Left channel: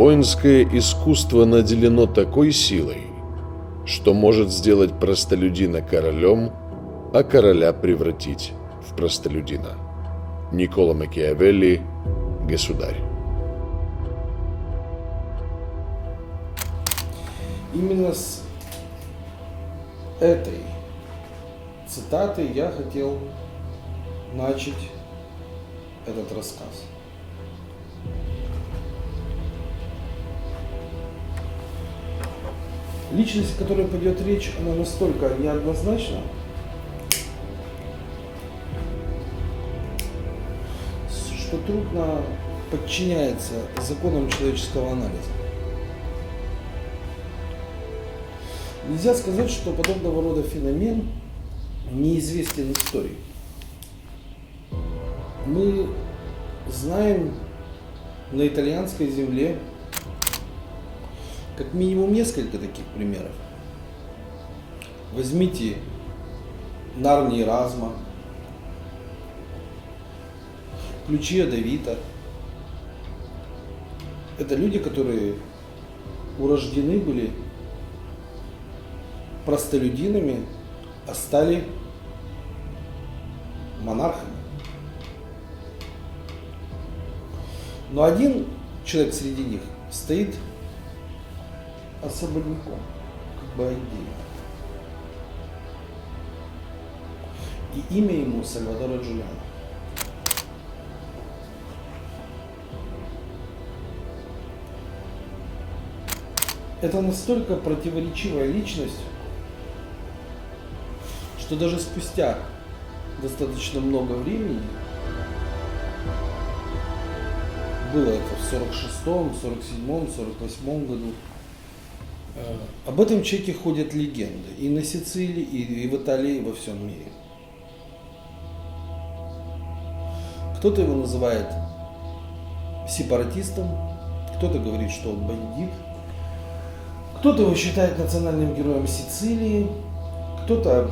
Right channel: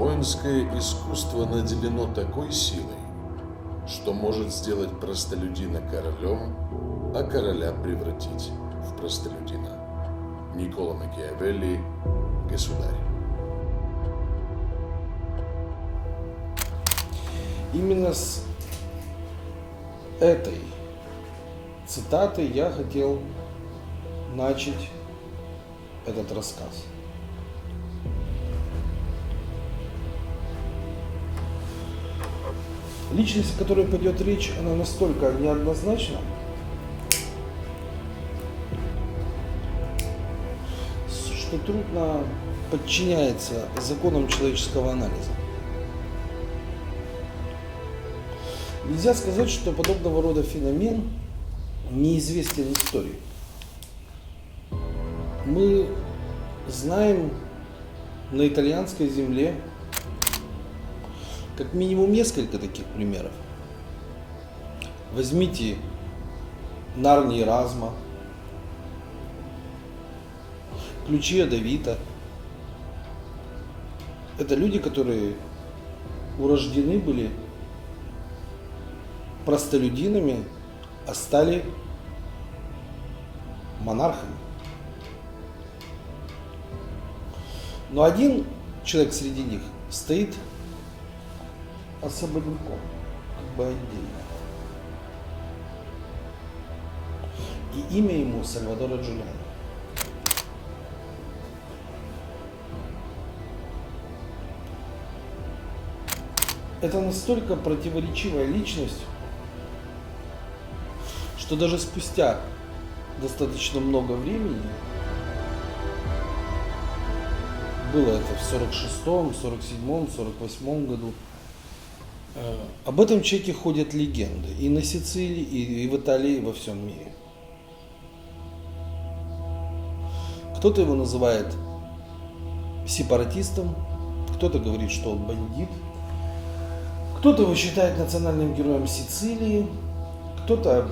Воинское искусство наделено такой силой, что может сделать простолюдина королем, а короля превратить в простолюдина. Никколо Макиавелли, «Государь». Именно с этой цитаты я хотел начать этот рассказ. Личность, о которой пойдет речь, она настолько неоднозначна, что трудно подчиняется законам человеческого анализа. Нельзя сказать, что подобного рода феномен неизвестен истории. Мы знаем на итальянской земле как минимум несколько таких примеров. Возьмите Нарни Разма, Ключи Давида. Это люди, которые урождены были простолюдинами, а стали монархами. Но один человек среди них стоит особняком, как бы отдельно. И имя ему Сальвадоро Джулиано. Это настолько противоречивая личность, что даже спустя достаточно много времени, было это в 46-м, 47-м, 48-м году, об этом человеке ходят легенды и на Сицилии, и в Италии, и во всем мире. Кто-то его называет сепаратистом, кто-то говорит, что он бандит, кто-то его считает национальным героем Сицилии, кто-то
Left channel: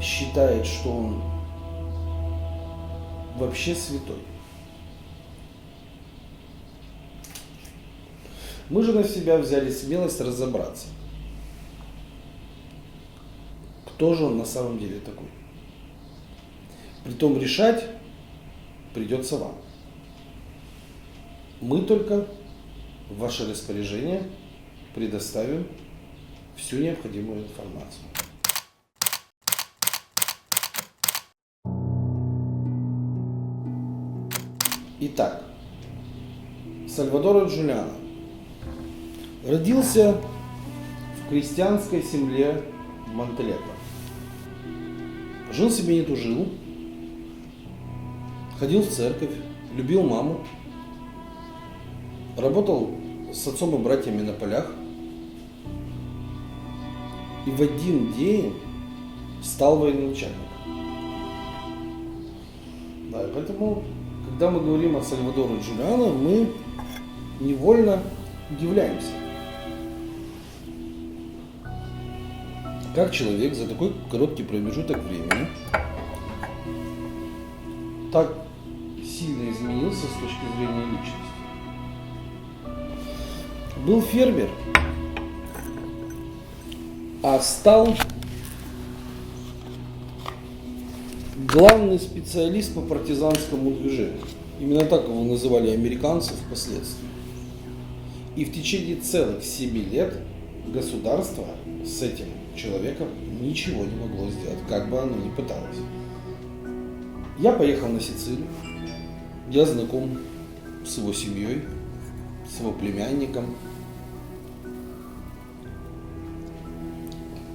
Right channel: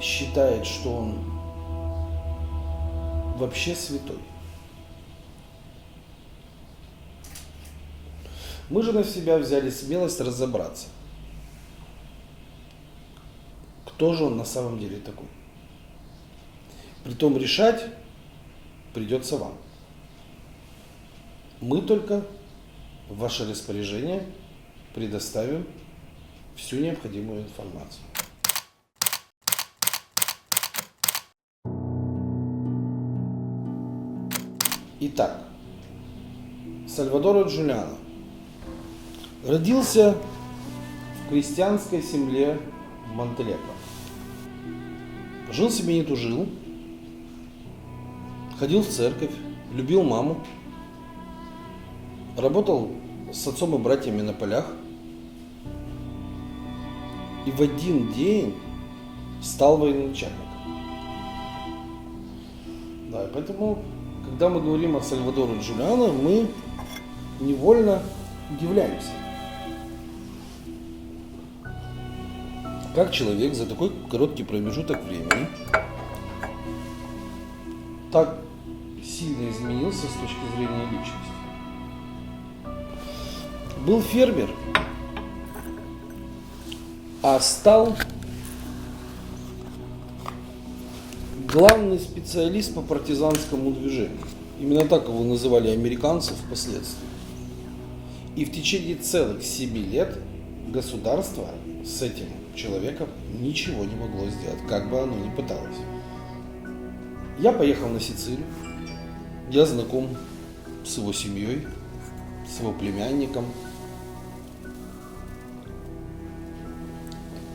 считает, что он вообще святой. Мы же на себя взяли смелость разобраться, кто же он на самом деле такой. Притом решать придется вам. Мы только в ваше распоряжение предоставим всю необходимую информацию. Итак, Сальвадоро Джулиано родился в крестьянской семье в Монтелегро. Жил себе не тужил, ходил в церковь, любил маму, работал с отцом и братьями на полях и в один день стал военачальником. Да, и поэтому, когда мы говорим о Сальвадоро Джулиано, мы невольно удивляемся. Как человек за такой короткий промежуток времени так сильно изменился с точки зрения личности. Был фермер, а стал главный специалист по партизанскому движению. Именно так его называли американцы впоследствии. И в течение целых 7 лет государство с этим человеком ничего не могло сделать, как бы оно ни пыталось. Я поехал на Сицилию, я знаком с его семьей, с его племянником,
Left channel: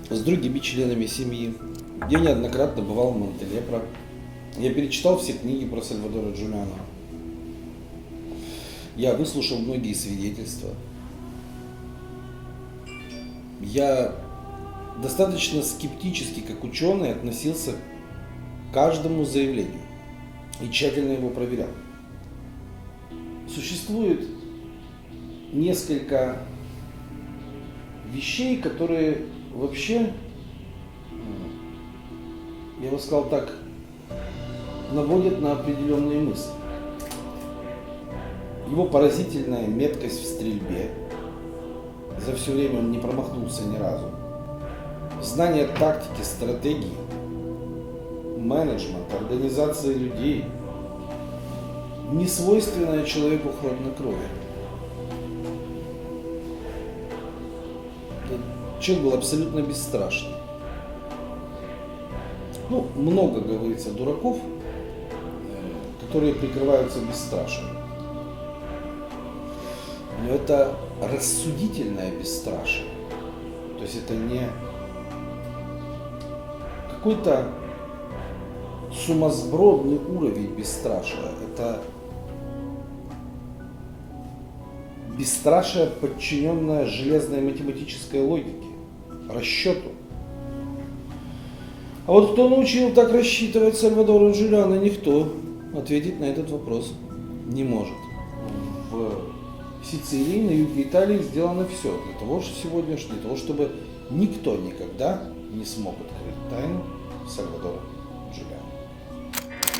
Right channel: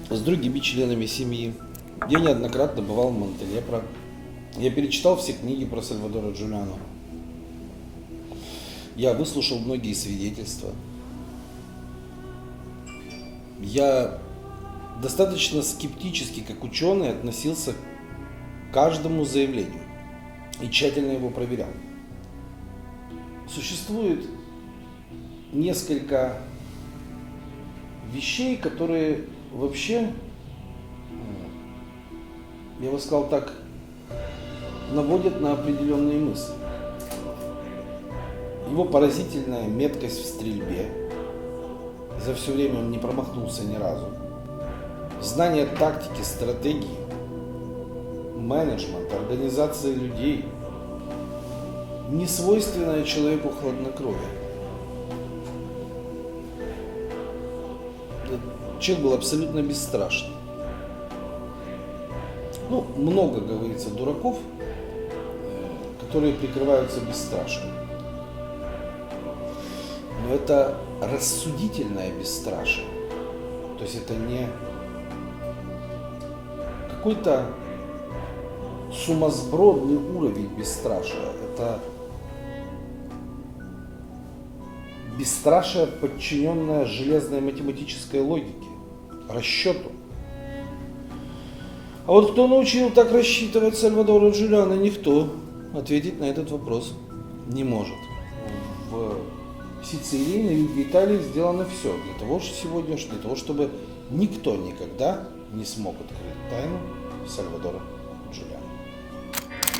с другими членами семьи. Я неоднократно бывал в Монтелегро. Я перечитал все книги про Сальвадоро Джулиано. Я выслушал многие свидетельства. Я достаточно скептически, как ученый, относился к каждому заявлению и тщательно его проверял. Существует несколько вещей, которые вообще, я бы сказал так, наводят на определенные мысли. его поразительная меткость в стрельбе. За все время он не промахнулся ни разу. Знание тактики, стратегии, менеджмент, организация людей, несвойственное человеку хладнокровие. Человек был абсолютно бесстрашный. Ну, много, говорится, дураков, которые прикрываются бесстрашием. Но это рассудительное бесстрашие. То есть это не какой-то сумасбродный уровень бесстрашия. Это бесстрашие, подчиненное железной математической логике, расчету. А вот кто научил так рассчитывать Сальвадора Джулиано, никто ответить на этот вопрос не может. В Сицилии, на юге Италии сделано все для того, чтобы никто никогда не смог открыть тайну Сальвадора Джулиано.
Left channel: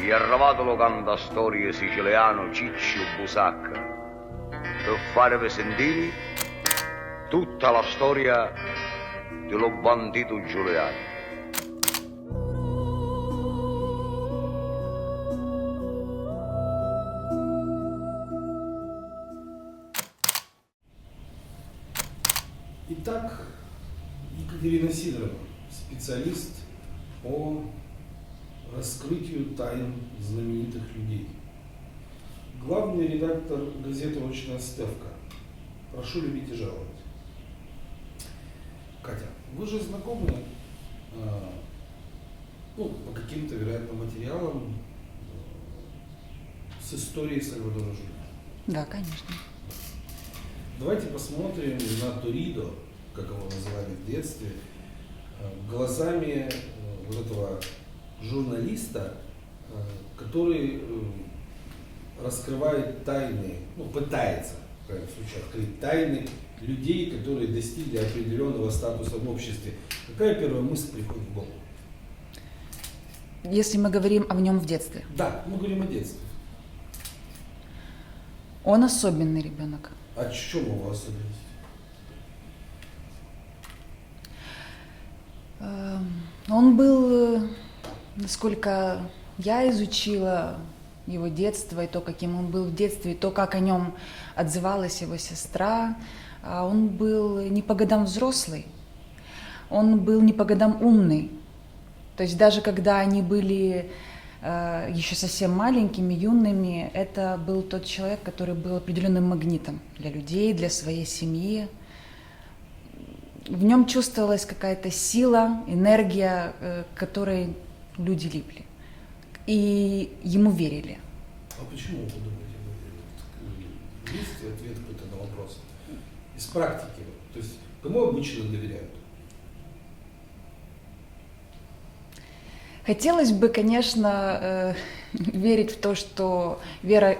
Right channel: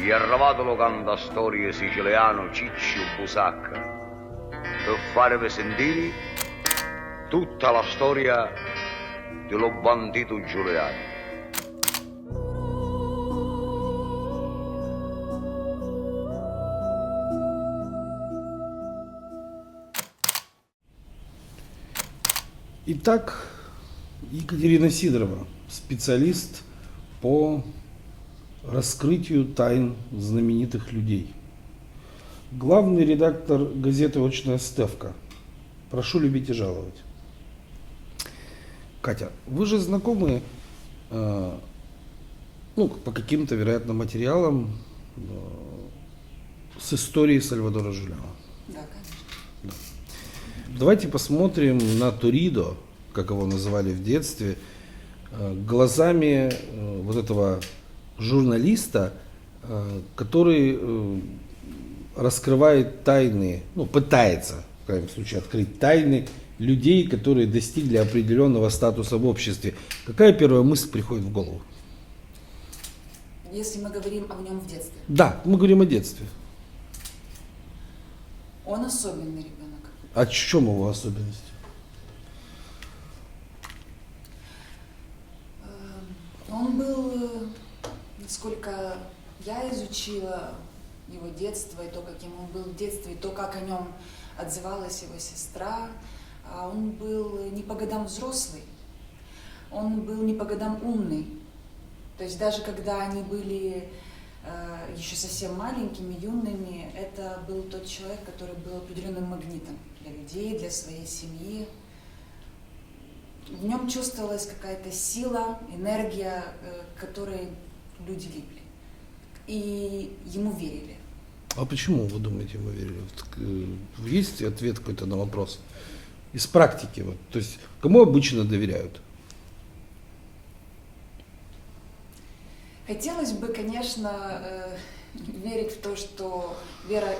Iervado lo canta storie siciliano Ciccio Busacca per farvi sentire tutta la storia dello bandito Giuliano. Итак, Екатерина Сидорова, специалист по раскрытию тайн знаменитых людей. Главный редактор газеты «Очная ставка». Прошу любить и жаловать. Катя, вы же знакомы по каким-то, вероятно, материалам с историей Сальвадора Джулиано. Да, конечно. Давайте посмотрим на Торидо, как его называли в детстве, глазами вот этого журналиста, который раскрывает тайны, пытается, в крайнем случае, открыть тайны людей, которые достигли определенного статуса в обществе. Какая первая мысль приходит в голову? Если мы говорим о нем в детстве. Да, мы говорим о детстве. Он особенный ребенок. А в чем его особенность? Он был, насколько я изучила его детство, и то, каким он был в детстве, и то, как о нем отзывалась его сестра, он был не по годам взрослый, он был не по годам умный. То есть даже когда они были еще совсем маленькими, юными, это был тот человек, который был определенным магнитом для людей, для своей семьи. В нем чувствовалась какая-то сила, энергия, которой люди липли. И ему верили. А почему, вы думаете, ему верили? Есть ответ какой-то на вопрос? Из практики. То есть, кому обычно доверяют? Хотелось бы, конечно, верить в то, что вера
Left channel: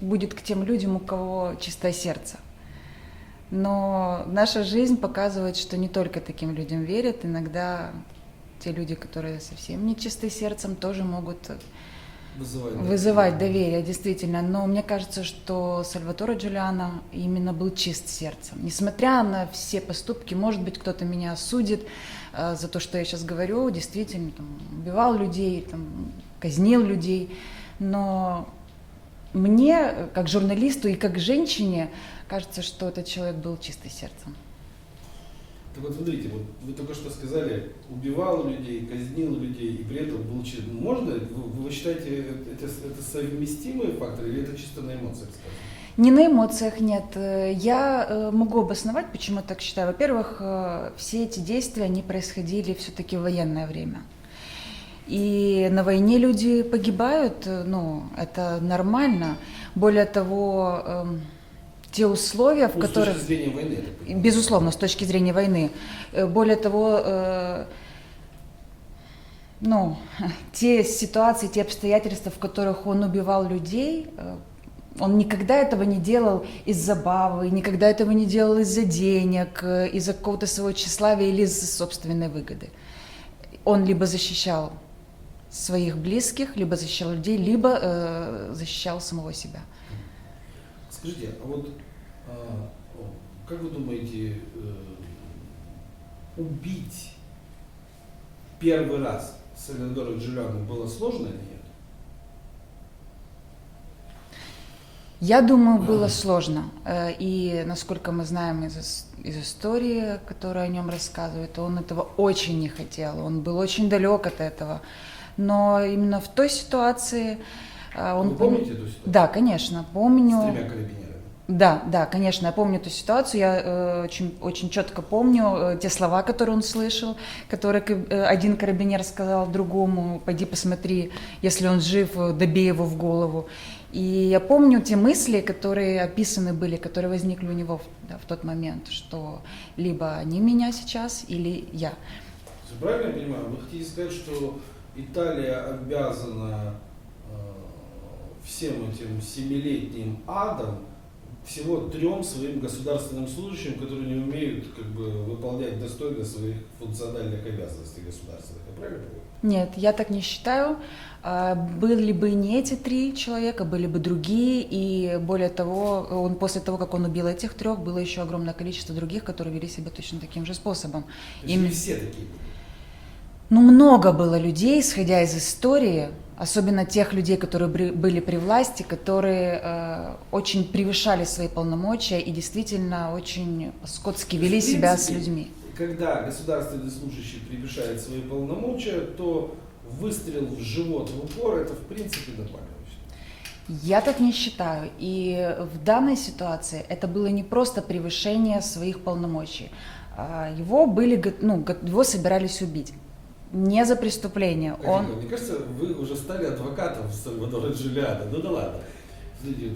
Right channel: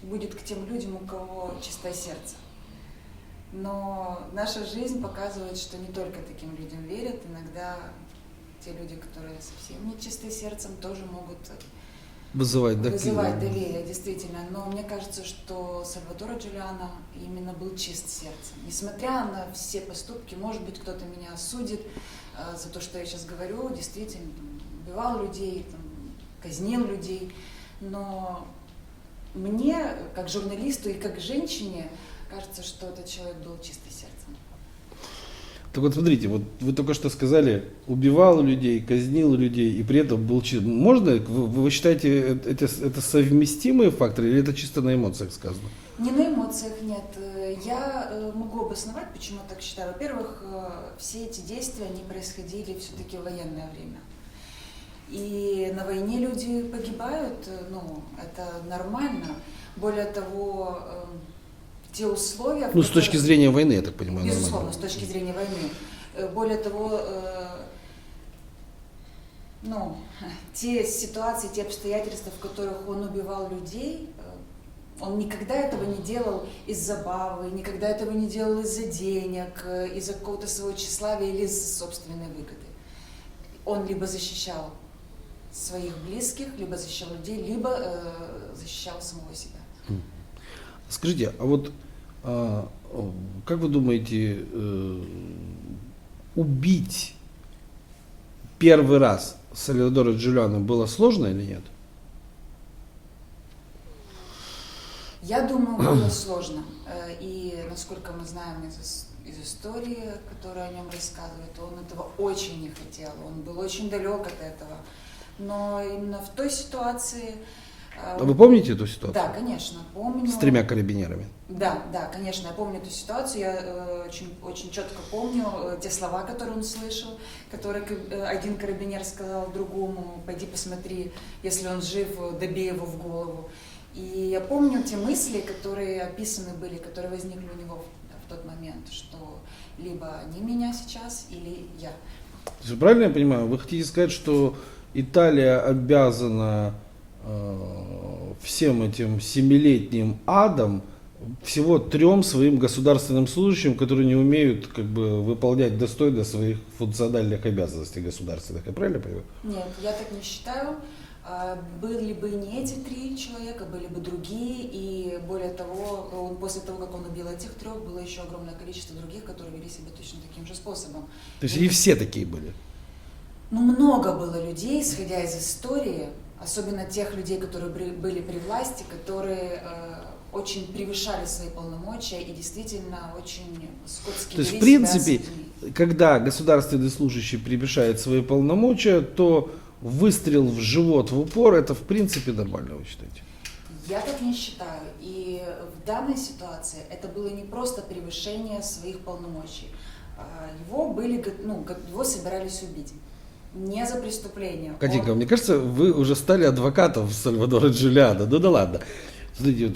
будет к тем людям, у кого чистое сердце. Но наша жизнь показывает, что не только таким людям верят. Иногда те люди, которые совсем не чисты сердцем, тоже могут вызывать доверие, действительно. Но мне кажется, что Сальваторе Джулиано именно был чист сердцем. Несмотря на все поступки, может быть, кто-то меня осудит за то, что я сейчас говорю, действительно, убивал людей, казнил людей. Но мне, как журналисту и как женщине, кажется, что этот человек был чистый сердцем. Так вот, смотрите, вы только что сказали, убивал людей, казнил людей и при этом был чист. Можно, вы считаете, это совместимые факторы или это чисто на эмоциях сказано? Не на эмоциях, нет. Я могу обосновать, почему я так считаю. Во-первых, все эти действия, они происходили все-таки в военное время. И на войне люди погибают, это нормально. Более того, те условия, в которых... с точки зрения войны, я так понимаю. Безусловно, с точки зрения войны. Более того, те ситуации, те обстоятельства, в которых он убивал людей, он никогда этого не делал из забавы, никогда этого не делал из-за денег, из-за какого-то своего тщеславия или из-за собственной выгоды. Он либо защищал своих близких, либо защищал людей, либо защищал самого себя. Скажите, а вот как вы думаете, убить первый раз Сальвадора Джулиано было сложно или нет? Я думаю, было сложно. И насколько мы знаем из истории, которая о нем рассказывает, он этого очень не хотел. Он был очень далек от этого. Но именно в той ситуации... Вы помните эту ситуацию? Да, конечно, помню. С 3 карабинерами? Да, конечно, я помню эту ситуацию, я очень четко помню те слова, которые он слышал, которые один карабинер сказал другому: пойди посмотри, если он жив, добей его в голову. И я помню те мысли, которые описаны были, которые возникли у него в тот момент, что либо они меня сейчас, или я. Правильно я понимаю, вы хотите сказать, что Италия обязана всем этим 7-летним адом всего 3 своим государственным служащим, которые не умеют выполнять достойно своих функциональных обязанностей государственных. Я правильно понимаю? Нет, я так не считаю. Были бы не эти 3 человека, были бы другие, и более того, после того, как он убил этих 3, было еще огромное количество других, которые вели себя точно таким же способом. То есть не все такие были? Много было людей, исходя из истории, особенно тех людей, которые были при власти, которые очень превышали свои полномочия и действительно очень скотски вели себя с людьми. Когда государственный служащий превышает свои полномочия, то выстрел в живот в упор — это в принципе нормально, вы считаете? Я так не считаю. И в данной ситуации это было не просто превышение своих полномочий. Его собирались убить. Не за преступление. Катенька, мне кажется, вы уже стали адвокатом Сальвадора Джулиано. Ну да ладно. Смотрите,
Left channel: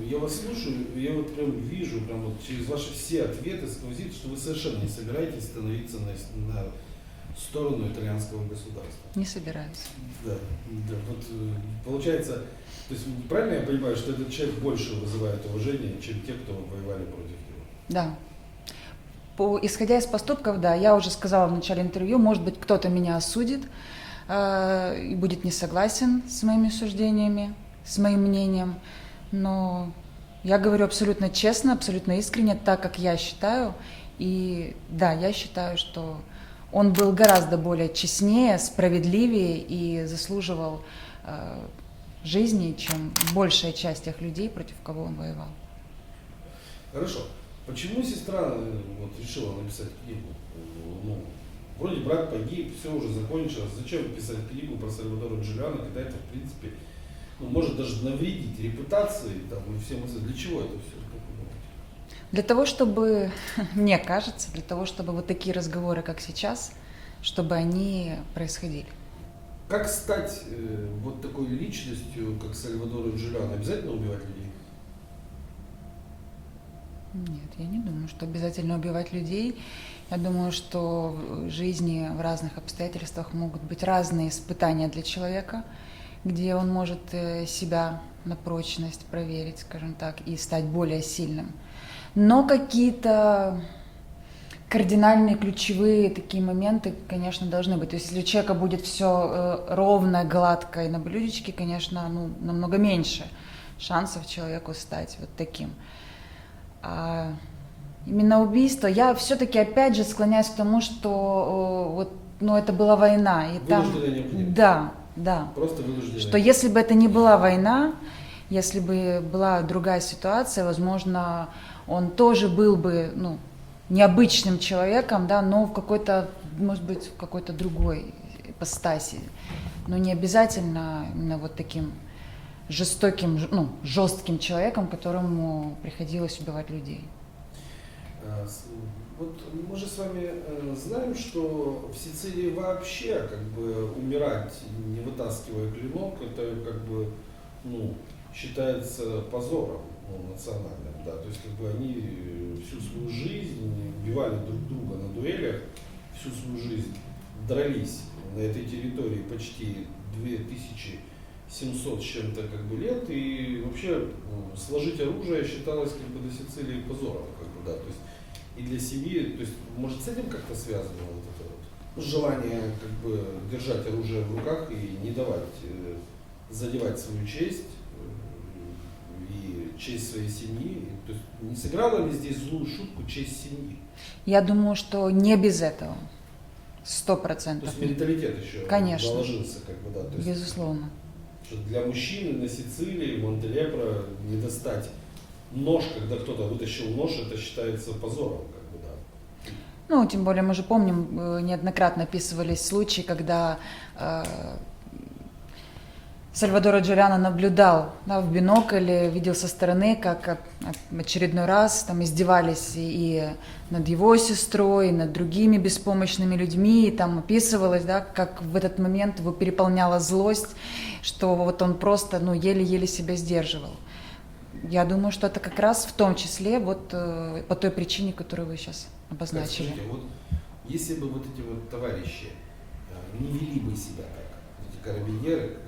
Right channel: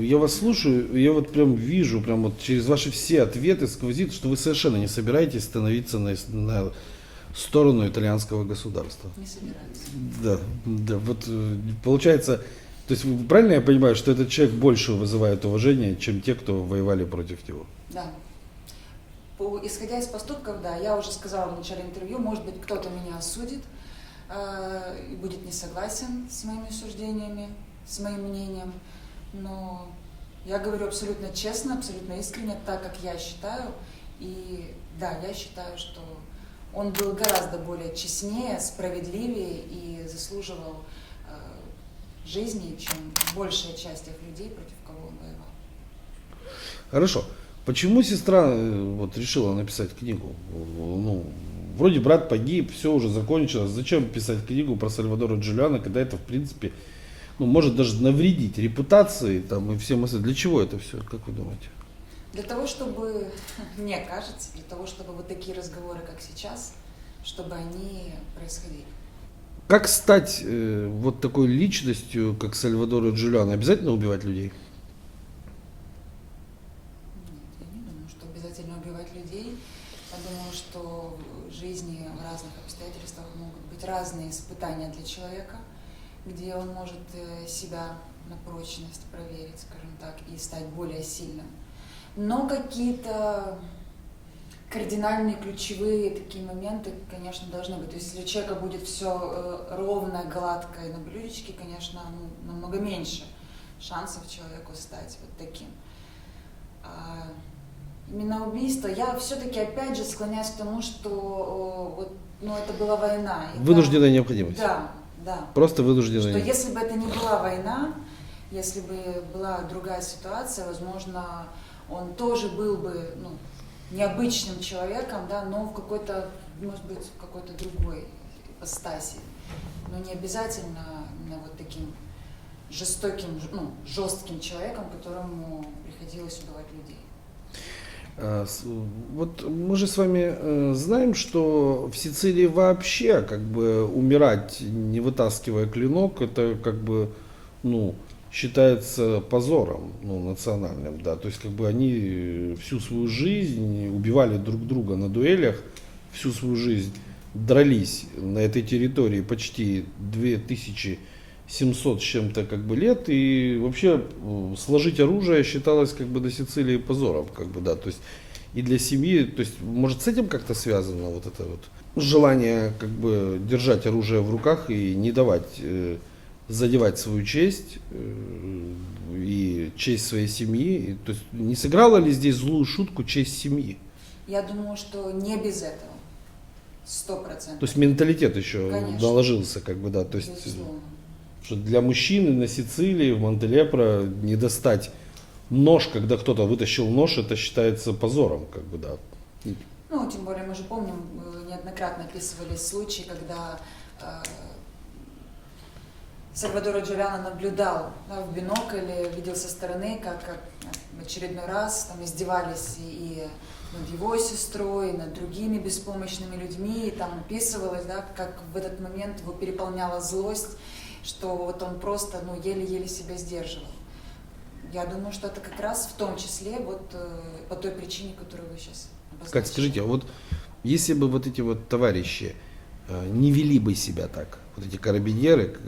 я вас слушаю, я вот прям вижу, прям вот через ваши все ответы сквозит, что вы совершенно не собираетесь становиться на сторону итальянского государства. Не собираюсь. Да, вот получается, то есть правильно я понимаю, что этот человек больше вызывает уважение, чем те, кто воевали против него? Да. Исходя из поступков, да, я уже сказала в начале интервью, может быть, кто-то меня осудит и будет не согласен с моими суждениями, с моим мнением, но я говорю абсолютно честно, абсолютно искренне, так как я считаю, и да, я считаю, что он был гораздо более честнее, справедливее и заслуживал жизни, чем большая часть тех людей, против кого он воевал. Хорошо. Почему сестра решила написать книгу? Вроде брат погиб, все уже закончилось. Зачем писать книгу про Сальвадора Джулиано, когда это, в принципе, может даже навредить репутации и всем остальным? Для чего это все, как вы думаете? Для того, чтобы, мне кажется, для того, чтобы вот такие разговоры, как сейчас, чтобы они происходили. Как стать вот такой личностью, как Сальвадор Джулиано? Обязательно убивать людей? Нет, я не думаю, что обязательно убивать людей. Я думаю, что в жизни в разных обстоятельствах могут быть разные испытания для человека, где он может себя на прочность проверить, скажем так, и стать более сильным. Но какие-то кардинальные, ключевые такие моменты, конечно, должны быть. То есть если у человека будет все ровно, гладко и на блюдечке, конечно, намного меньше шансов человеку стать вот таким. А именно убийство, я все-таки опять же склоняюсь к тому, что это была война. И вынужденная необходимость. Да. Просто вынужденная. Что если бы это не была война, если бы была другая ситуация, возможно, он тоже был бы необычным человеком, да, но в какой-то, может быть, в какой-то другой ипостаси. Но не обязательно именно вот таким жестоким, жестким человеком, которому приходилось убивать людей. Вот мы же с вами знаем, что в Сицилии вообще умирать, не вытаскивая клинок, это считается позором национальным, да, то есть они всю свою жизнь убивали друг друга на дуэлях, всю свою жизнь дрались на этой территории почти 2700 с чем-то лет, и вообще сложить оружие считалось на Сицилии позором, да, то есть и для семьи, то есть может с этим как-то связано вот это вот желание держать оружие в руках и не давать задевать свою честь и честь своей семьи. То есть не сыграла ли здесь злую шутку честь семьи? Я думаю, что не без этого. 100%. То есть менталитет еще Конечно. наложился, как бы, да. То есть, Безусловно. что для мужчины на Сицилии, в Монтелепро не достать нож, когда кто-то вытащил нож, это считается позором, как бы, да. Ну, тем более мы же помним, неоднократно описывались случаи, когда Сальвадоро Джулиано наблюдал, да, в бинокль, видел со стороны, как очередной раз там издевались и над его сестрой, и над другими беспомощными людьми, и там описывалось, да, как в этот момент его переполняла злость, что вот он просто, ну, еле-еле себя сдерживал. Я думаю, что это как раз в том числе вот по той причине, которую вы сейчас обозначили. Как скажите, а вот если бы вот эти вот товарищи не вели бы себя так, вот эти карабинеры,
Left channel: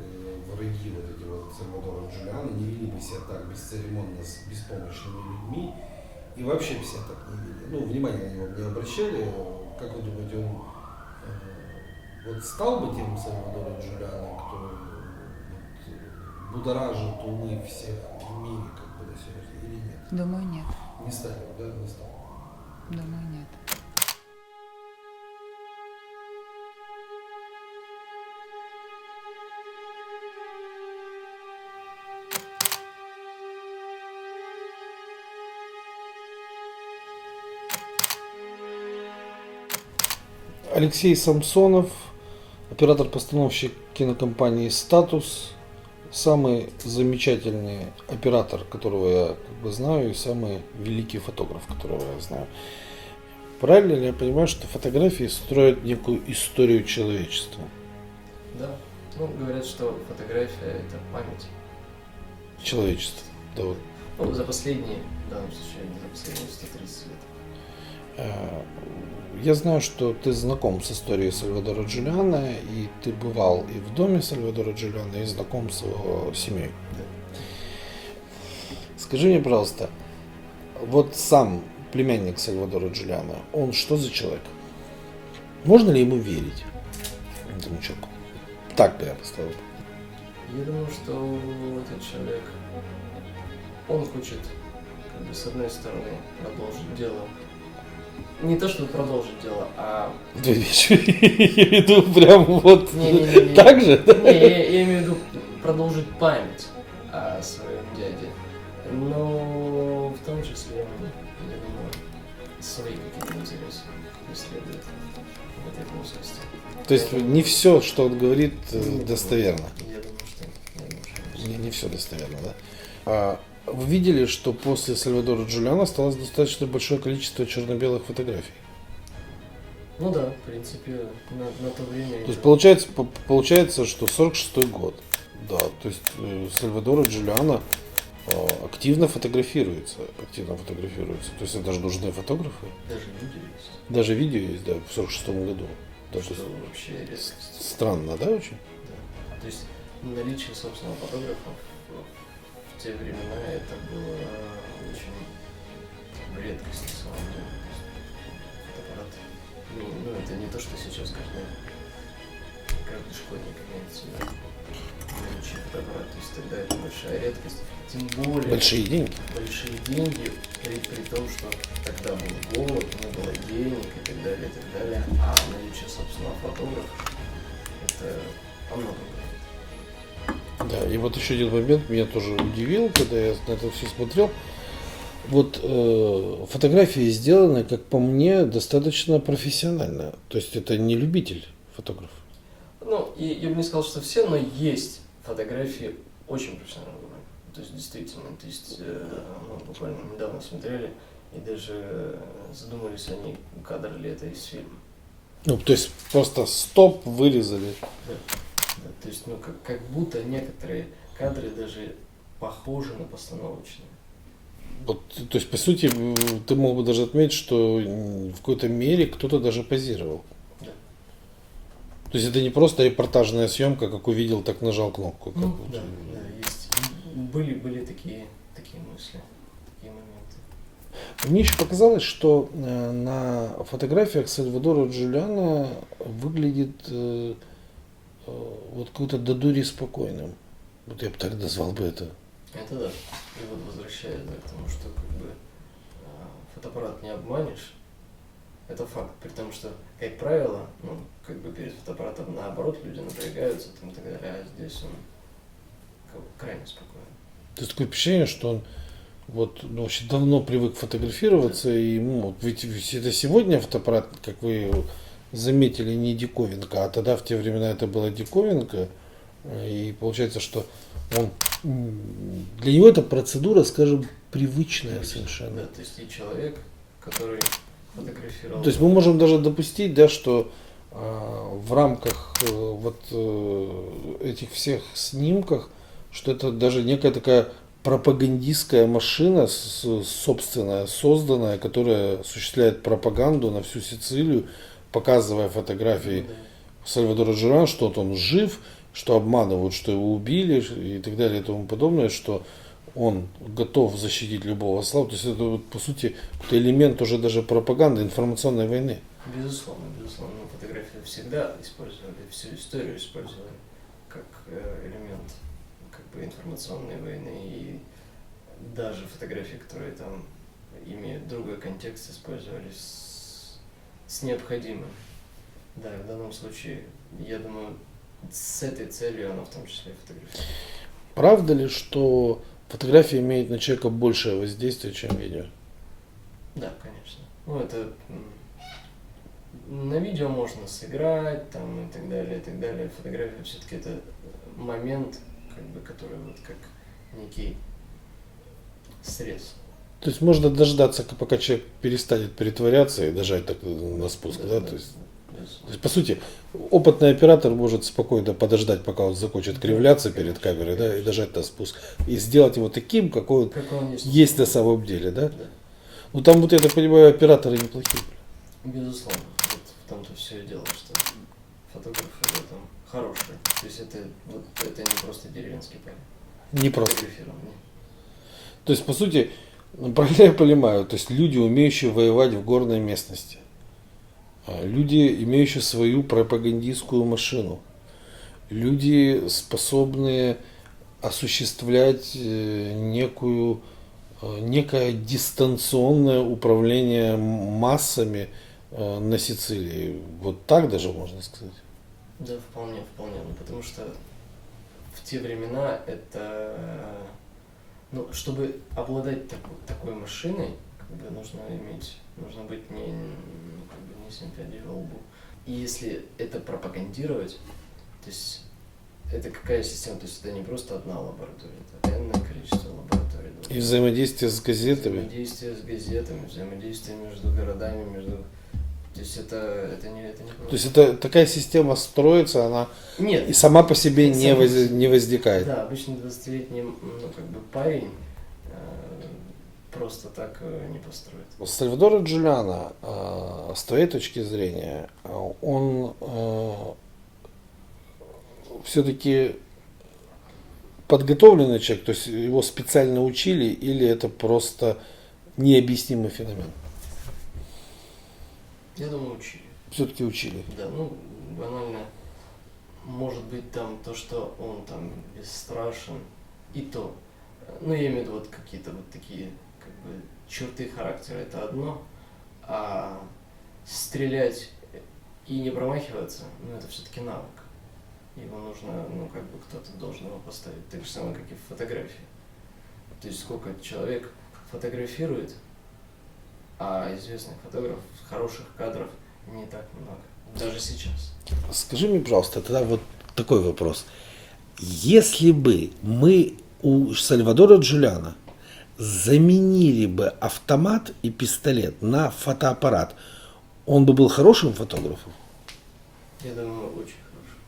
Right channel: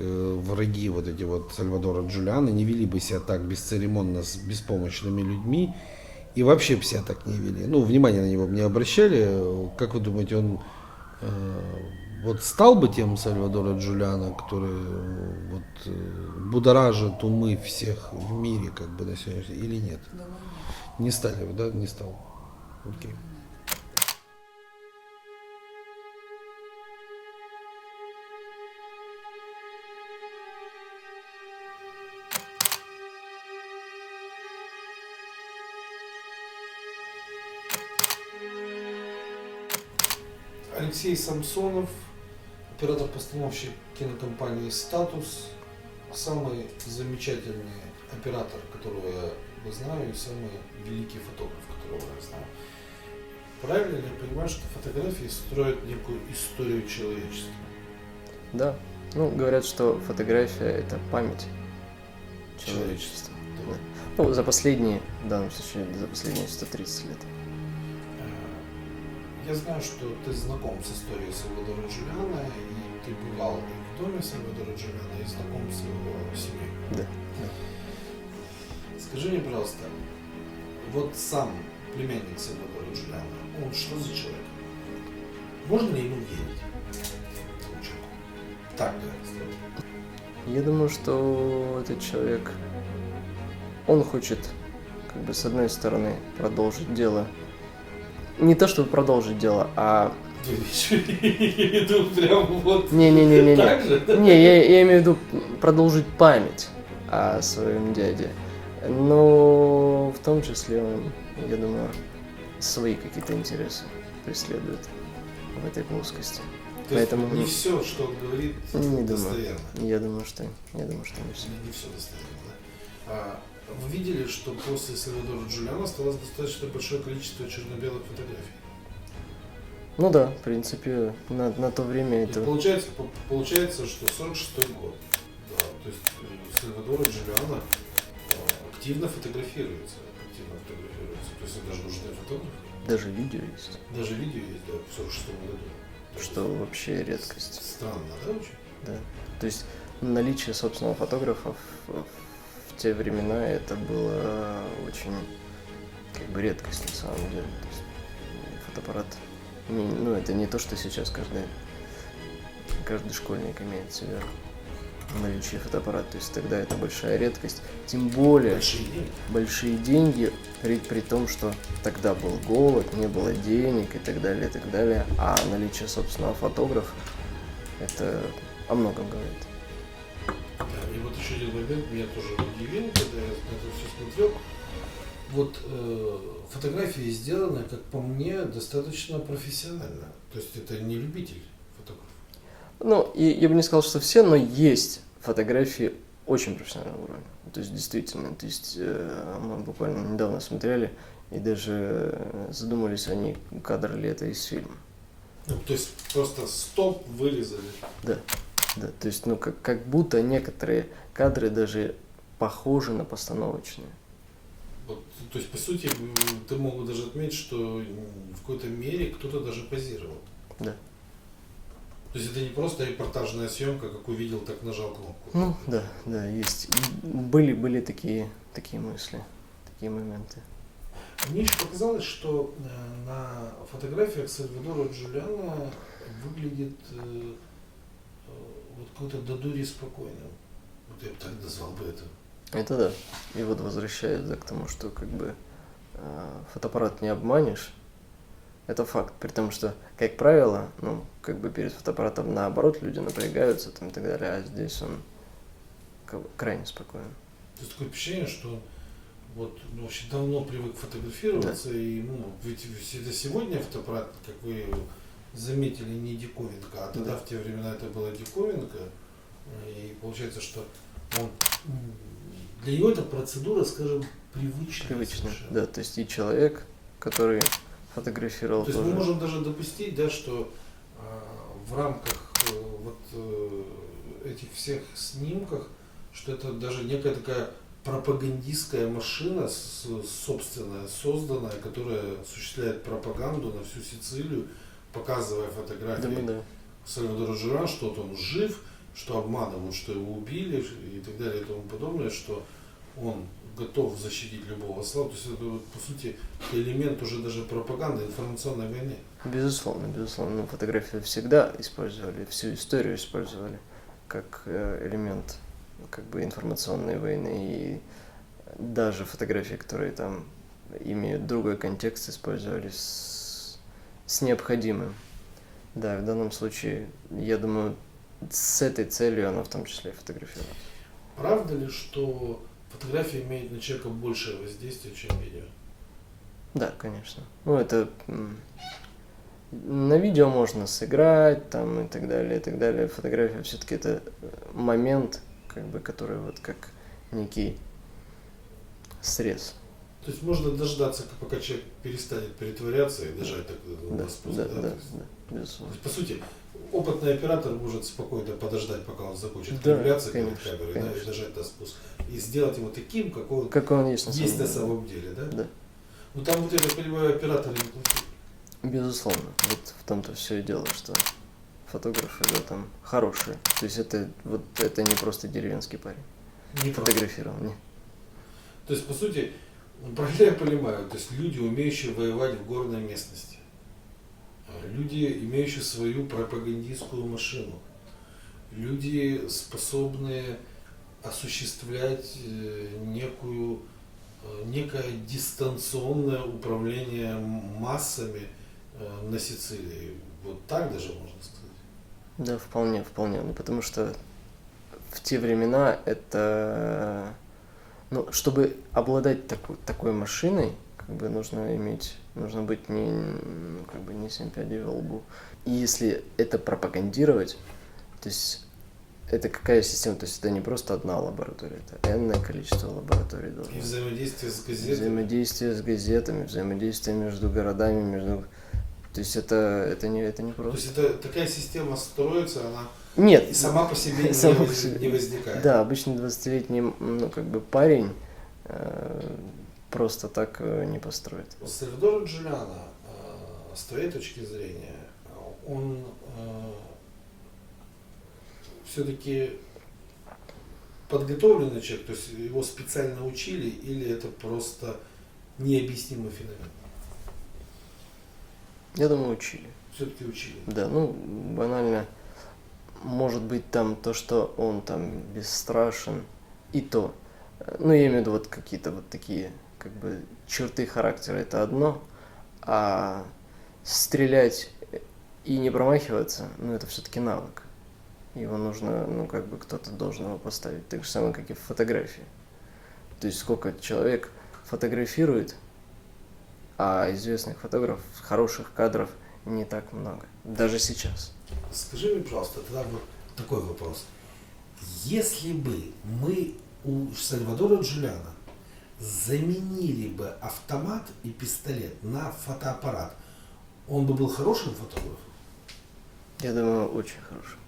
враги вот эти вот Сальвадора Джулиано, не вели бы себя так бесцеремонно с беспомощными людьми и вообще бы себя так не вели, ну, внимание на него не обращали, как вы думаете, он вот стал бы тем Сальвадоро Джулиано, который вот будоражит умы всех в мире, как бы, на сегодняшний день, или нет? Думаю, нет. Не стали бы, да? Не стал. Окей. Думаю, нет. Алексей Самсонов, оператор-постановщик кинокомпании «Статус», самый замечательный оператор, которого я как бы знаю, и самый великий фотограф, которого я знаю. Правильно ли я понимаю, что фотографии строят некую историю человечества? Да. Ну, говорят, что фотография – это память Человечества. Да. Ну, за последние, в данном случае, за последние 130 лет. Я знаю, что ты знаком с историей Сальвадора Джулиано, и ты бывал и в доме Сальвадора Джулиано, и знаком с его семьей. Да. Скажи мне, пожалуйста, вот сам племянник Сальвадора Джулиано, он что за человек? Можно ли ему верить этому человеку? Так бы я поставил. Я думаю, что этот человек, он хочет, как бы, с одной стороны, продолжить дело. Не то, чтобы продолжить дело, а... Две вещи. Я иду прям вот Не-не-не. так же? Не, я имею в виду продолжить память о своем дяде. Но в том числе он, я думаю, свои какие-то интересы преследует в этой плоскости. То есть Поэтому- не все, что он говорит, Не думаю. достоверно. Я думаю, что нет. Не все достоверно, да. Вы видели, что после Сальвадора Джулиано осталось достаточно большое количество черно-белых фотографий? Ну да, в принципе, на то время То это... есть получается, что 46-й год, да, то есть Сальвадор Джулиано активно фотографируется. То есть это же нужны фотографы. Даже видео есть. Даже видео есть, да, в 46-м году. То, что вообще редкость. Странно, да, очень? Да. То есть наличие собственного фотографа в те времена это было очень, как бы, редкость на самом деле. То есть фотоаппарат, ну это не то, что сейчас каждый школьник имеет в себе наличие фотоаппарата. То есть тогда это большая редкость. Тем более большие деньги при том, что тогда был голод, не было денег и так далее, и так далее. А наличие собственного фотографа это о многом говорит. Да, и вот еще один момент меня тоже удивил, когда я на это все смотрел. Вот фотографии сделаны, как по мне, достаточно профессионально. То есть это не любитель фотограф. Ну, я бы не сказал, что все, но есть фотографии очень профессионального уровня. То есть действительно, мы буквально недавно смотрели и даже задумались, они кадр ли это из фильма. Ну, то есть просто стоп вырезали. Да. Да, то есть, ну, как будто некоторые кадры даже похожи на постановочные. Вот, то есть, по сути, ты мог бы даже отметить, что в какой-то мере кто-то даже позировал. Да. То есть это не просто репортажная съемка, как увидел, так нажал кнопку. Ну, да, есть. Были такие мысли, такие моменты. Мне еще показалось, что на фотографиях Сальвадора Джулиано выглядит вот какой-то до дури спокойным. Вот я бы так назвал бы это. Это да. И вот возвращаясь к тому, что как бы фотоаппарат не обманешь, это факт. При том, что, как правило, ну, как бы перед фотоаппаратом наоборот люди напрягаются там, и так далее, а здесь он крайне спокоен. То есть такое впечатление, что он вот, ну, очень давно привык фотографироваться, да. И ну, ведь это сегодня фотоаппарат, как вы заметили, не диковинка, а тогда в те времена это была диковинка, и получается, что он, для него эта процедура, скажем, привычная совершенно. Да, то есть и человек, который фотографировал. То есть мы можем даже допустить, да, что в рамках вот этих всех снимках, что это даже некая такая пропагандистская машина, собственная, созданная, которая осуществляет пропаганду на всю Сицилию, показывая фотографии Сальвадора Джурана, что вот он жив, что обманывают, что его убили и так далее и тому подобное, что он готов защитить любого славу. То есть это вот, по сути, это элемент уже даже пропаганды, информационной войны. Безусловно, безусловно. Но фотографии всегда использовали, всю историю использовали как элемент как бы информационной войны. И даже фотографии, которые там имеют другой контекст, использовались с необходимым. Да, в данном случае, я думаю, с этой целью она в том числе и фотографирует. Правда ли, что фотография имеет на человека большее воздействие, чем видео? Да, конечно. Ну, это на видео можно сыграть, там, и так далее, и так далее. Фотография все-таки это момент, как бы, который вот как некий срез. То есть можно дождаться, пока человек перестанет притворяться и дожать так на спуск, да? То есть, по сути, опытный оператор может спокойно подождать, пока он закончит кривляться перед камерой, да, и дожать на спуск. И сделать его таким, какой он есть на самом деле, да? Да. Ну там, вот я так понимаю, операторы неплохие. Безусловно. Вот в том-то все и дело, что фотографы в этом хорошие. То есть это не просто деревенский парень. Не просто. Фотографировал, нет. То есть, по сути, правильно я понимаю, то есть люди, умеющие воевать в горной местности, люди, имеющие свою пропагандистскую машину, люди, способные осуществлять некое дистанционное управление массами на Сицилии. Вот так даже можно сказать. Да, вполне. Ну, потому что в те времена это... Ну, чтобы обладать такой машиной, как бы нужно быть не 7 пядей во лбу. И если это пропагандировать, то есть это какая система? То есть это не просто одна лаборатория, это энное количество лабораторий. И взаимодействие с газетами. Взаимодействие между городами, То есть это не просто. То есть это такая система строится, она Нет, и сама по себе не возникает. Да, обычно 20-летний парень просто так не построит. Сальвадоро Джулиано, с твоей точки зрения, он все-таки подготовленный человек, то есть его специально учили, или это просто необъяснимый феномен? Я думаю, учили. Все-таки учили. Да, банально, может быть там то, что он там бесстрашен, и то. Я имею в виду вот какие-то вот такие как бы черты характера, это одно, а стрелять и не промахиваться, это все-таки навык. Его нужно, кто-то должен его поставить. Так же самое, как и в фотографии. То есть сколько человек фотографирует, а известных фотографов, хороших кадров не так много. Даже сейчас. Скажи мне, пожалуйста, тогда вот такой вопрос. Если бы мы у Сальвадора Джулиано заменили бы автомат и пистолет на фотоаппарат, он бы был хорошим фотографом? Я думаю, очень хорошим.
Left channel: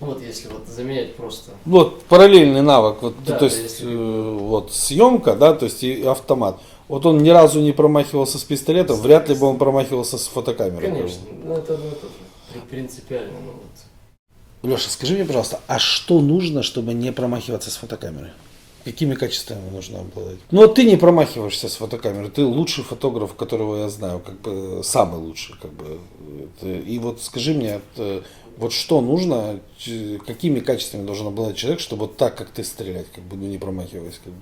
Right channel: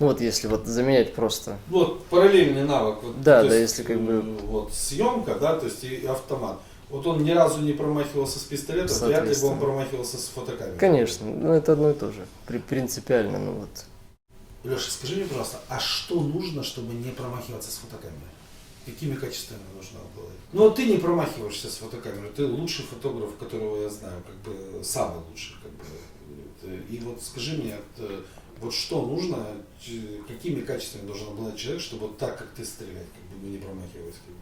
Вот если заменять просто. Вот параллельный навык. Да, то есть, если съемка, да, то есть и автомат. Вот он ни разу не промахивался с пистолетом, вряд ли бы он промахивался с фотокамерой. Конечно, это одно и то же. Принципиально, Леша, скажи мне, пожалуйста, а что нужно, чтобы не промахиваться с фотокамерой? Какими качествами нужно обладать? Ты не промахиваешься с фотокамерой, ты лучший фотограф, которого я знаю, самый лучший, И вот скажи мне, Вот что нужно, какими качествами должен обладать человек, чтобы вот так, как ты, стрелять, как бы, ну, не промахиваясь, как бы.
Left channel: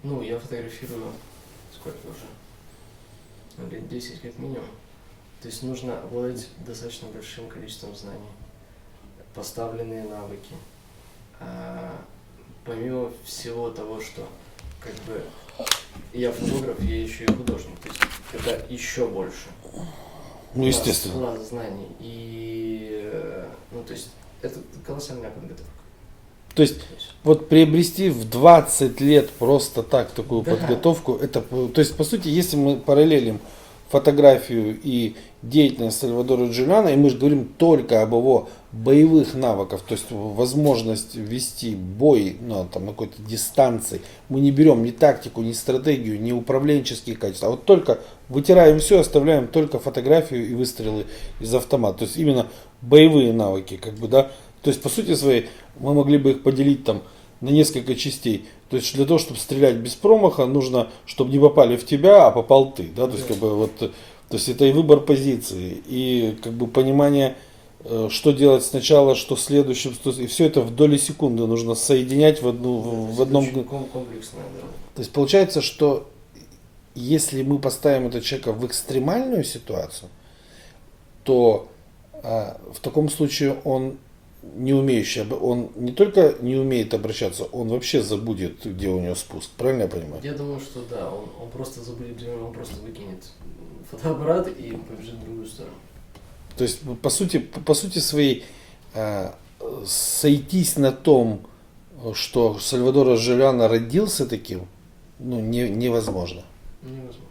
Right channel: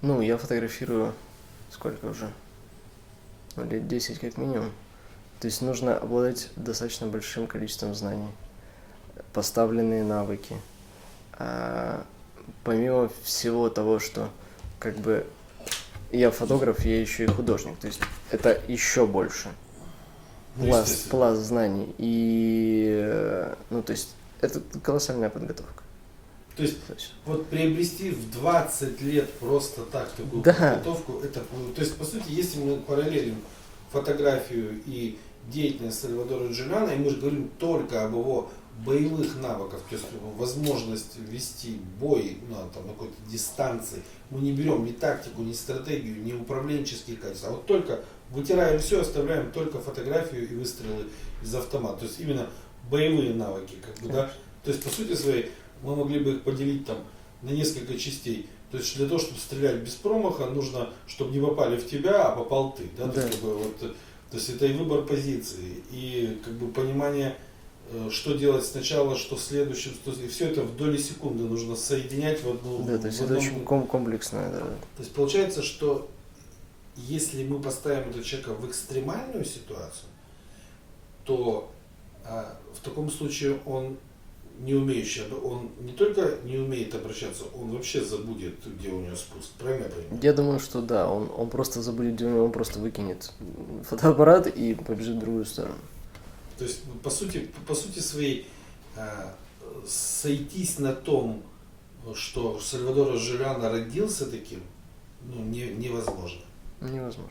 Ну, я фотографирую сколько уже? Ну, лет 10 как минимум. То есть нужно обладать достаточно большим количеством знаний, поставленные навыки. Помимо всего того, что как бы я фотограф, я еще и художник. То есть это еще больше. Ну, естественно. Класс знаний. И, ну, то есть это колоссальная подготовка. То есть вот приобрести в 20 лет просто так такую подготовку, это, то есть по сути, если мы параллелим фотографию и деятельность Сальвадора Джулиано, и мы же говорим только об его боевых навыках, то есть возможность вести бой на какой-то дистанции, мы не берем ни тактику, ни стратегию, ни управленческие качества, а вот только вытираем все, оставляем только фотографию и выстрелы из автомата, то есть именно боевые навыки, как бы, да, то есть по сути своей мы могли бы их поделить там на несколько частей. То есть для того, чтобы стрелять без промаха, нужно, чтобы не попали в тебя, а попал ты. Да? То есть, как бы, вот, то есть это и выбор позиции, и как бы понимание, что делать сначала, что следующим, и все это в доли секунды нужно соединять в одном. Комплексное, да. То есть получается, что если мы поставим этого человека в экстремальную ситуацию, то в таком случае он не умеющий, он не только не умеет обращаться, он вообще забудет, где у него спуск. Правильно я понимаю? Я думаю, что да, он просто забудет, где он просто выкинет фотоаппарат и побежит в другую сторону. То есть, по сути своей, сойтись на том, что Сальвадор Джулиано родился таким, ну, невозможно. Невозможно.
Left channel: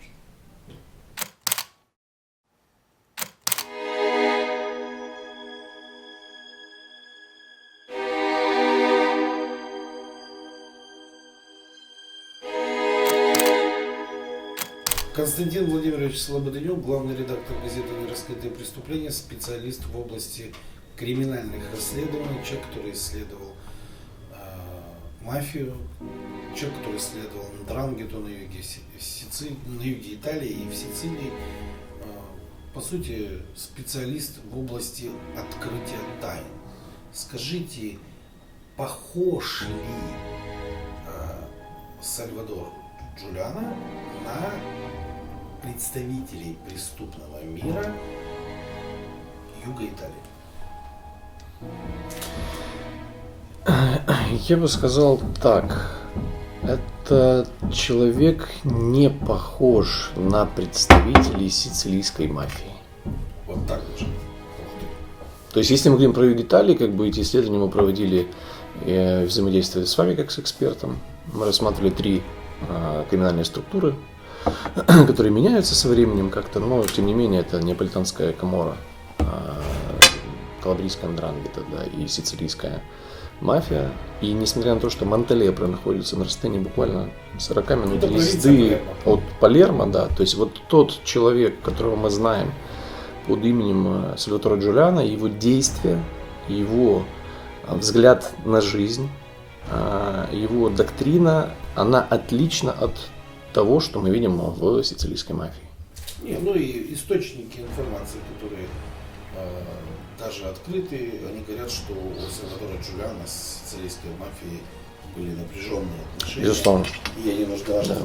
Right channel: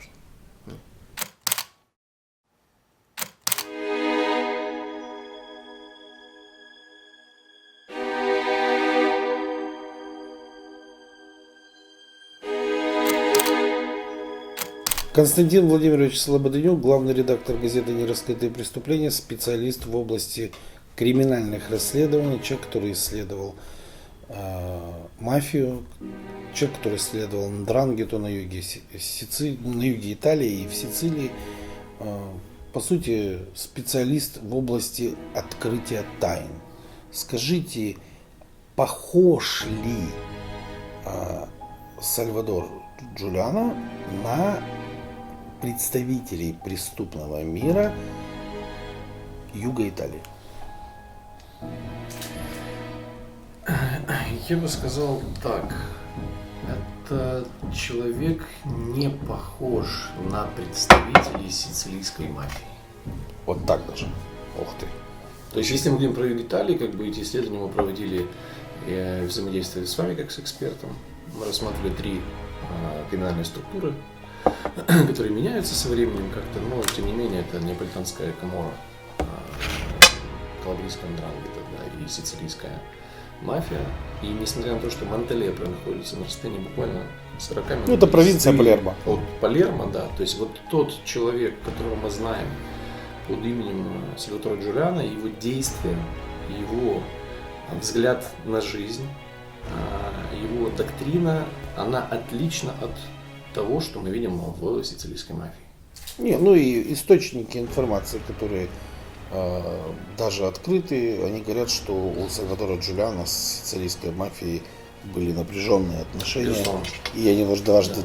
Константин Владимирович Слободенюк, главный редактор газеты «Нераскрытые преступления», специалист в области криминальных расследований, человек, который исследовал мафию, человек, который исследовал Ндрангету на юге на юге Италии и в Сицилии. По сути, специалист в области открытия тайн. Скажите, похож ли Сальвадор Джулиано на представителей преступного мира юга Италии? Я бы сказал так. Это человек не похож на представителей сицилийской мафии. Вот так даже. Ух ты. То есть, если мы говорим про юг Италии, как бы эти исследования мы проводили, взаимодействовали с вами как с экспертом. Мы рассматривали 3 криминальные структуры, которые меняются со временем как-то, но тем не менее это неаполитанская Каморра, калабрийская Ндрангета, да, и сицилийская мафия. И несмотря на то, что Монтелепро находится на расстоянии буквально 40 минут это провинция Палермо. От Палермо, да, то есть вот тот человек, которого мы знаем под именем Сальватора Джулиано, его действия, его взгляд на жизнь, его доктрина, она отлична от того, что мы видим в сицилийской мафии. Не, ну и источники информации, которые даже открыты, они говорят, что у Сальвадора Джулиано с сицилийской мафией были напряженные отношения. Безусловно. И они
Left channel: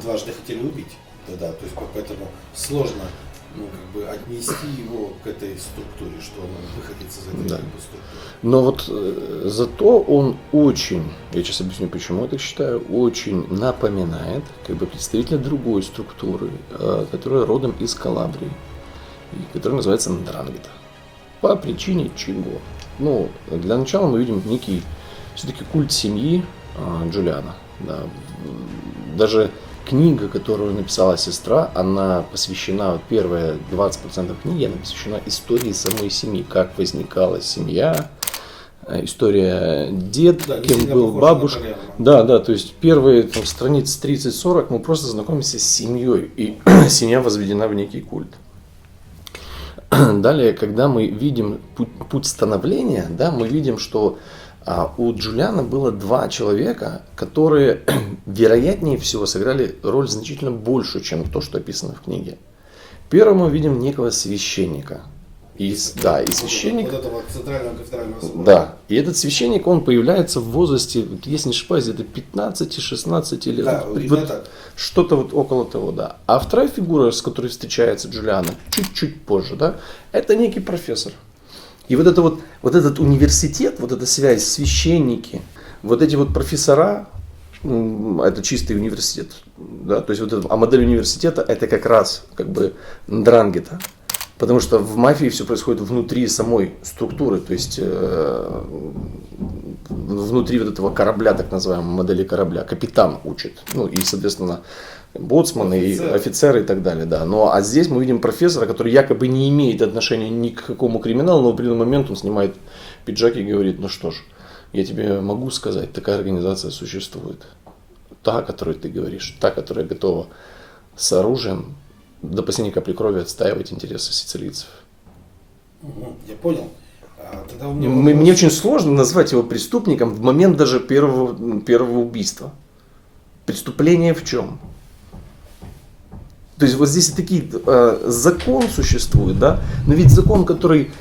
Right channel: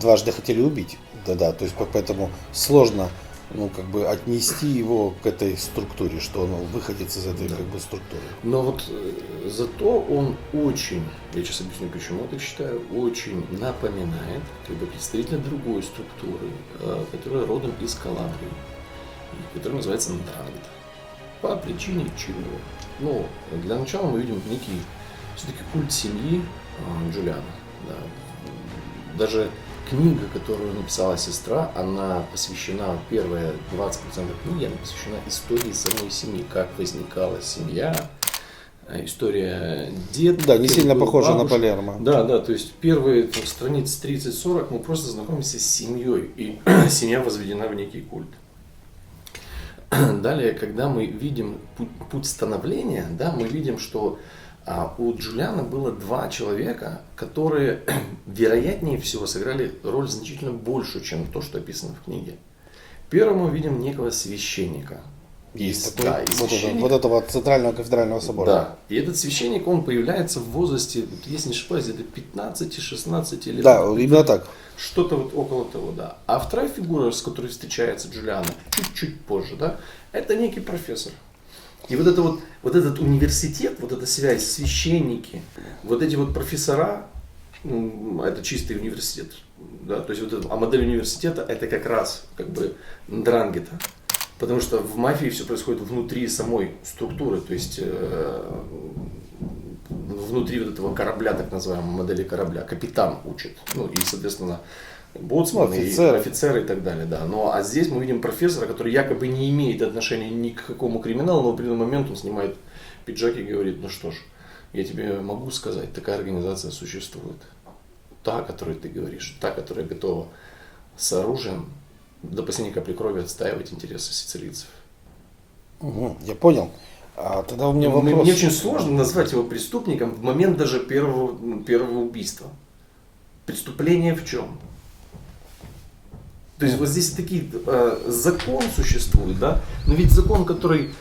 дважды хотели убить. Да-да, то есть поэтому сложно, ну, как бы отнести его к этой структуре, что он выходит из этой, как бы, структуры. Но вот зато он очень, я сейчас объясню, почему я так считаю, очень напоминает как бы представителя другой структуры, которая родом из Калабрии, и которая называется Ндрангета. По причине чего? Ну, для начала мы видим некий все-таки культ семьи Джулиано. Да. Даже книга, которую написала сестра, она посвящена, первые 20% книги, она посвящена истории самой семьи, как возникала семья, история деда, да, не сильно похожа на Палермо. Да, то есть первые страниц 30-40 мы просто знакомимся с семьей, и семья возведена в некий культ. Далее, когда мы видим путь становления, да, мы видим, что у Джулиано было 2 человека, которые, вероятнее всего, сыграли роль значительно большую, чем то, что описано в книге. Первым мы видим некого священника, Да, и священник. Вот этого центрального кафедрального собора. Да, и этот священник, он появляется в возрасте, если не ошибаюсь, где-то 15-16 лет. Да, именно так. Что-то вот около того, да. А вторая фигура, с которой встречается Джулиано, чуть-чуть позже, да, это некий профессор. И вот этот университет, вот эта связь, священники, вот эти вот профессора, это чистый университет, да, то есть вот это, а модель университета это как раз как бы ндрангета, потому что в мафии все происходит внутри самой структуры, то есть внутри вот этого корабля, так называемой модели корабля, капитан учит, ну и соответственно боцманы, и офицеры и так далее, да. А здесь мы видим профессора, который якобы не имеет отношения ни к какому криминалу, но в определенный момент он снимает пиджак и говорит: ну что ж, я тебе могу сказать, такая организация существует. Та, о которой ты говоришь, та, которая готова с оружием до последней капли крови отстаивать интересы сицилийцев. Угу, я понял. Тогда у меня вопрос... Мне очень сложно назвать его преступником в момент даже первого убийства. Преступление в чем? То есть вот здесь такие закон существует, да? Но ведь закон, который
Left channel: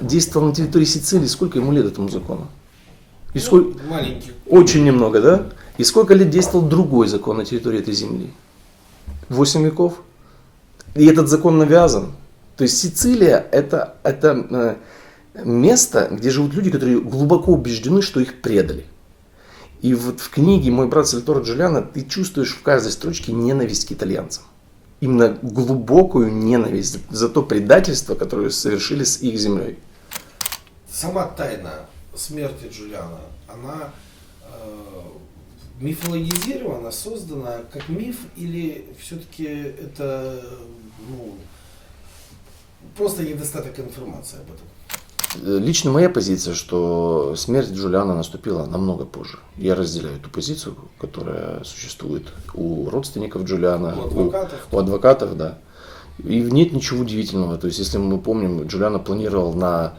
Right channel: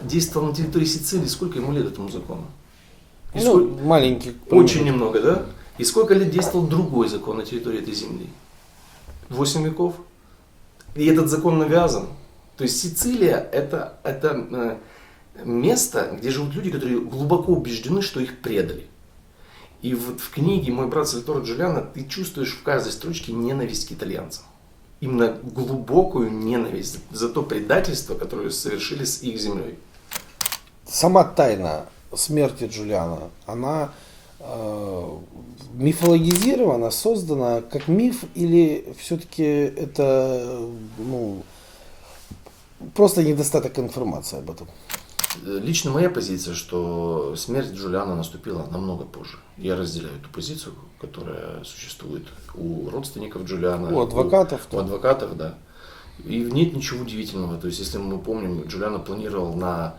действовал на территории Сицилии, сколько ему лет этому закону? Маленький. Очень немного, да? И сколько лет действовал другой закон на территории этой земли? 8 веков. И этот закон навязан. То есть Сицилия это место, где живут люди, которые глубоко убеждены, что их предали. И вот в книге «Мой брат Сальваторе Джулиано» ты чувствуешь в каждой строчке ненависть к итальянцам. Именно глубокую ненависть за то предательство, которое совершили с их землей. Сама тайна смерти Джулиано, она мифологизирована, создана как миф, или все-таки это просто недостаток информации об этом? Лично моя позиция, что смерть Джулиано наступила намного позже. Я разделяю эту позицию, которая существует у родственников Джулиано, у адвокатов, да. И нет ничего удивительного. То есть, если мы помним, Джулиано планировал на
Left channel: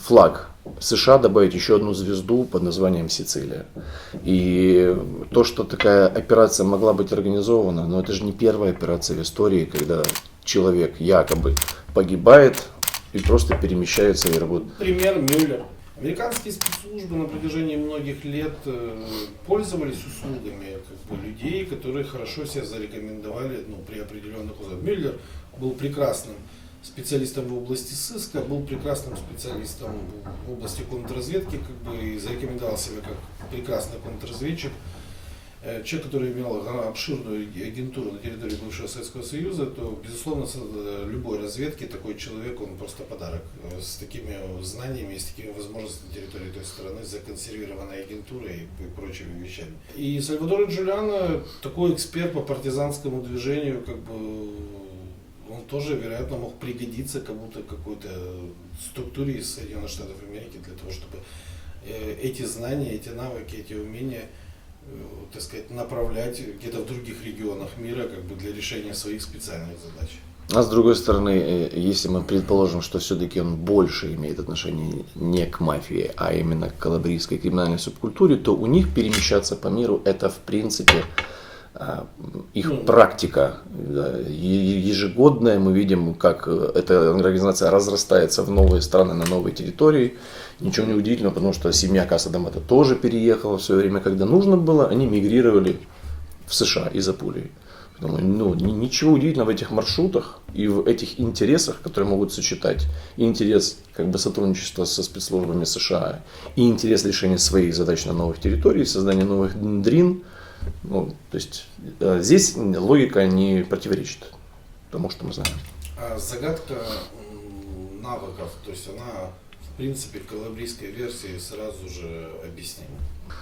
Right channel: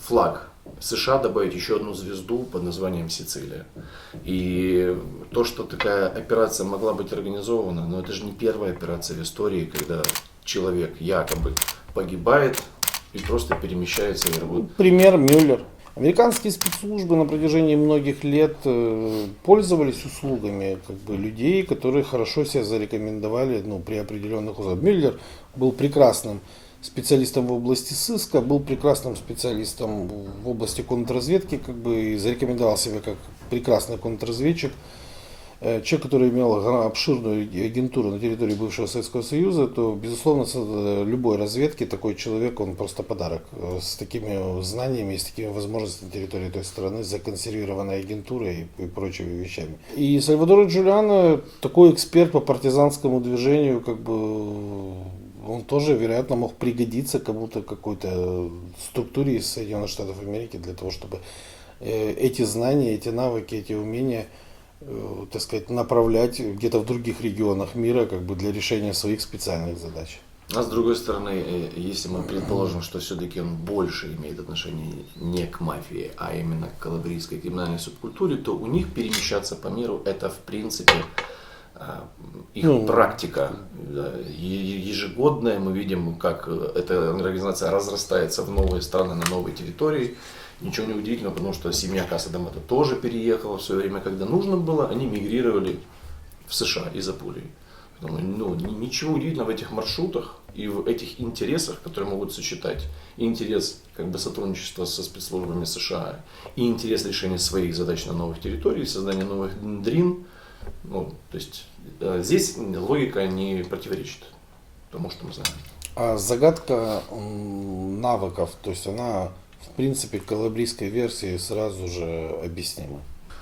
флаг США добавить еще одну звезду под названием Сицилия. И то, что такая операция могла быть организована, но это же не первая операция в истории, когда человек якобы погибает и просто перемещается и работает. Пример Мюллер. Американские спецслужбы на протяжении многих лет пользовались услугами людей, которые хорошо себя зарекомендовали при определенных условиях. Мюллер был прекрасным специалистом в области сыска, был прекрасным специалистом в области контрразведки, и зарекомендовал себя как прекрасный контрразведчик. Человек, который имел обширную агентуру на территории бывшего Советского Союза, то, безусловно, любой разведке такой человек, он просто подарок. С такими знаниями, с такими возможностями на территории той страны, законсервированной агентурой и прочими вещами. И Сальваторе Джулиано, такой эксперт по партизанскому движению, он тоже, вероятно, мог пригодиться кому-то, какой-то структуре из Соединенных Штатов Америки для того, чтобы эти знания, эти навыки, эти умения, так сказать, направлять где-то в других регионах мира для решения своих специальных задач. А с другой стороны, если мы предположим, что все-таки он больше имеет отношение не к мафии, а именно к калабрийской криминальной субкультуре, то у них перемещаться по миру это в принципе их практика ежегодная. Мы видим, как эта организация разрастается в новые страны, на новые территории. Ничего не удивительного, потому что семья Касса-Дамата тоже переехала в свое время, когда нужно было, они мигрировали в США из Апулии. Ничего удивительного в этих маршрутах и в этих интересах, которые могут сочетать и интерес сотрудничества со спецслужбами США, и интерес решения своих задач на новых территориях, создания новых дрин. То есть здесь логика не противоречит тому, что мы знаем. А загадка навыков, то есть она в принципе в калабрийской версии сразу же объяснима.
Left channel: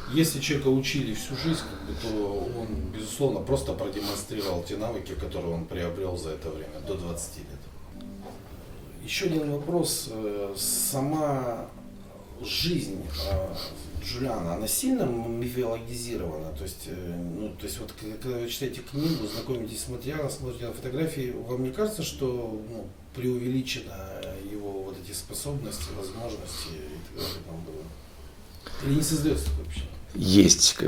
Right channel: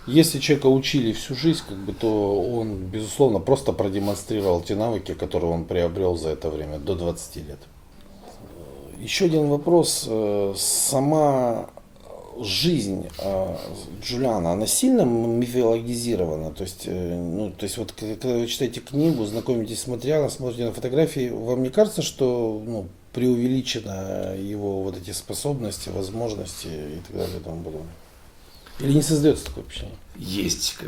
Если человека учили всю жизнь, то он, безусловно, просто продемонстрировал те навыки, которые он приобрел за это время, до 20 лет. Еще один вопрос. Сама жизнь Джулиано, она сильно мифологизирована? То есть вот когда вы читаете книгу, знакомитесь с материалом, смотрите на фотографии, вам не кажется, что преувеличено его вот эти способности, возможности и так далее и тому подобное? Или не создается такое впечатление? Есть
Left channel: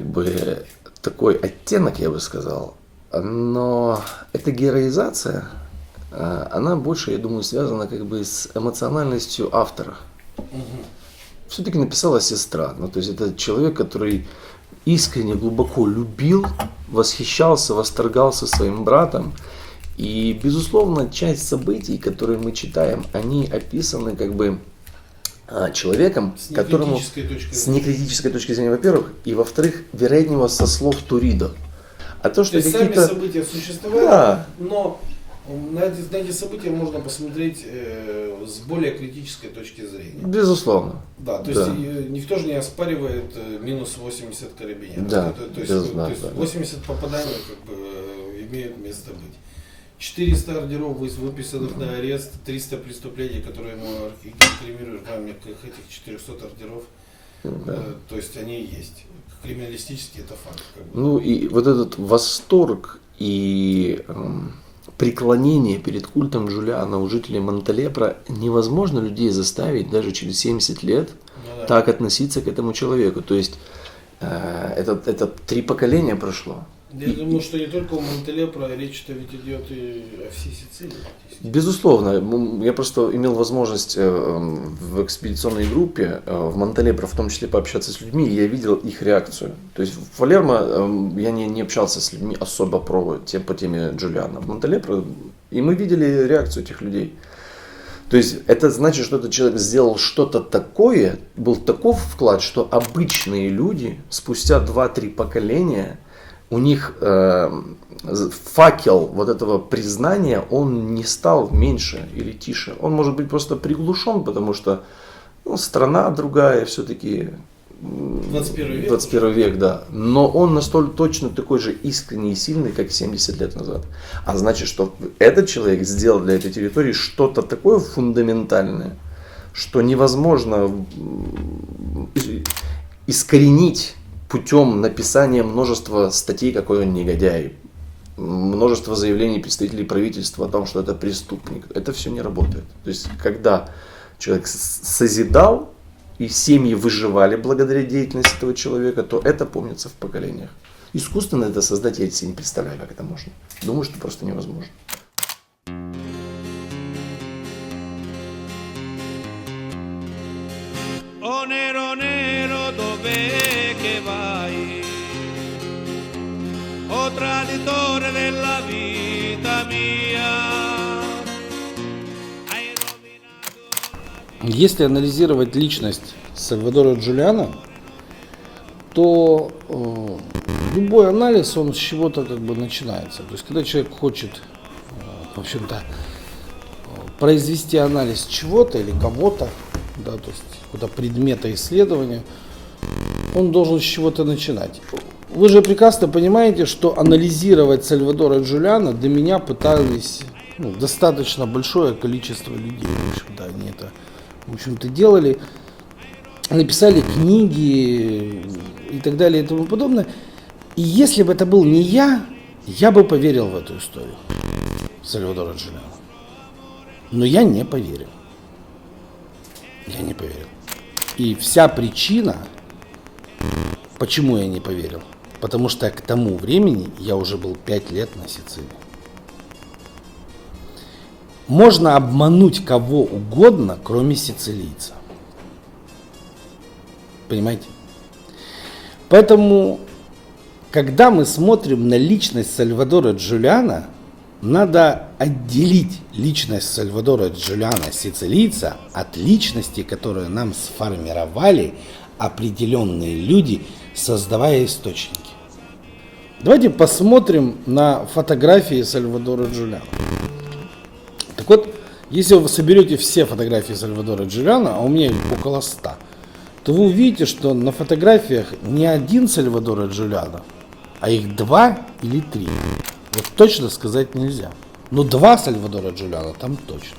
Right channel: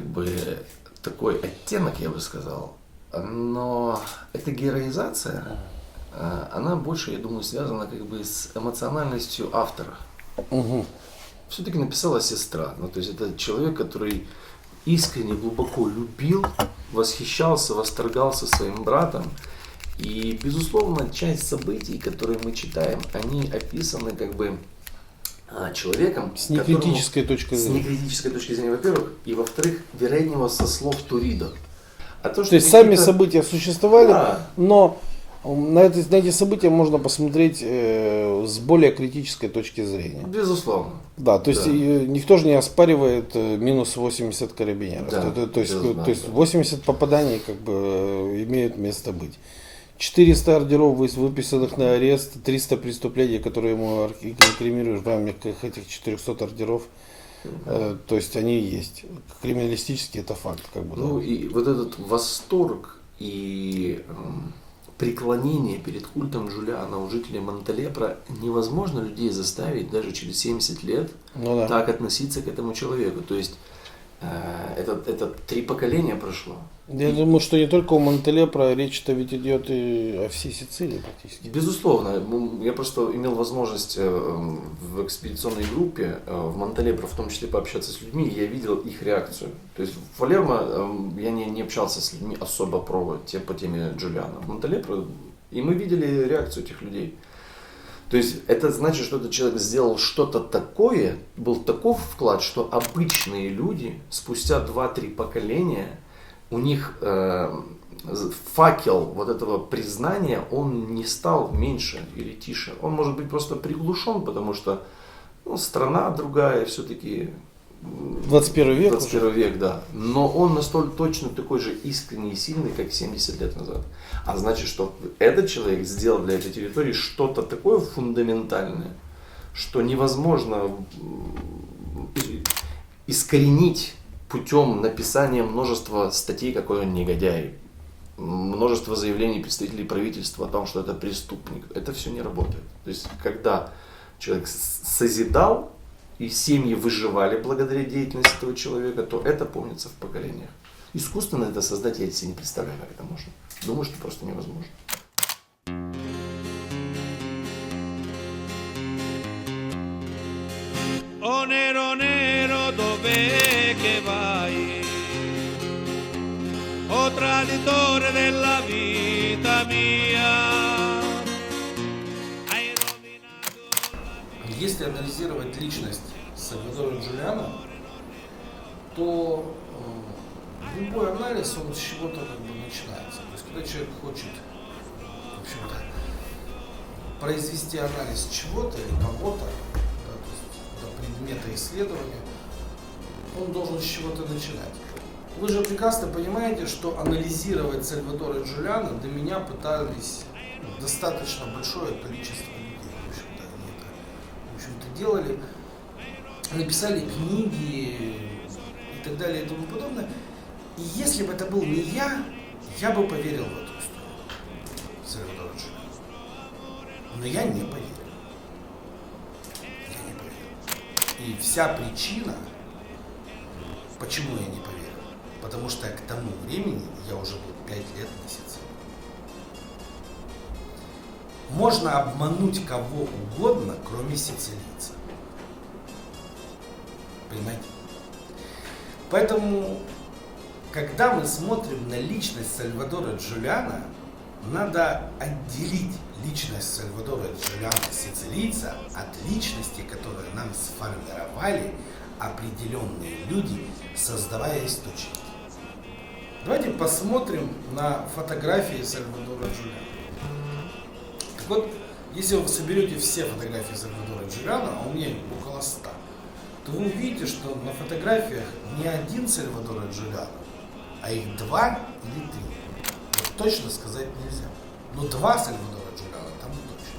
такой оттенок, я бы сказал, но эта героизация она больше, я думаю, связана как бы с эмоциональностью автора. Угу. Все-таки написала сестра. Ну, то есть это человек, который искренне, глубоко любил, восхищался, восторгался своим братом. И, безусловно, часть событий, которые мы читаем, они описаны как бы человеком, С некритической точки с зрения. некритической точки зрения, во-первых, и во-вторых, вероятнее со слов Туридо. А то, То есть сами события существовали, Да. но на эти события можно посмотреть с более критической точки зрения. Безусловно. Да, то есть Да. никто же не оспаривает минус 80 карабинеров. Да, То есть, безусловно, то есть да. 80 попаданий как бы имеют место быть. 400 ордеров, выписанных на арест, 300 преступлений, которые ему инкриминируют в рамках этих 400 ордеров. То есть они есть. Криминалистически это факт. Как бы. Ну и вот этот восторг и преклонение перед культом Джулиана у жителей Монталепро невозможно людей заставить даже через 70 лет Ну да. так относиться к этому человеку. То есть это 3 поколения прошло. Я думаю, что не только у Монталепро, речь-то ведь идет и о всей Сицилии практически. Безусловно, я просто имел возможность в экспедиционной группе в Монталепро в том числе пообщаться с людьми, и я видел их реакцию. То есть в Палермо я не общался с людьми особо по теме Джулиана. В Монталепро, и мы видели реакцию этих людей. То есть это значит, что этот человек сделал что-то такое, был таков вклад, что обычные люди спустя 2-3 поколения, у них факел вот этого признания, он не стал меньше или тише. Он может быть просто приглушен, потому что страна другая все-таки. 21 век. 21 век, да. Но он настолько точно такой же искренний и сильный, как 70 лет назад. А значит, что этот человек сделал для этой территории что-то такое фундаментальное, что невозможно искоренить путем написания множества статей, какой он негодяй, множество заявлений представителей правительства о том, что это преступник. Это все не работает. То есть, когда человек созидал, и семьи выживали благодаря деятельности этого человека, то это помнится в поколениях. Искусственно это создать я себе не представляю, как это можно. Думаю, что просто невозможно. Oh nero nero dov'è che vai? Oh traditore della vita mia. Hai rovinato la vita. Если анализировать личность Сальвадора Джулиано, то любой анализ, он с чего-то как бы начинается. То есть, когда человек хочет, в общем-то, произвести анализ чего-то или кого-то, да, то есть это предмета исследования, он должен с чего-то начинать. Вы же прекрасно понимаете, что анализировать Сальвадора Джулиано до меня пытались достаточно большое количество людей. В общем-то, они это, в общем-то, делали, написали книги и так далее и тому подобное. И если бы это был не я бы поверил в эту историю Сальвадора Джулиано. Но я не поверил. Я не поверил. И вся причина, почему я не поверил, потому что к тому времени я уже был 5 лет на Сицилии. Можно обмануть кого угодно, кроме сицилийца. Понимаете? Поэтому, когда мы смотрим на личность Сальвадора Джулиано, надо отделить личность Сальвадора Джулиано, сицилийца, от личности, которую нам сформировали определенные люди, создавая источники. Давайте посмотрим на фотографии Сальвадора Джулиано. Так вот, если вы соберете все фотографии Сальвадора Джулиано, а у меня их около 100, то вы увидите, что на фотографиях не один Сальвадора Джулиано, а их 2 или 3. Вот точно сказать нельзя. Но 2 Сальвадора Джулиано там точно.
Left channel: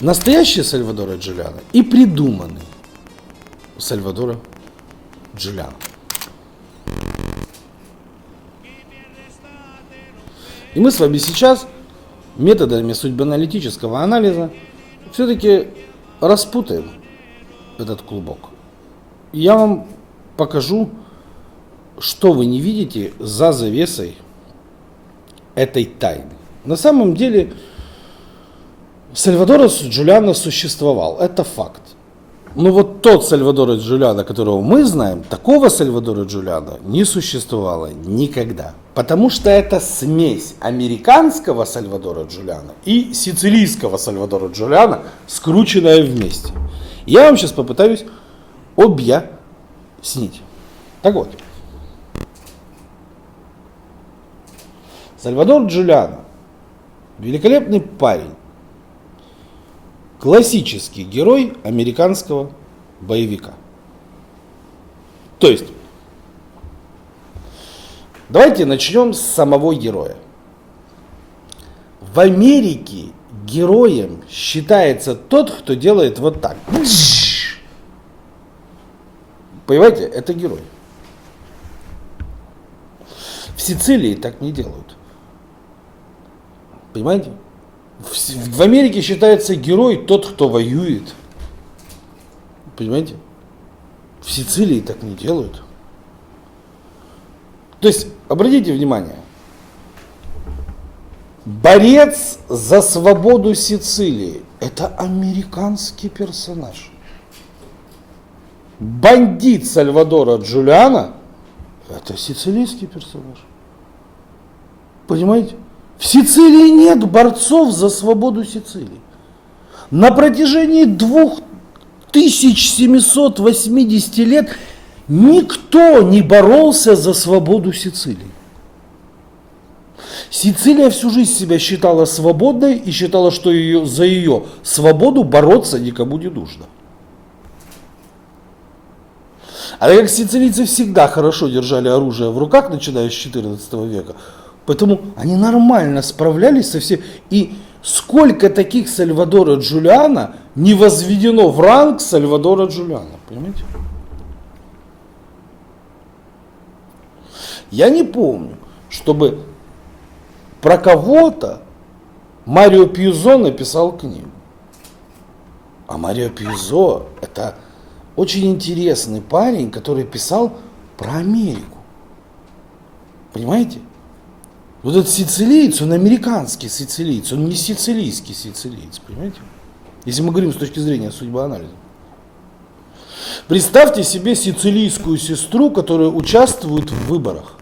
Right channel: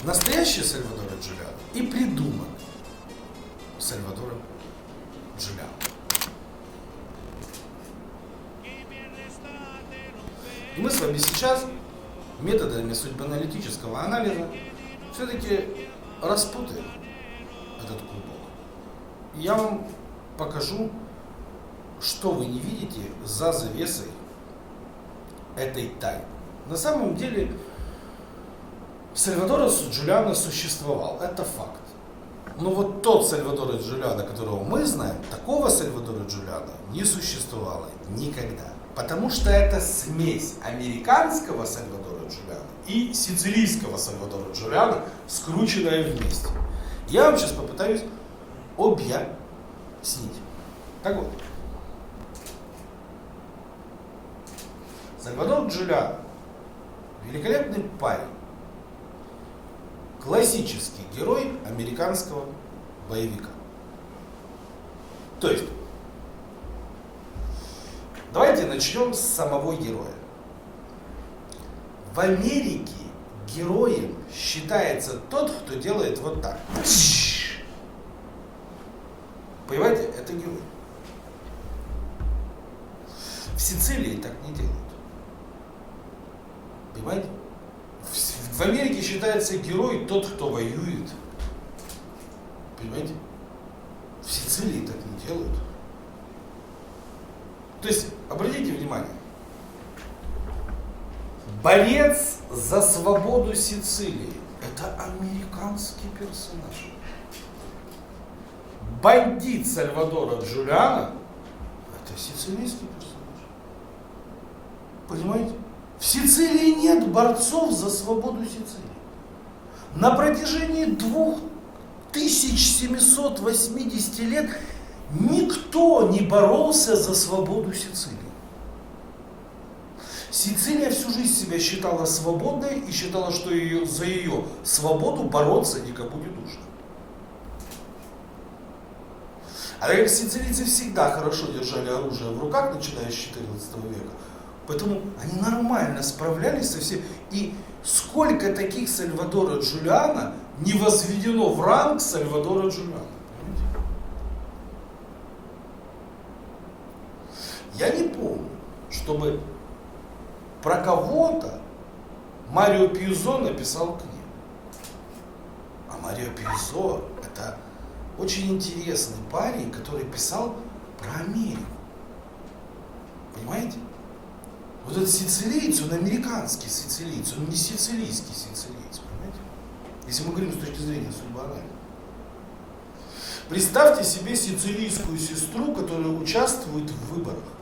Настоящий Сальвадора Джулиано и придуманный Сальвадора Джулиано. И мы с вами сейчас методами судьбоаналитического анализа все-таки распутаем этот клубок. Я вам покажу, что вы не видите за завесой этой тайны. На самом деле Сальвадор Джулиано существовал, это факт. Но вот тот Сальвадор Джулиано, которого мы знаем, такого Сальвадора Джулиано не существовало никогда. Потому что это смесь американского Сальвадора Джулиано и сицилийского Сальвадора Джулиано, скрученная вместе. Я вам сейчас попытаюсь объяснить. Так вот. Сальвадор Джулиано – великолепный парень. Классический герой американского боевика. То есть, давайте начнем с самого героя. В Америке героем считается тот, кто делает вот так. Понимаете, это герой. В Сицилии так не делают. Понимаете? В Америке считается герой тот, кто воюет. Понимаете? В Сицилии так не делают. То есть, обратите внимание, борец за свободу Сицилии – это американский персонаж. Бандит Сальвадора Джулиано – это сицилийский персонаж. Понимаете? В Сицилии нет борцов за свободу Сицилии. На протяжении 2780 лет никто не боролся за свободу Сицилии. Сицилия всю жизнь себя считала свободной и считала, что за ее свободу бороться никому не нужно. А так как сицилийцы всегда хорошо держали оружие в руках, начиная с XIV века, поэтому они нормально справлялись со всем. И сколько таких Сальвадора Джулиано не возведено в ранг Сальвадора Джулиано. Понимаете? Я не помню, чтобы про кого-то Марио Пьюзо написал книгу. А Марио Пьюзо — это очень интересный парень, который писал про Америку. Понимаете? Вот этот сицилиец, он американский сицилиец, он не сицилийский сицилиец, понимаете? Если мы говорим с точки зрения судьбоанализа. Представьте себе сицилийскую сестру, которая участвует в выборах,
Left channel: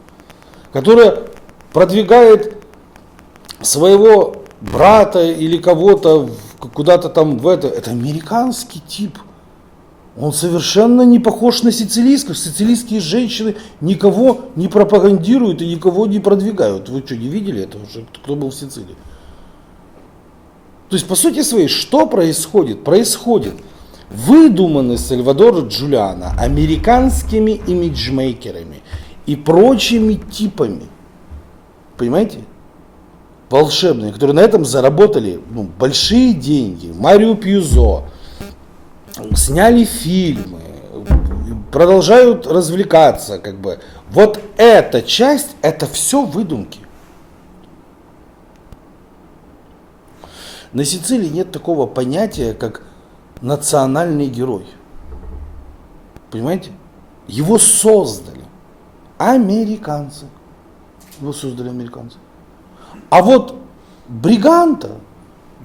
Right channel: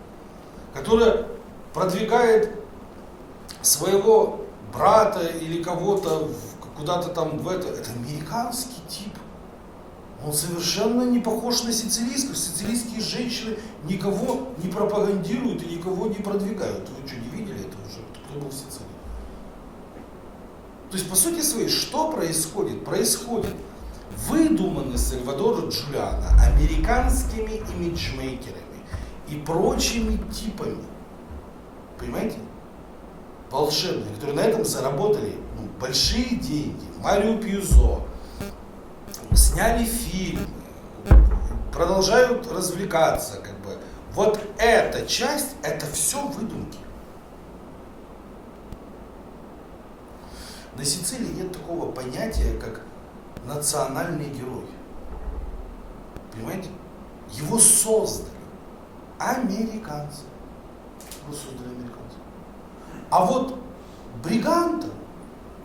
которая продвигает своего брата или кого-то куда-то там в это. Это американский тип. Он совершенно не похож на сицилийских. Сицилийские женщины никого не пропагандируют и никого не продвигают. Вы что, не видели это уже? Кто был в Сицилии? То есть, по сути своей, что происходит? Происходит выдуманный Сальвадор Джулиано американскими имиджмейкерами и прочими типами. Понимаете? Волшебные, которые на этом заработали большие деньги. Марио Пьюзо. Сняли фильмы, продолжают развлекаться, как бы. Вот эта часть, это все выдумки. На Сицилии нет такого понятия, как национальный герой. Понимаете? Его создали американцы. Его создали американцы. А вот Бриганта,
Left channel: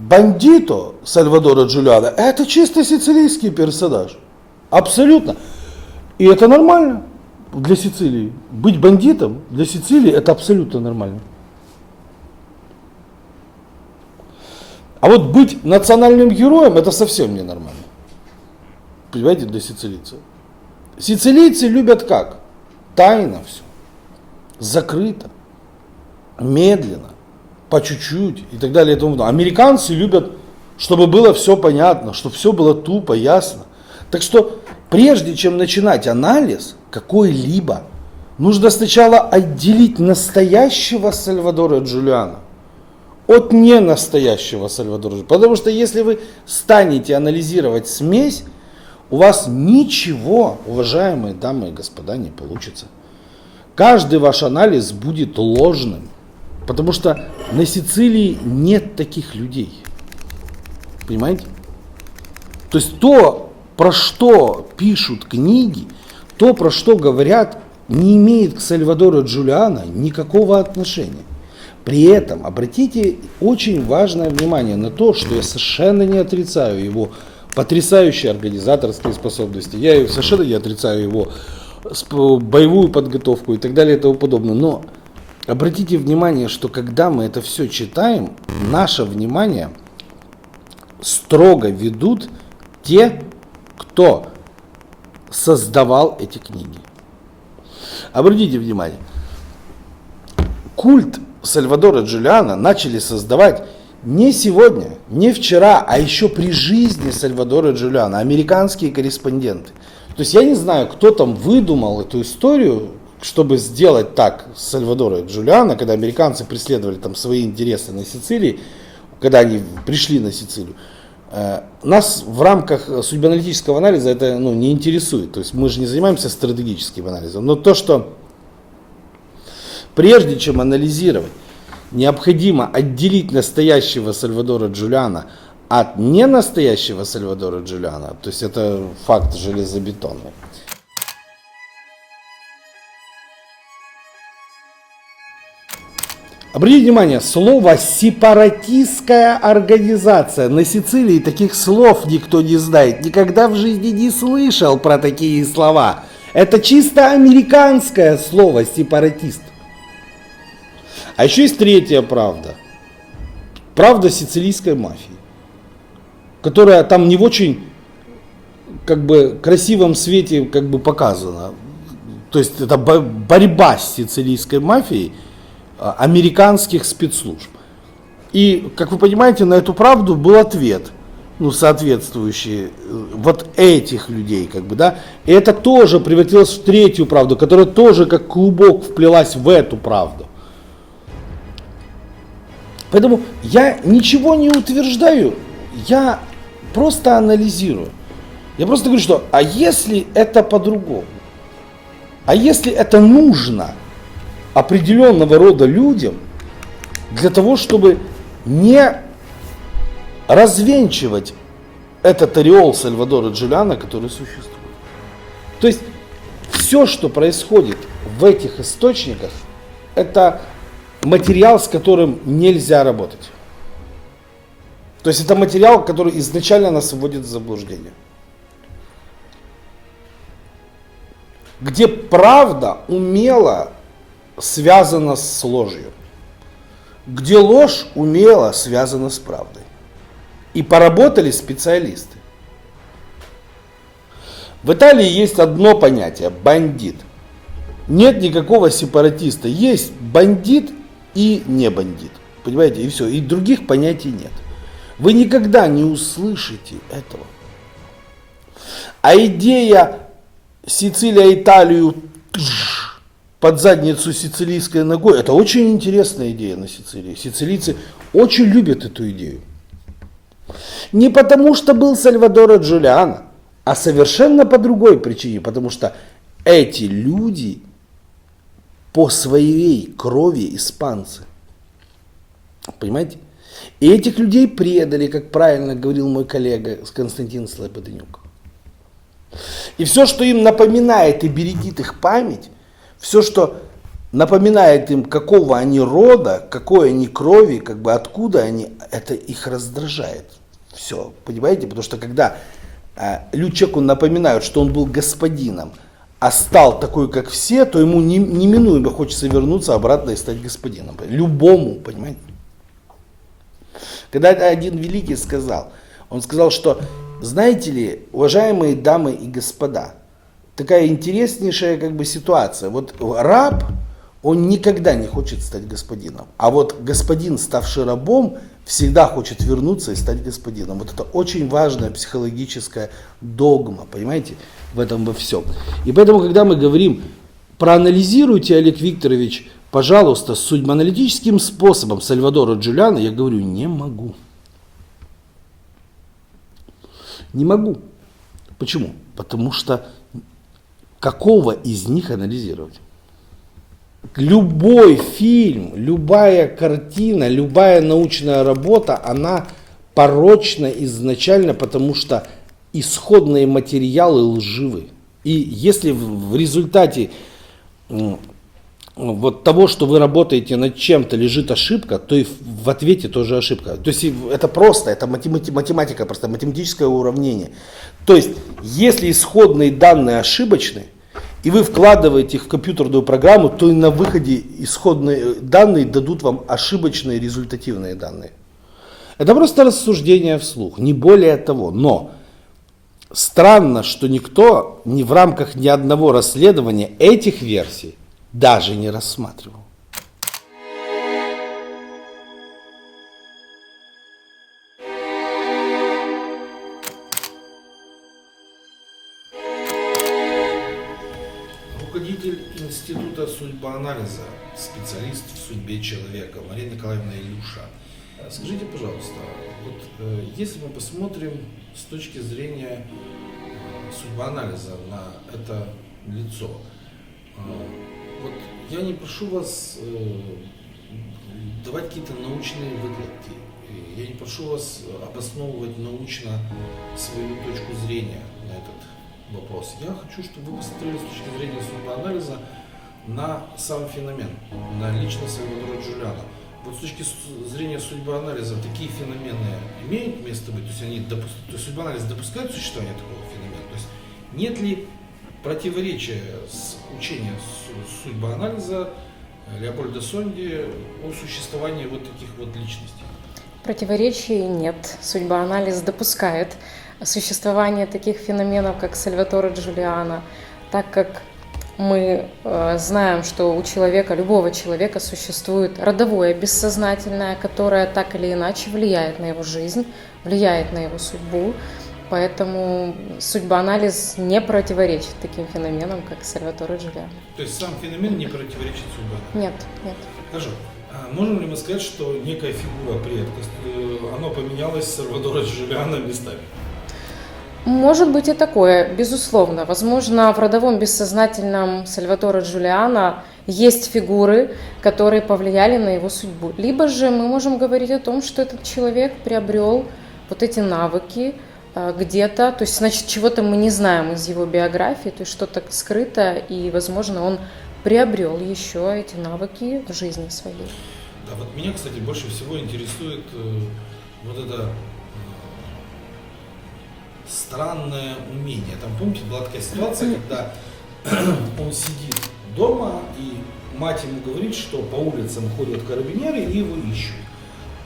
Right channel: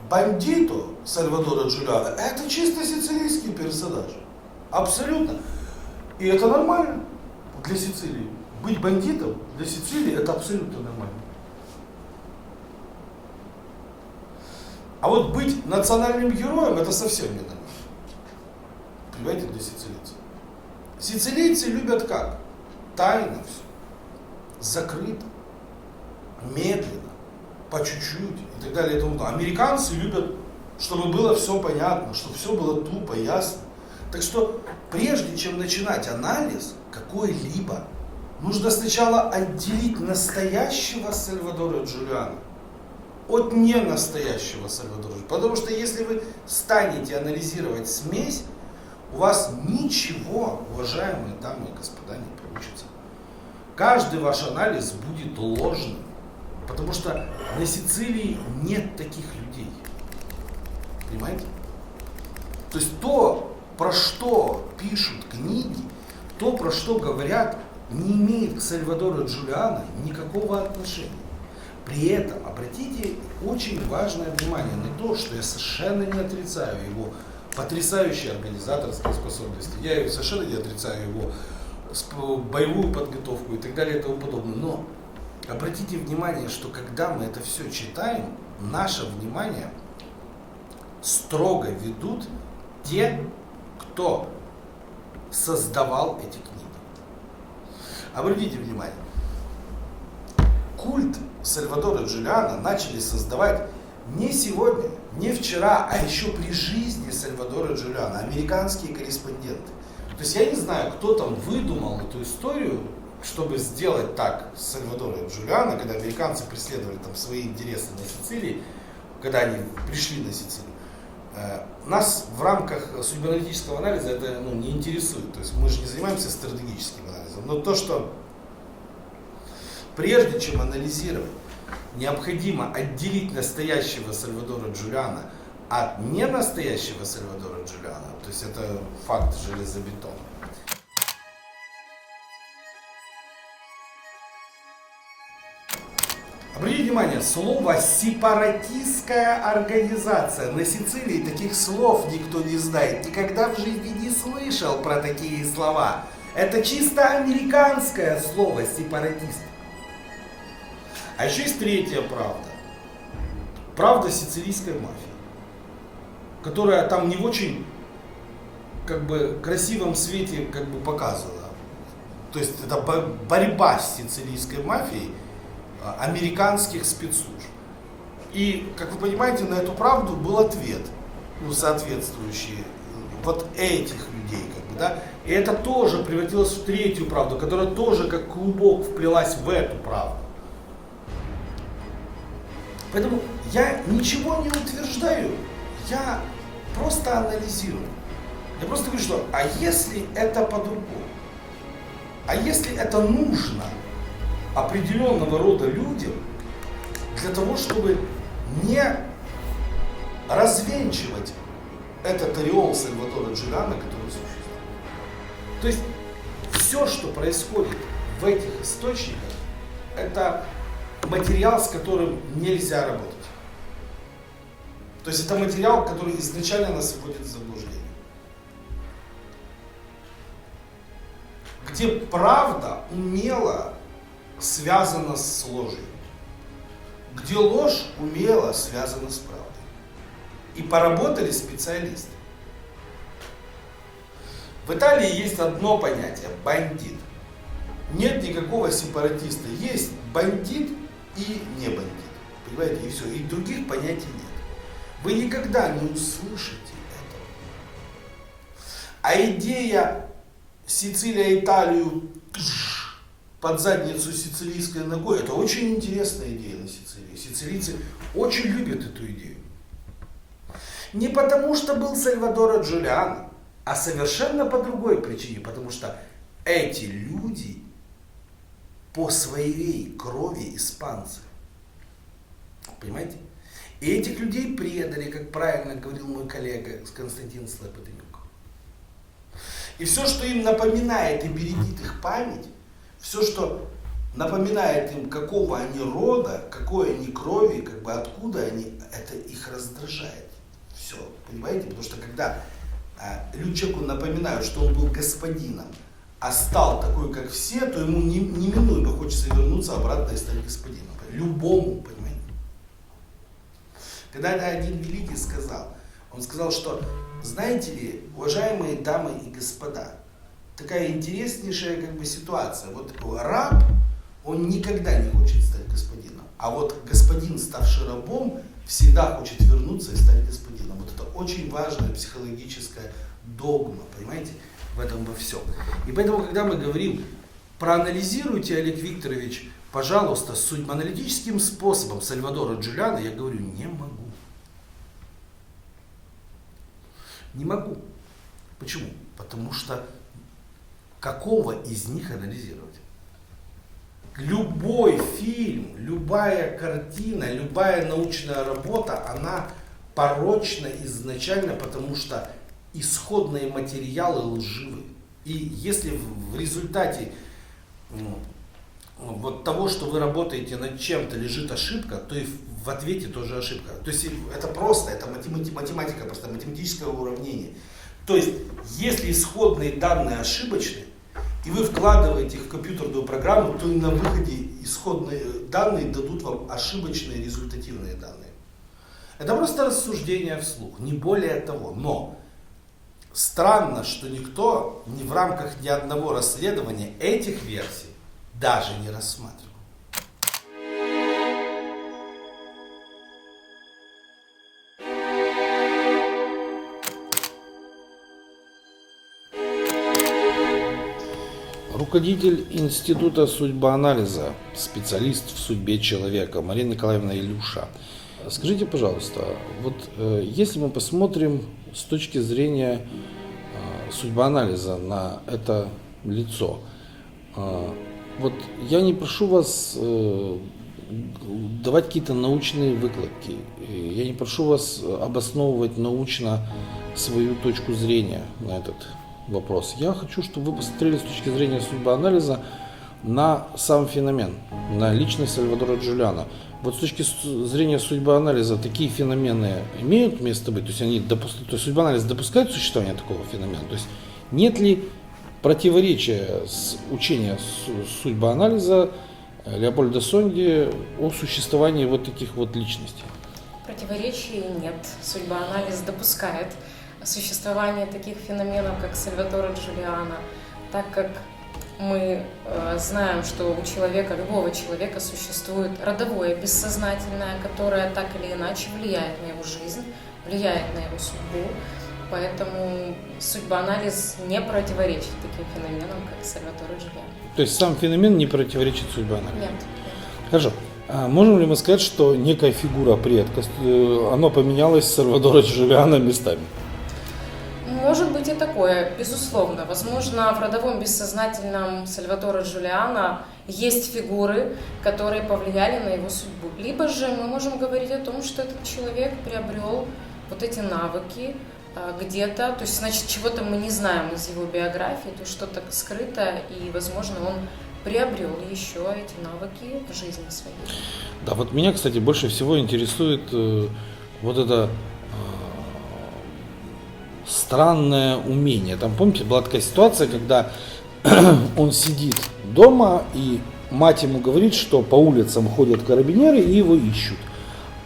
бандито Сальвадора Джулиано — это чисто сицилийский персонаж. Абсолютно. И это нормально для Сицилии. Быть бандитом для Сицилии — это абсолютно нормально. А вот быть национальным героем — это совсем ненормально. Понимаете, для сицилийцев. Сицилийцы любят как? Тайно все. Закрыто. Медленно. По чуть-чуть и так далее и тому подобное. Американцы любят, чтобы было все понятно, чтобы все было тупо, ясно. Так что, прежде чем начинать анализ какой-либо, нужно сначала отделить настоящего Сальвадора Джулиано от ненастоящего Сальвадора Джулиано. Потому что если вы станете анализировать смесь, у вас ничего, уважаемые дамы и господа, не получится. Каждый ваш анализ будет ложным. Потому что на Сицилии нет таких людей. Понимаете? То есть то, про что пишут книги, то, про что говорят, не имеет к Сальвадору Джулиано никакого отношения. При этом обратите очень важное внимание на то, что я совершенно не отрицаю его потрясающие организаторские способности, я совершенно не отрицаю его боевую подготовку и так далее и тому подобное. Но обратите внимание, что когда мы это все читаем, наше внимание строго ведут те, кто создавал эти книги. Обратите внимание, культ Сальвадора Джулиано начали создавать не сегодня, не вчера, а еще при жизни Сальвадора Джулиано, американские корреспонденты. То есть я не знаю, кто там выдумал эту историю, чтобы сделать так с Сальвадора Джулиано, когда американцы преследовали там свои интересы на Сицилии, когда они пришли на Сицилию. Нас в рамках судьбоаналитического анализа это не интересует. То есть мы же не занимаемся стратегическим анализом. Но то, что прежде чем анализировать, необходимо отделить настоящего Сальвадора Джулиано от ненастоящего Сальвадора Джулиано, то есть это факт железобетонный. Обратите внимание, слово «сепаратистская организация». На Сицилии таких слов никто не знает, никогда в жизни не слышал про такие слова. Это чисто американское слово «сепаратист». А еще есть третья правда. Правда сицилийской мафии, которая там не в очень красивом свете показана. То есть это борьба с сицилийской мафией американских спецслужб. И, как вы понимаете, на эту правду был ответ, соответствующий вот этих людей, И это тоже превратилось в третью правду, которая тоже как клубок вплелась в эту правду. Поэтому я ничего не утверждаю, я просто анализирую. Я просто говорю, что а если это по-другому? А если это нужно определенного рода людям для того, чтобы не развенчивать этот ореол Сальвадора Джулиано, который существует? То есть все, что происходит в этих источниках, это материал, с которым нельзя работать. То есть это материал, который изначально нас вводит в заблуждение. Где правда умело связана с ложью. Где ложь умело связана с правдой. И поработали специалисты. В Италии есть одно понятие – бандит. Нет никакого сепаратиста. Есть бандит и не бандит. Понимаете? И все. И других понятий нет. Вы никогда не услышите этого. А идея Сицилия Италию под задницу сицилийской ногой, это очень интересная идея на Сицилии. Сицилийцы очень любят эту идею. Не потому, что был Сальвадоро Джулиано, а совершенно по другой причине. Потому что эти люди по своей крови испанцы. Понимаете? И этих людей предали, как правильно говорил мой коллега Константин Слободенюк. И все, что им напоминает и бередит их память, все, что напоминает им, какого они рода, какой они крови, откуда они, это их раздражает. Все, понимаете? Потому что когда человеку напоминают, что он был господином, а стал такой, как все, то ему неминуемо хочется вернуться обратно и стать господином. Любому, понимаете? Когда один великий сказал, он сказал, что, знаете ли, уважаемые дамы и господа, такая интереснейшая ситуация. Вот раб, он никогда не хочет стать господином. А вот господин, ставший рабом, всегда хочет вернуться и стать господином. Вот это очень важная психологическая догма, понимаете, в этом во всем. И поэтому, когда мы говорим, проанализируйте, Олег Викторович, пожалуйста, судьбоаналитическим способом Сальвадора Джулиано, я говорю, не могу. Не могу. Почему? Потому что какого из них анализировать? Любой фильм, любая картина, любая научная работа, она порочна изначально, потому что исходные материалы лживы. И если в результате вот того, что вы работаете над чем-то, лежит ошибка, то и в ответе тоже ошибка. То есть это просто, это математика, просто математическое уравнение. То есть, если исходные данные ошибочны, и вы вкладываете их в компьютерную программу, то и на выходе исходные данные дадут вам ошибочные результативные данные. Это просто рассуждение вслух, не более того. Но странно, что никто в рамках ни одного расследования этих версий даже не рассматривал. Руководитель Института судьбоанализа, специалист в судьбе человека Марина Николаевна Илюша. Скажите, пожалуйста, вот если мы посмотрим с точки зрения судьбоанализа на это лицо, вот я не прошу вас давать какие-то научные выкладки, я не прошу вас обосновывать научно свою точку зрения на этот вопрос. Я хочу, чтобы вы посмотрели с точки зрения судьбоанализа на сам феномен, на личность Сальвадора Джулиано. Вот с точки зрения судьбоанализа такие феномены имеют место быть? То есть судьбоанализ допускает существование такого феномена? То есть нет ли противоречия с учением судьбоанализа Леопольда Сонди о существовании вот таких вот личностей? Противоречий нет. Судьбоанализ допускает существование таких феноменов, как Сальваторе Джулиано, так как мы знаем, что у человека, любого человека, существует родовое бессознательное, которое так или иначе влияет на его жизнь, влияет на его судьбу. Поэтому судьбоанализ не противоречит таким феноменам, как Сальваторе Джулиано. То есть сам феномен не противоречит судьбоанализу? Нет, нет. Хорошо. А можем ли мы сказать, что некая фигура предка, она поменялась с Сальвадора Джулиано местами? Может быть и такое, безусловно. Возможно, в родовом бессознательном Сальваторе Джулиано есть фигуры, которые повлияли на его судьбу. Либо же мы можем говорить о том, что этот человек приобрел вот эти навыки где-то, то есть, значит, чего-то мы не знаем из его биографии, то есть что-то скрыто, и, возможно, он приобрел еще эти навыки в жизни своей. Да, вот меня, кстати, больше всего интересует вот это странное умение. Там, помните, была такая ситуация, когда он сидит дома, и мать ему говорит, что по улицам ходят карабинеры и его ищут.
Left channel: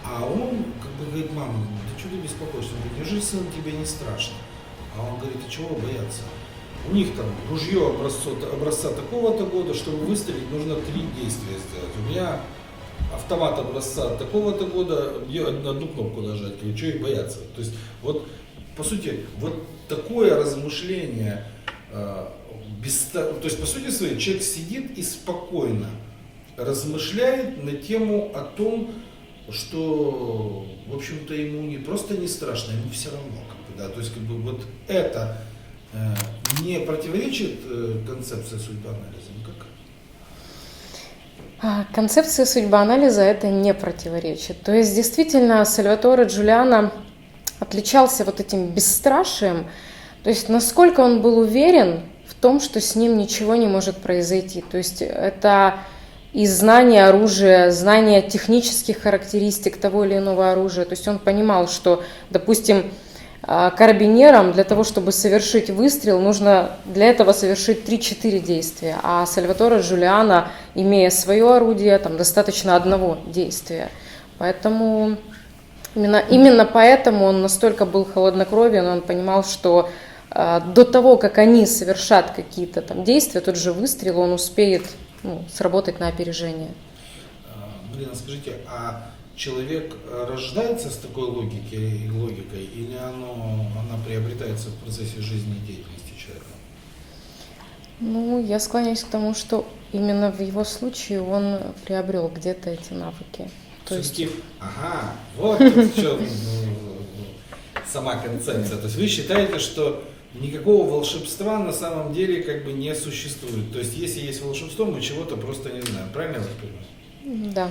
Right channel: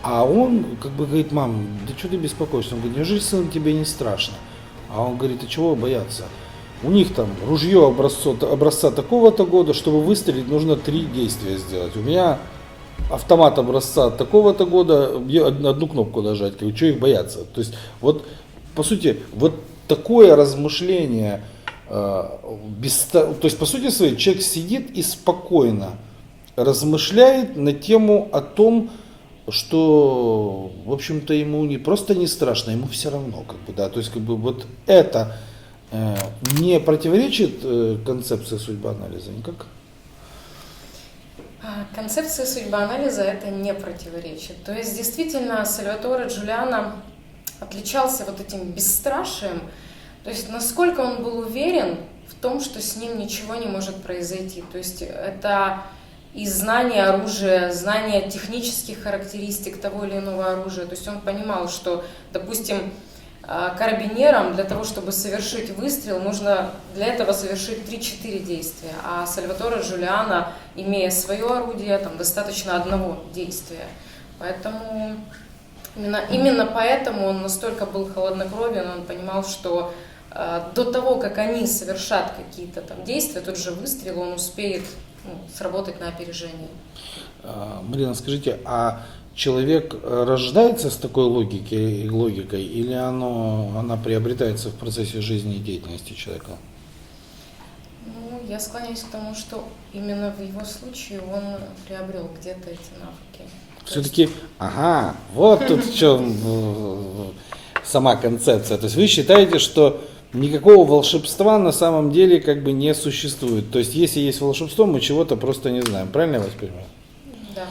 А он как бы говорит: мам, да что ты беспокоишься? Он говорит: неужели, сын, тебе не страшно? А он говорит: а чего бояться? У них там ружье образца такого-то года, чтобы выстрелить, нужно 3 действия сделать. У меня автомат образца такого-то года, одну кнопку нажать, говорю, что их бояться? То есть вот, по сути, вот такое размышление, то есть по сути своей человек сидит и спокойно размышляет на тему о том, что, в общем-то, ему не просто не страшно, ему все равно, как бы, да, то есть как бы вот это не противоречит концепции судьбоанализа никак? Концепция судьбоанализа это не противоречит. То есть действительно Сальваторе Джулиано отличался вот этим бесстрашием, то есть насколько он был уверен в том, что с ним ничего не может произойти. То есть это и знание оружия, знание технических характеристик того или иного оружия. То есть он понимал, что, допустим, карабинерам для того, чтобы совершить выстрел, нужно для этого совершить 3-4 действия. А Сальваторе Джулиано, имея свое орудие, там достаточно одного действия. Поэтому именно поэтому он настолько был холоднокровен, он понимал, что до того, как они совершат какие-то там действия, тот же выстрел, он успеет сработать на опережение. Марина, скажите, а человек рождается с такой логикой, или она приобретается в процессе жизни и деятельности человека? Я склоняюсь к тому, что именно в его случае он приобрел где-то эти навыки. Все-таки, вот тут в чем сама концепция. То есть вы считаете, что никакого волшебства на самом деле как бы не существует. То есть если есть волшебство, мы чего-то просто не знаем. Правильно я вас понимаю? Да.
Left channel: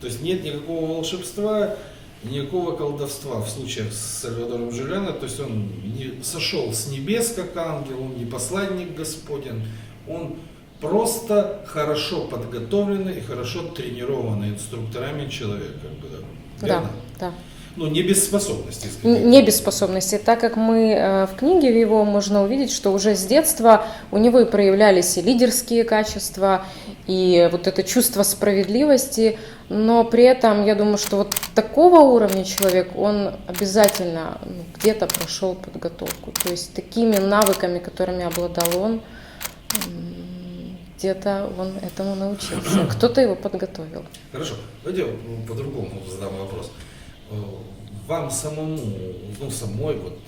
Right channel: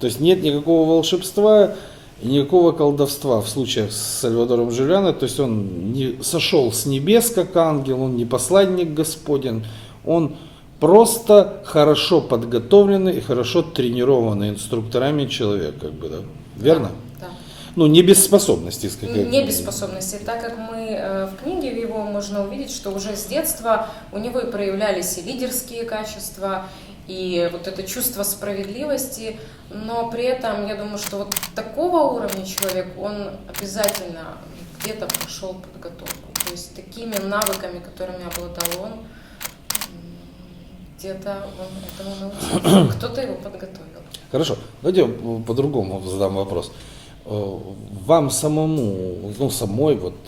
То есть нет никакого волшебства и никакого колдовства в случаях с Сальвадором Джулиано. То есть он не сошел с небес как ангел, он не посланник Господень, он просто хорошо подготовленный и хорошо тренированный инструкторами человек, как бы, да? Верно? Да, да. Ну, не без способностей. Не без способностей, так как мы в книге его можно увидеть, что уже с детства у него и проявлялись и лидерские качества, и вот это чувство справедливости, но при этом я думаю, что вот такого уровня человек, он обязательно где-то прошел подготовку, то есть такими навыками, которыми обладал он, где-то он этому научился, кто-то его подготовил. Хорошо, давайте по-другому задам вопрос. Вам самому, ну, самой вот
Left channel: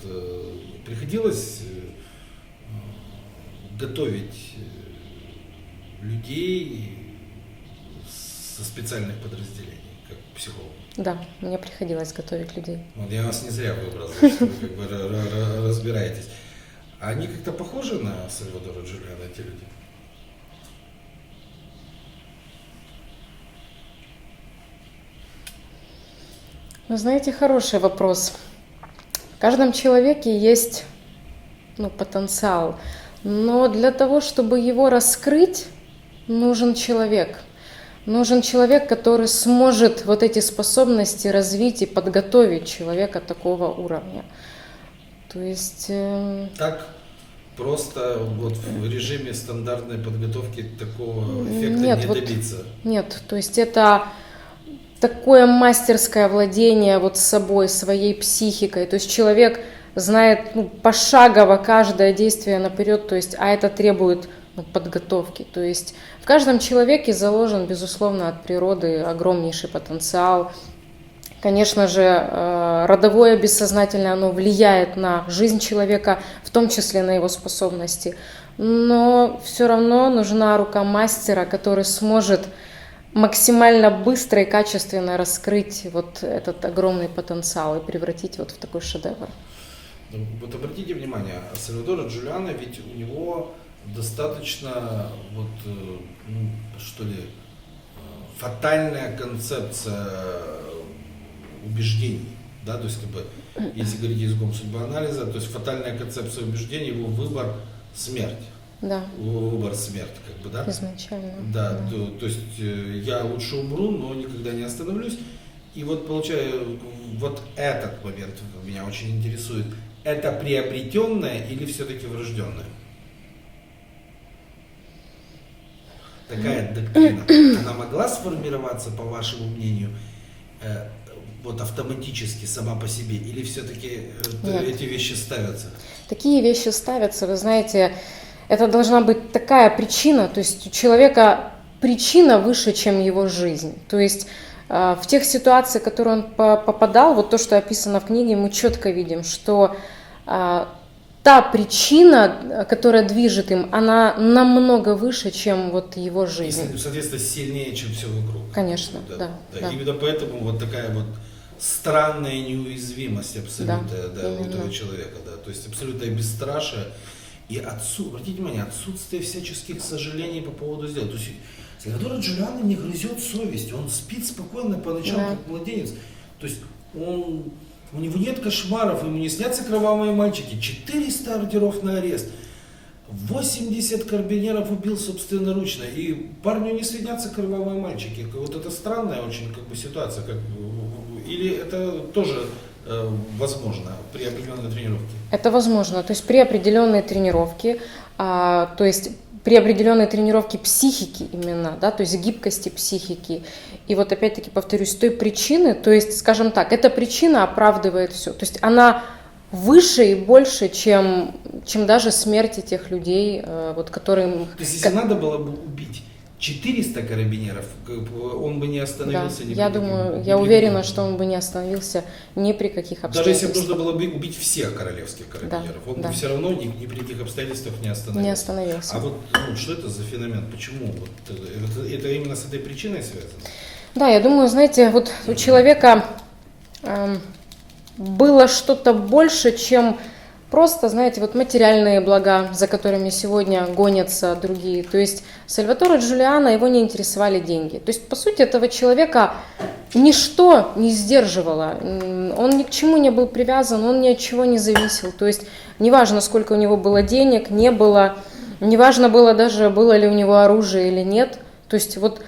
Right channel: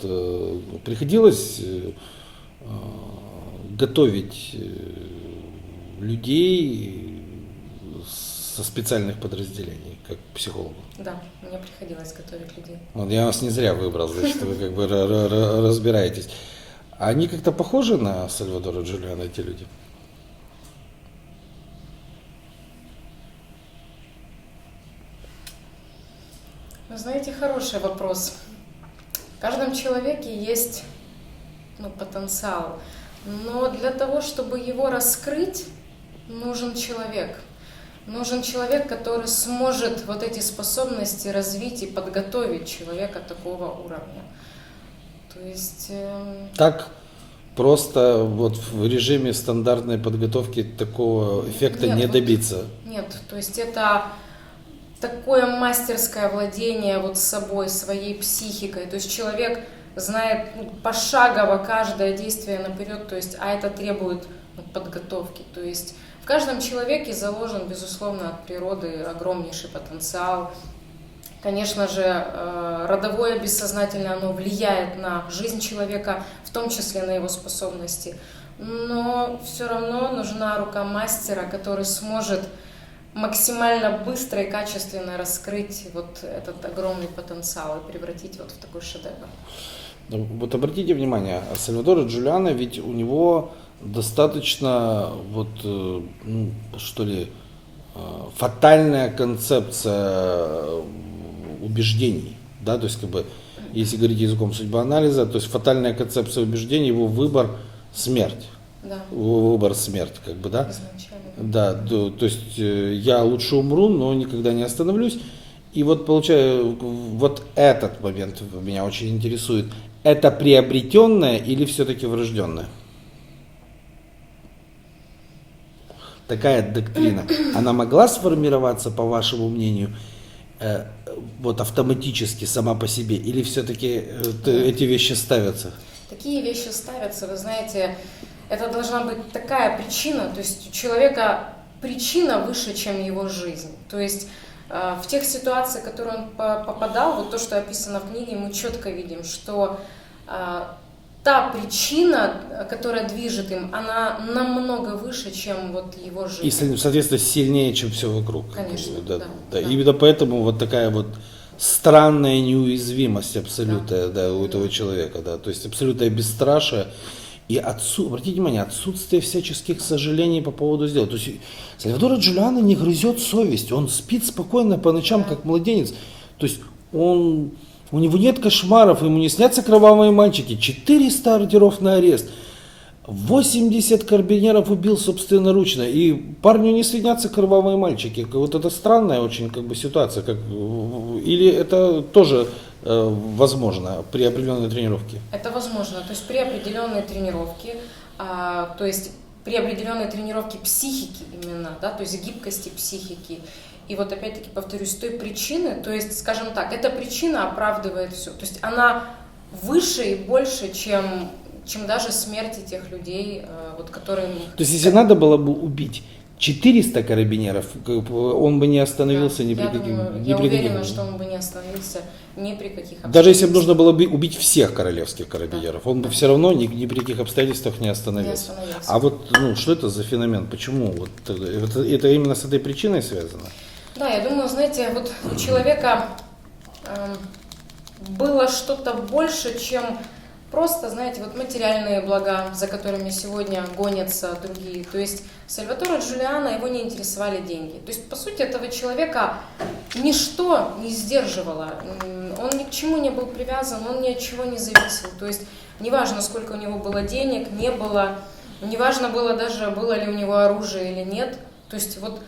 приходилось готовить людей со специальных подразделений, как психолог? Да, мне приходилось готовить людей. Вот я вас не зря выбрал, значит, вы как бы разбираетесь. Они как-то похожи на Сальвадора Джулиана, эти люди? Вы знаете, хороший вопрос. В каждом человеке есть потенциал, но для того, чтобы его раскрыть, нужен человек. Нужен человек, который сможет вот эти способности развить и подготовить человека такого уровня. То есть... Так просто вот в режиме стандартной подготовки такого эффекта не добиться? Нет, то есть это... такое мастерское владение вот собой, своей психикой. То есть человек знает пошагово каждое действие наперед, то есть, а это требует подготовки. То есть в каждом человеке заложен, безусловно, от природы огромнейший потенциал. Конечно же, родовое бессознательное, оно влияет на жизнь человека, в том числе на его способности. Но все равно нужна рука мастера, который сможет максимально быстро и качественно раскрыть вот этот огромный потенциал и превратить вот в такой шедевр. Вот обратите внимание, Сальвадора Джулиано, ведь у него достаточно фатальная концепция убеждений, да, то есть как бы, если говорить языком судьбоанализа, то есть фатальная концепция убеждений, его выбор — смерть. Да. Выбор — смерть, как бы, да? Изначально. Да, то есть я лучше умру, но никогда не остановлюсь. И вот получаю, вот этот момент меня очень интересует. Это приобретенное или все-таки врожденное? Такая доктрина, она могла сформироваться, по вашему мнению, вот автоматически сама по себе, или все-таки эти вещи ставятся? Такие вещи ставятся, вы знаете, это должна быть такая причина, то есть у человека причина выше, чем его жизнь. То есть в тех ситуациях, в которые он попадал, вот то, что описано в книге, мы четко видим, что та причина, которая движет им, она намного выше, чем вот его жизнь. И, соответственно, сильнее, чем все вокруг. Конечно, да. Именно поэтому вот такая вот странная неуязвимость абсолютная, у этого человека, да, то есть абсолютное бесстрашие и обратите внимание, отсутствие всяческих сожалений по поводу сделок. То есть Сальвадора Джулиано не грызет совесть, он спит спокойно по ночам, как младенец. То есть у него нет кошмаров, ему не снятся кровавые мальчики, 400 ордеров на арест, 80 карабинеров убил собственноручно, и парню не снятся кровавые мальчики. Вот это странная очень как бы ситуация. Или это тоже возможно при определенной тренировке? Это возможно. То есть при определенной тренировке, то есть при определенной тренировке психики именно, да, то есть гибкости психики. И вот опять-таки повторюсь, той причины, то есть, скажем так, эта причина оправдывает все. То есть она выше и больше, чем даже смерти тех людей, вот, которые... То есть если надо было бы убить 400 карабинеров, он бы не остановился ни при каких... Я уверена, что он бы не остановился ни при каких обстоятельствах. Даже если бы нужно было бы убить всех королевских карабинеров, он бы все равно ни при каких обстоятельствах не остановился. А вот что это за феномен? Почему? Вот, это именно с этой причиной связано? Да, я думаю, знаете, вот у человека было что-то больше, чем просто, знаете, вот материальные блага, за которыми сегодня гонятся другие. То есть Сальваторе Джулиано, его не интересовали деньги. То есть, по сути, этого человека ничто не сдерживало. Он ни к чему не был привязан, он ни от чего не зависел. То есть, неважно, сколько у него было денег, не было. неважно было даже, было ли у него оружие или нет. То есть вот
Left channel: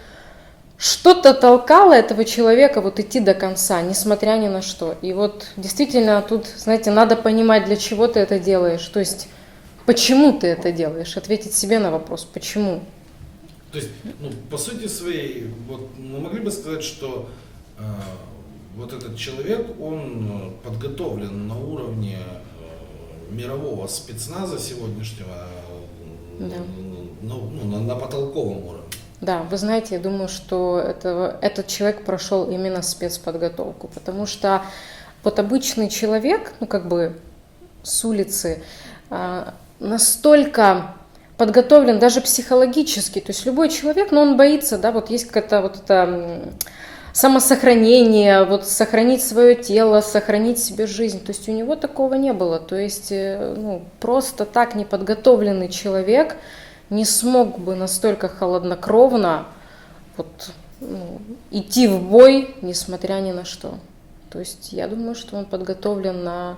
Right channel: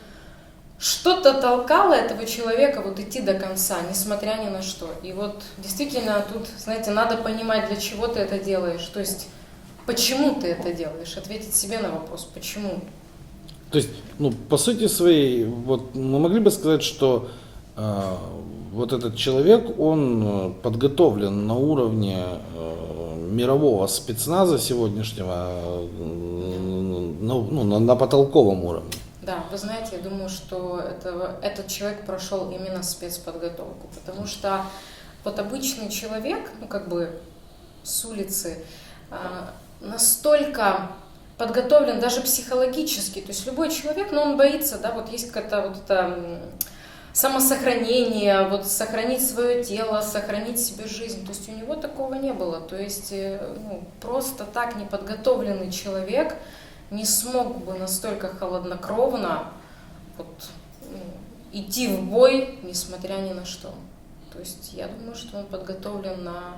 что-то толкало этого человека вот идти до конца, несмотря ни на что. И вот действительно тут, знаете, надо понимать, для чего ты это делаешь. То есть почему ты это делаешь, ответить себе на вопрос, почему. То есть, ну, по сути своей, вот мы могли бы сказать, что вот этот человек, он подготовлен на уровне мирового спецназа сегодняшнего, на потолковом уровне. Да, вы знаете, я думаю, что этот человек прошел именно спецподготовку, потому что вот обычный человек, ну как бы с улицы, настолько подготовлен даже психологически, то есть любой человек, но он боится, да, вот есть какая-то вот это самосохранение, вот сохранить свое тело, сохранить себе жизнь, то есть у него такого не было, то есть ну, просто так неподготовленный человек не смог бы настолько холоднокровно вот, ну, идти в бой, несмотря ни на что. То есть я думаю, что он подготовлен на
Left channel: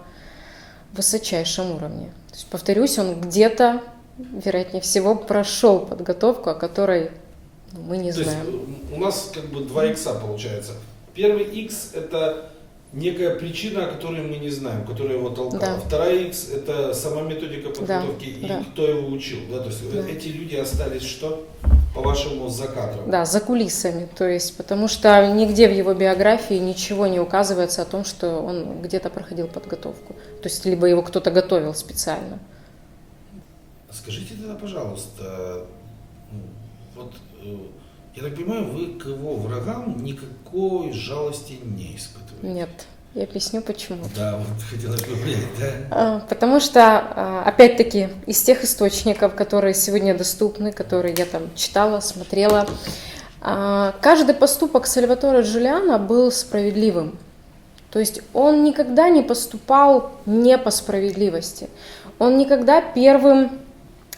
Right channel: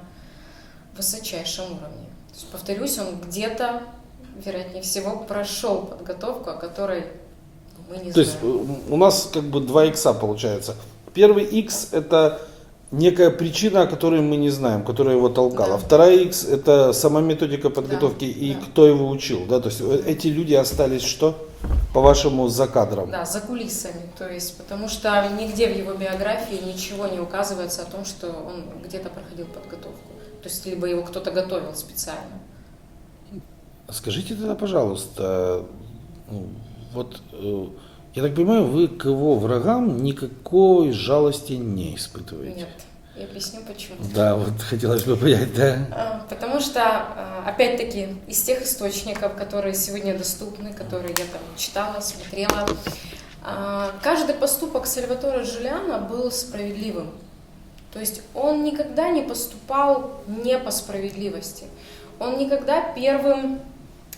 высочайшем уровне. То есть, повторюсь, он где-то, вероятнее всего, прошел подготовку, о которой мы не знаем. То есть у нас как бы два икса получается. Первый икс это некая причина, о которой мы не знаем, которая его толкала. Да. Вторая X это сама методика подготовки и да. кто его учил. Да? То есть эти люди остались что? По-вашему, за кадром? Да, за кулисами. То есть, потому что нигде в его биографии ничего не указывается о том, что он где-то проходил подготовку. То есть, либо его кто-то готовил специально. Скажите тогда, пожалуйста, вот я так понимаю, вы к его врагам никакой жалости не испытываете? Нет. Я объясню почему. Да, вот хотелось бы понять, да. Потому что, опять-таки, из тех источников, которые сегодня доступны, которые я там читала, смотрела, каждый поступок Сальваторе Джулиано был справедливым. То есть он никогда не поступал не по справедливости. Он никогда первым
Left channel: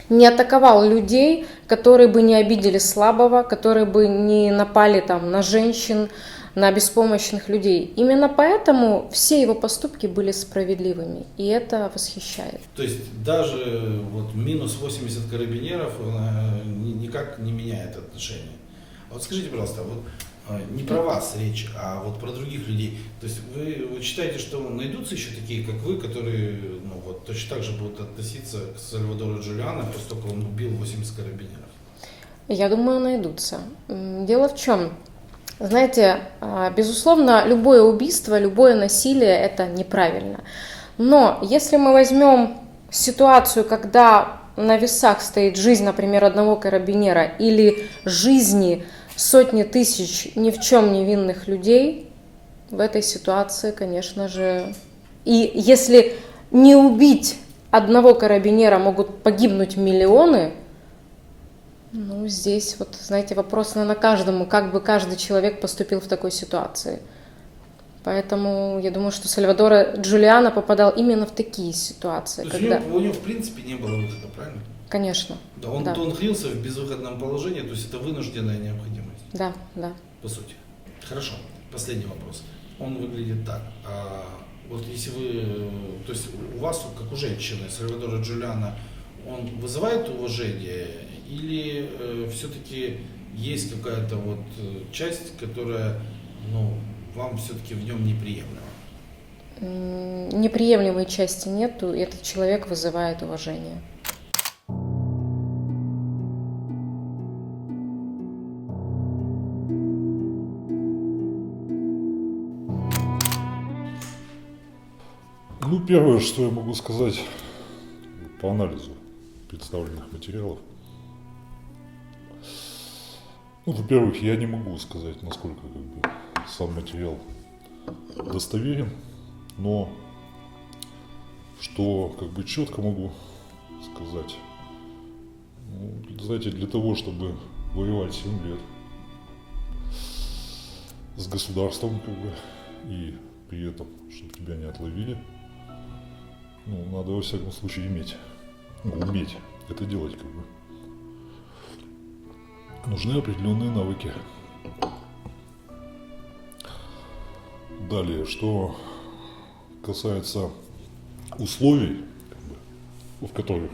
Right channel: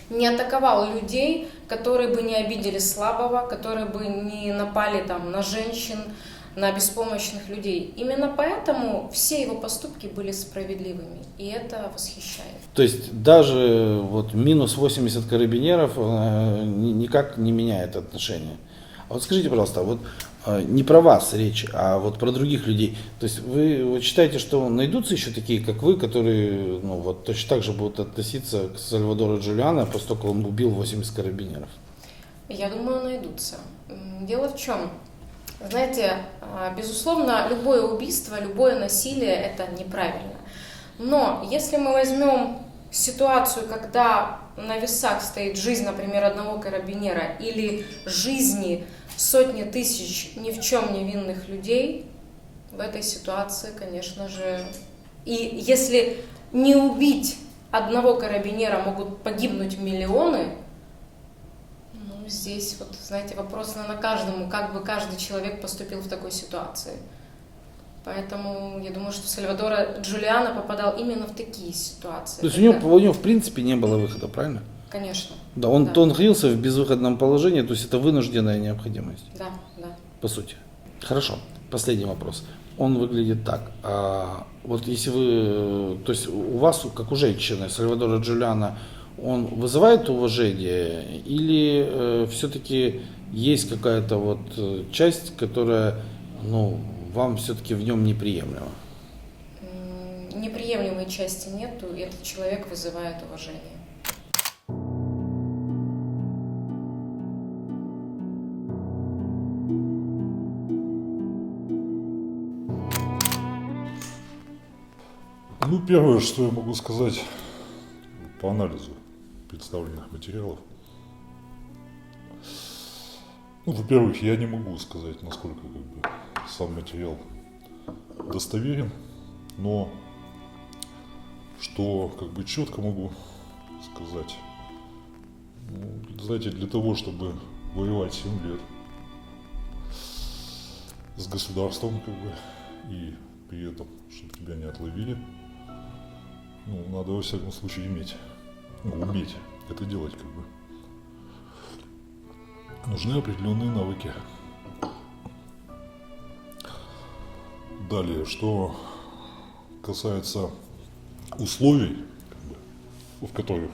не атаковал людей, которые бы не обидели слабого, которые бы не напали там на женщин, на беспомощных людей. Именно поэтому все его поступки были справедливыми, и это восхищает. То есть даже вот минус 80 карабинеров никак не меняет отношения. А вот скажите, пожалуйста, вот не про вас речь, а вот про других людей. То есть вы считаете, что найдутся еще такие, как вы, которые вот точно так же будут относиться к Сальвадору Джулиано, поскольку он убил 80 карабинеров? Я думаю, найдутся. Дело в чем? Знаете, безусловно, любое убийство, любое насилие – это неправильно. Но если мы возьмем ситуацию, когда на весах стоит жизнь, например, одного карабинера или жизни сотни тысяч ни в чем невинных людей, в этой ситуации, конечно же, и если не убить одного карабинера, могут погибнуть миллионы. Ну, здесь вот, знаете, вопрос на каждому, как бы каждый человек поступил в такой ситуации. Поэтому я думаю, что Сальвадоре Джулиано попадал именно в такие ситуации. То есть у него в принципе не было выхода, правильно? Конечно. Да, он находился в безвыходном положении, то есть это вынужденная необходимость. Да. По сути. Хорошо, последний вопрос. Он выглядит так. Вот если вы, то есть у вас, как у женщины, Сальвадоре Джулиано, он вызывает уважение или все-таки есть какая-то вот часть, которая, вам все-таки в нем неприемлема? Неприемлемой части нету, и этот человек вызывает уважение. Первое, что я могу сказать по анализу представленных материалов. Во-первых, я не могу сказать, насколько сам материал достоверен, но что четко могу сказать. Знаете, для того, чтобы воевать 7 лет с государством, и при этом, чтобы тебя не отловили, надо во всяком случае уметь это делать, Нужны определенные навыки. Далее, что касается условий, в которых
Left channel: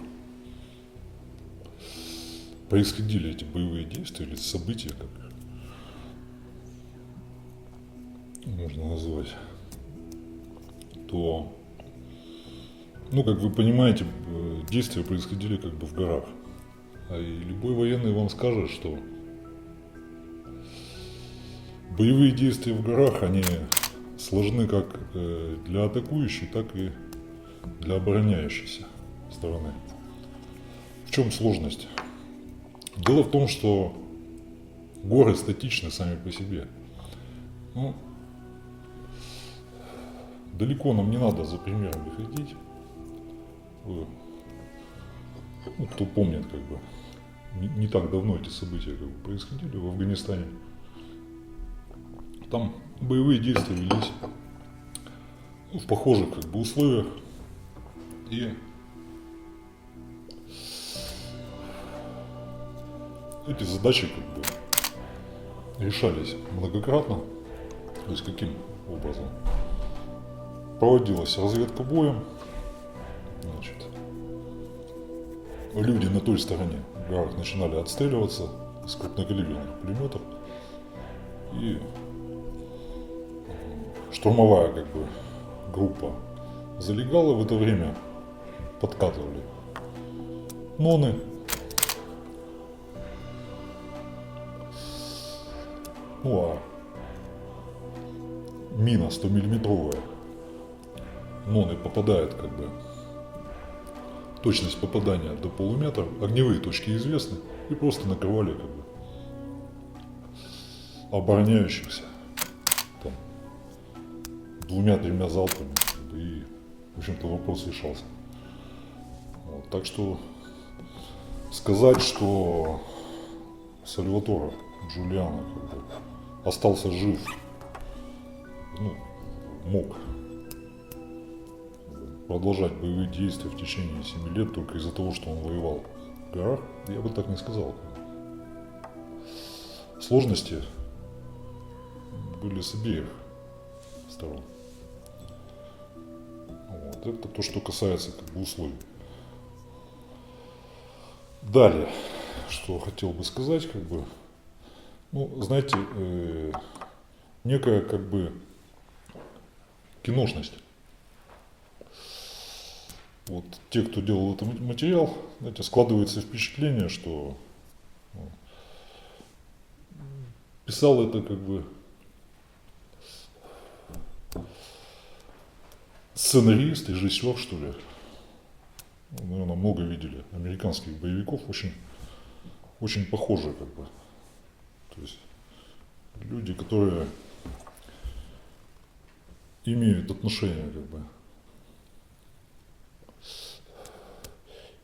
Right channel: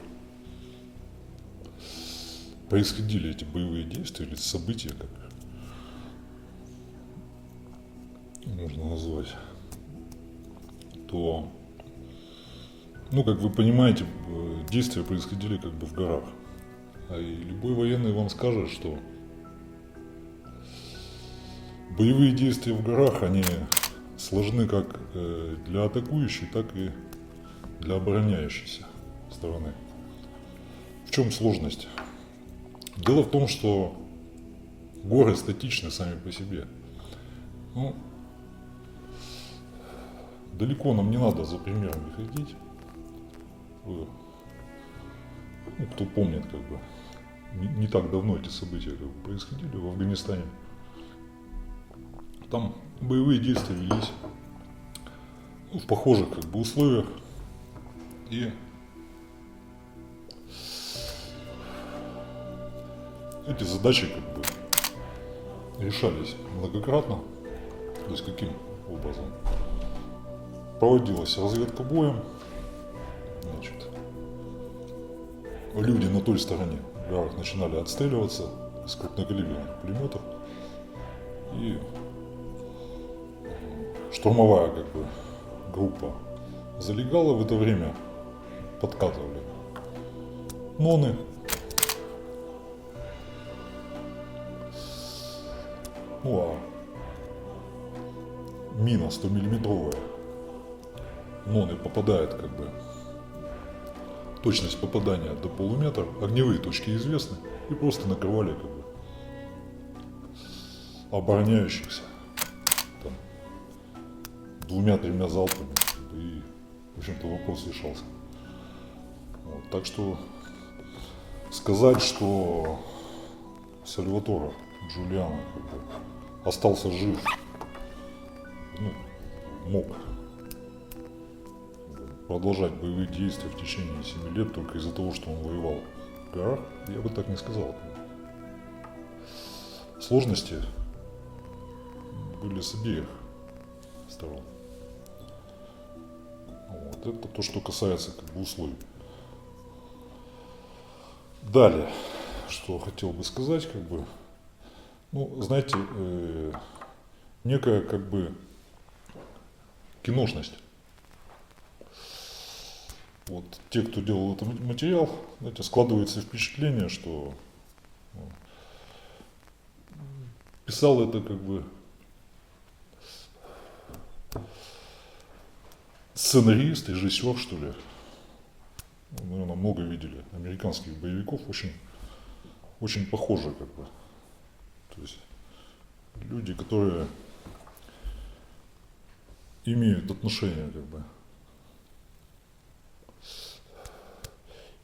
происходили эти боевые действия или события, как можно назвать, то, ну, как вы понимаете, действия происходили как бы в горах. И любой военный вам скажет, что боевые действия в горах, они сложны как для атакующей, так и для обороняющейся стороны. В чем сложность? Дело в том, что горы статичны сами по себе. Ну, далеко нам не надо за примерами ходить. Ну, кто помнит, как бы, не так давно эти события как бы происходили в Афганистане. Там боевые действия велись в похожих как бы условиях. И эти задачи как бы решались многократно. То есть каким образом? Проводилась разведка боем. Значит, люди на той стороне в горах начинали отстреливаться с крупнокалиберных пулеметов. И штурмовая как бы группа залегала в это время, подкатывали ноны. Ну а мина 100-миллиметровая, ноны попадает как бы, точность попадания до полуметра, огневые точки известны, и просто накрывали как бы обороняющихся там 2-3 залпами, и в общем-то вопрос решался. Вот, так что сказать, что Сальваторе Джулиано как бы остался жив, ну, мог продолжать боевые действия в течение 7 лет только из-за того, что он воевал в горах, я бы так не сказал. Сложности были с обеих сторон. Вот. Это то, что касается как бы условий. Далее, что хотел бы сказать, как бы, ну, знаете, некая как бы киношность. Вот те, кто делал этот материал, знаете, складывается впечатление, что писал это как бы сценарист, режиссер, что ли. Наверное, много видели американских боевиков, очень похожи как бы. То есть люди, которые имеют отношение как бы,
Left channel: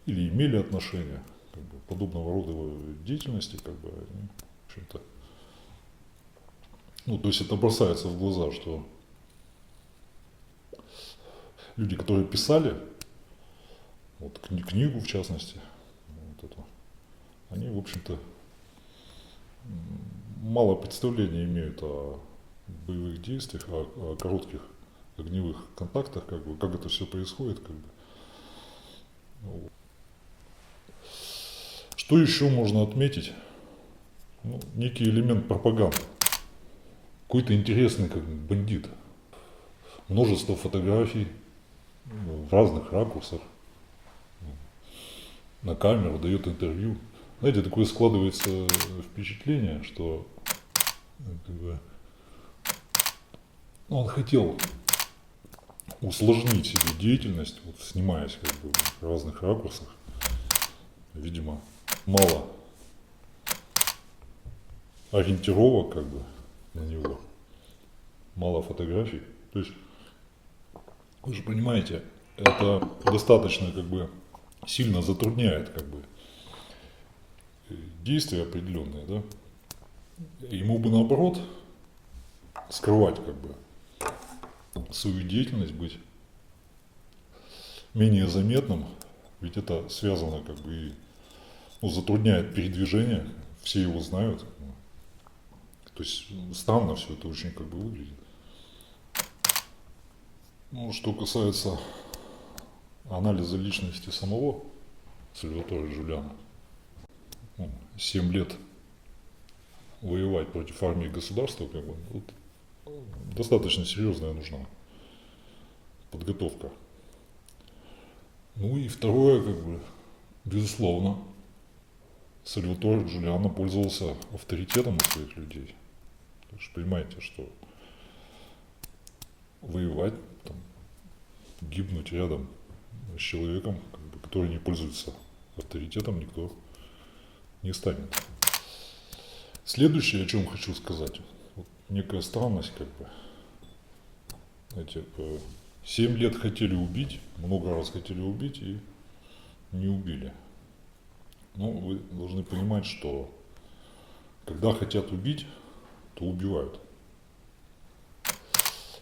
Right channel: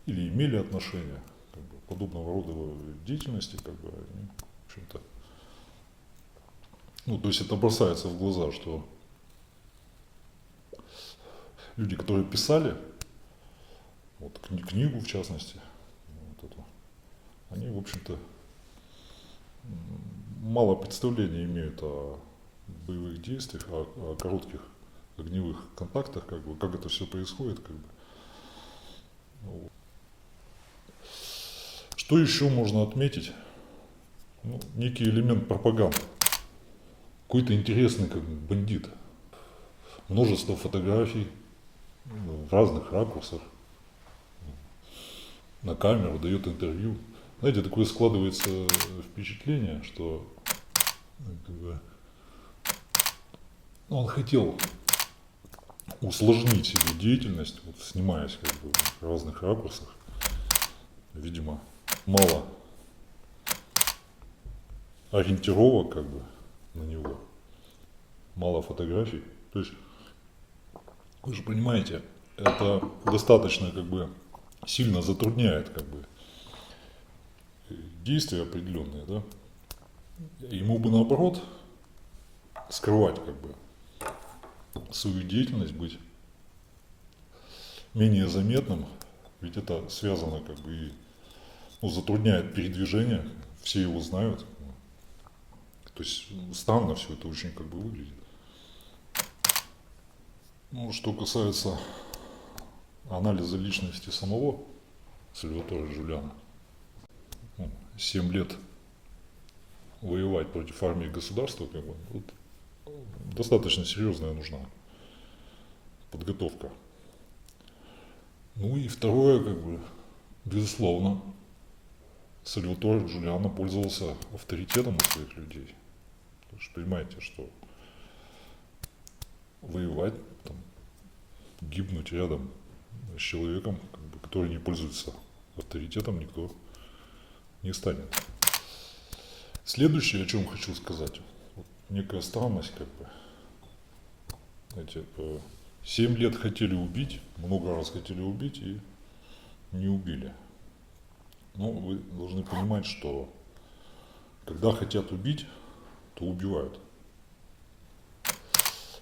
или имели отношение как бы, подобного рода деятельности, как бы, они, в общем-то, ну, то есть это бросается в глаза, что люди, которые писали, вот книгу в частности, вот эту, они, в общем-то, мало представления имеют о боевых действиях, о коротких огневых контактах, как бы, как это все происходит, как бы. Вот. Что еще можно отметить? Ну, некий элемент пропаганды. Какой-то интересный как бы бандит. Множество фотографий в разных ракурсах. На камеру дает интервью. Знаете, такое складывается впечатление, что как бы, он хотел усложнить себе деятельность, вот, снимаясь как бы, в разных ракурсах. Видимо, мало ориентировок как бы, на него, мало фотографий. То есть, вы же понимаете, это достаточно как бы, сильно затрудняет как бы, действия определенные, да? Ему бы наоборот скрывать как бы, свою деятельность, быть менее заметным, ведь это связано как бы и, ну, затрудняет передвижение, все его знают. То есть странно все это очень как бы выглядит. Ну, что касается анализа личности самого Сальваторе Джулиано, ну, 7 лет воевать против армии и государства, как бы, вот, достаточно серьезная нужна подготовка. Ну и второе, как бы, безусловно, Сальваторе Джулиано пользовался авторитетом у своих людей. Вы же понимаете, что воевать, там, гибнуть рядом с человеком, как бы, который не пользуется авторитетом, никто не станет. Следующее, о чем хочу сказать, вот некая странность, как бы, знаете, 7 лет хотели убить, много раз хотели убить и не убили. Но вы должны понимать, что когда хотят убить, то убивают.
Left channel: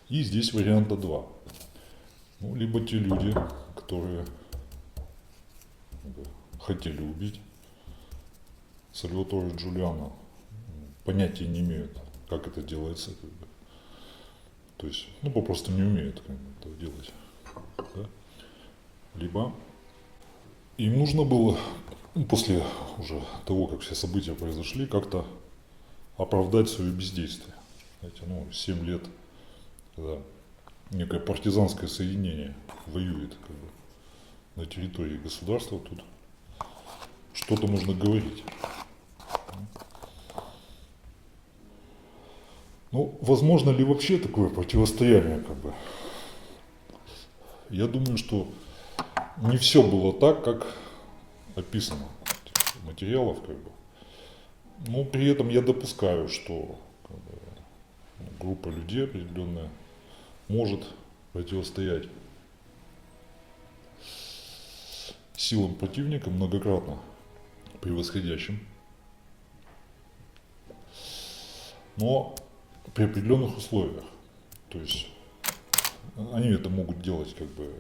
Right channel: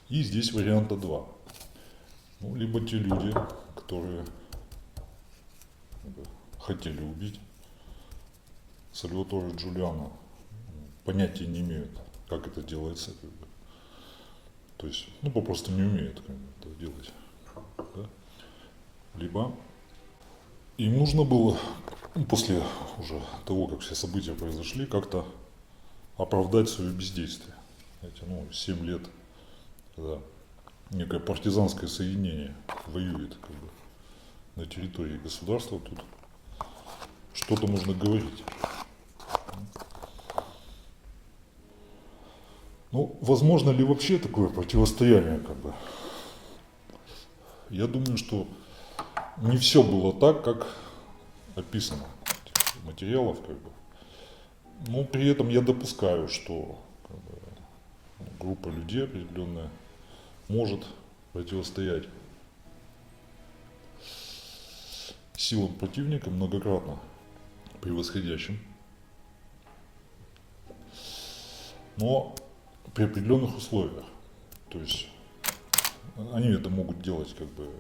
И здесь варианта два. Ну, либо те люди, которые хотели убить Сальваторе Джулиано, понятия не имеют, как это делается, как бы. То есть, ну, попросту не умеют, как бы, это делать. Да? Либо им нужно было, после уже того, как все события произошли, как-то оправдать свое бездействие. Знаете, ну, 7 лет, когда некое партизанское соединение воюет, как бы, на территории государства, тут что-то нужно говорить. Ну, возможно ли вообще такое противостояние, как бы? Я думаю, что не все было так, как описано в материалах, как бы. Но при этом я допускаю, что, как бы, группа людей определенная может противостоять силам противника, многократно превосходящим. Но при определенных условиях. То есть они это могут делать, как бы,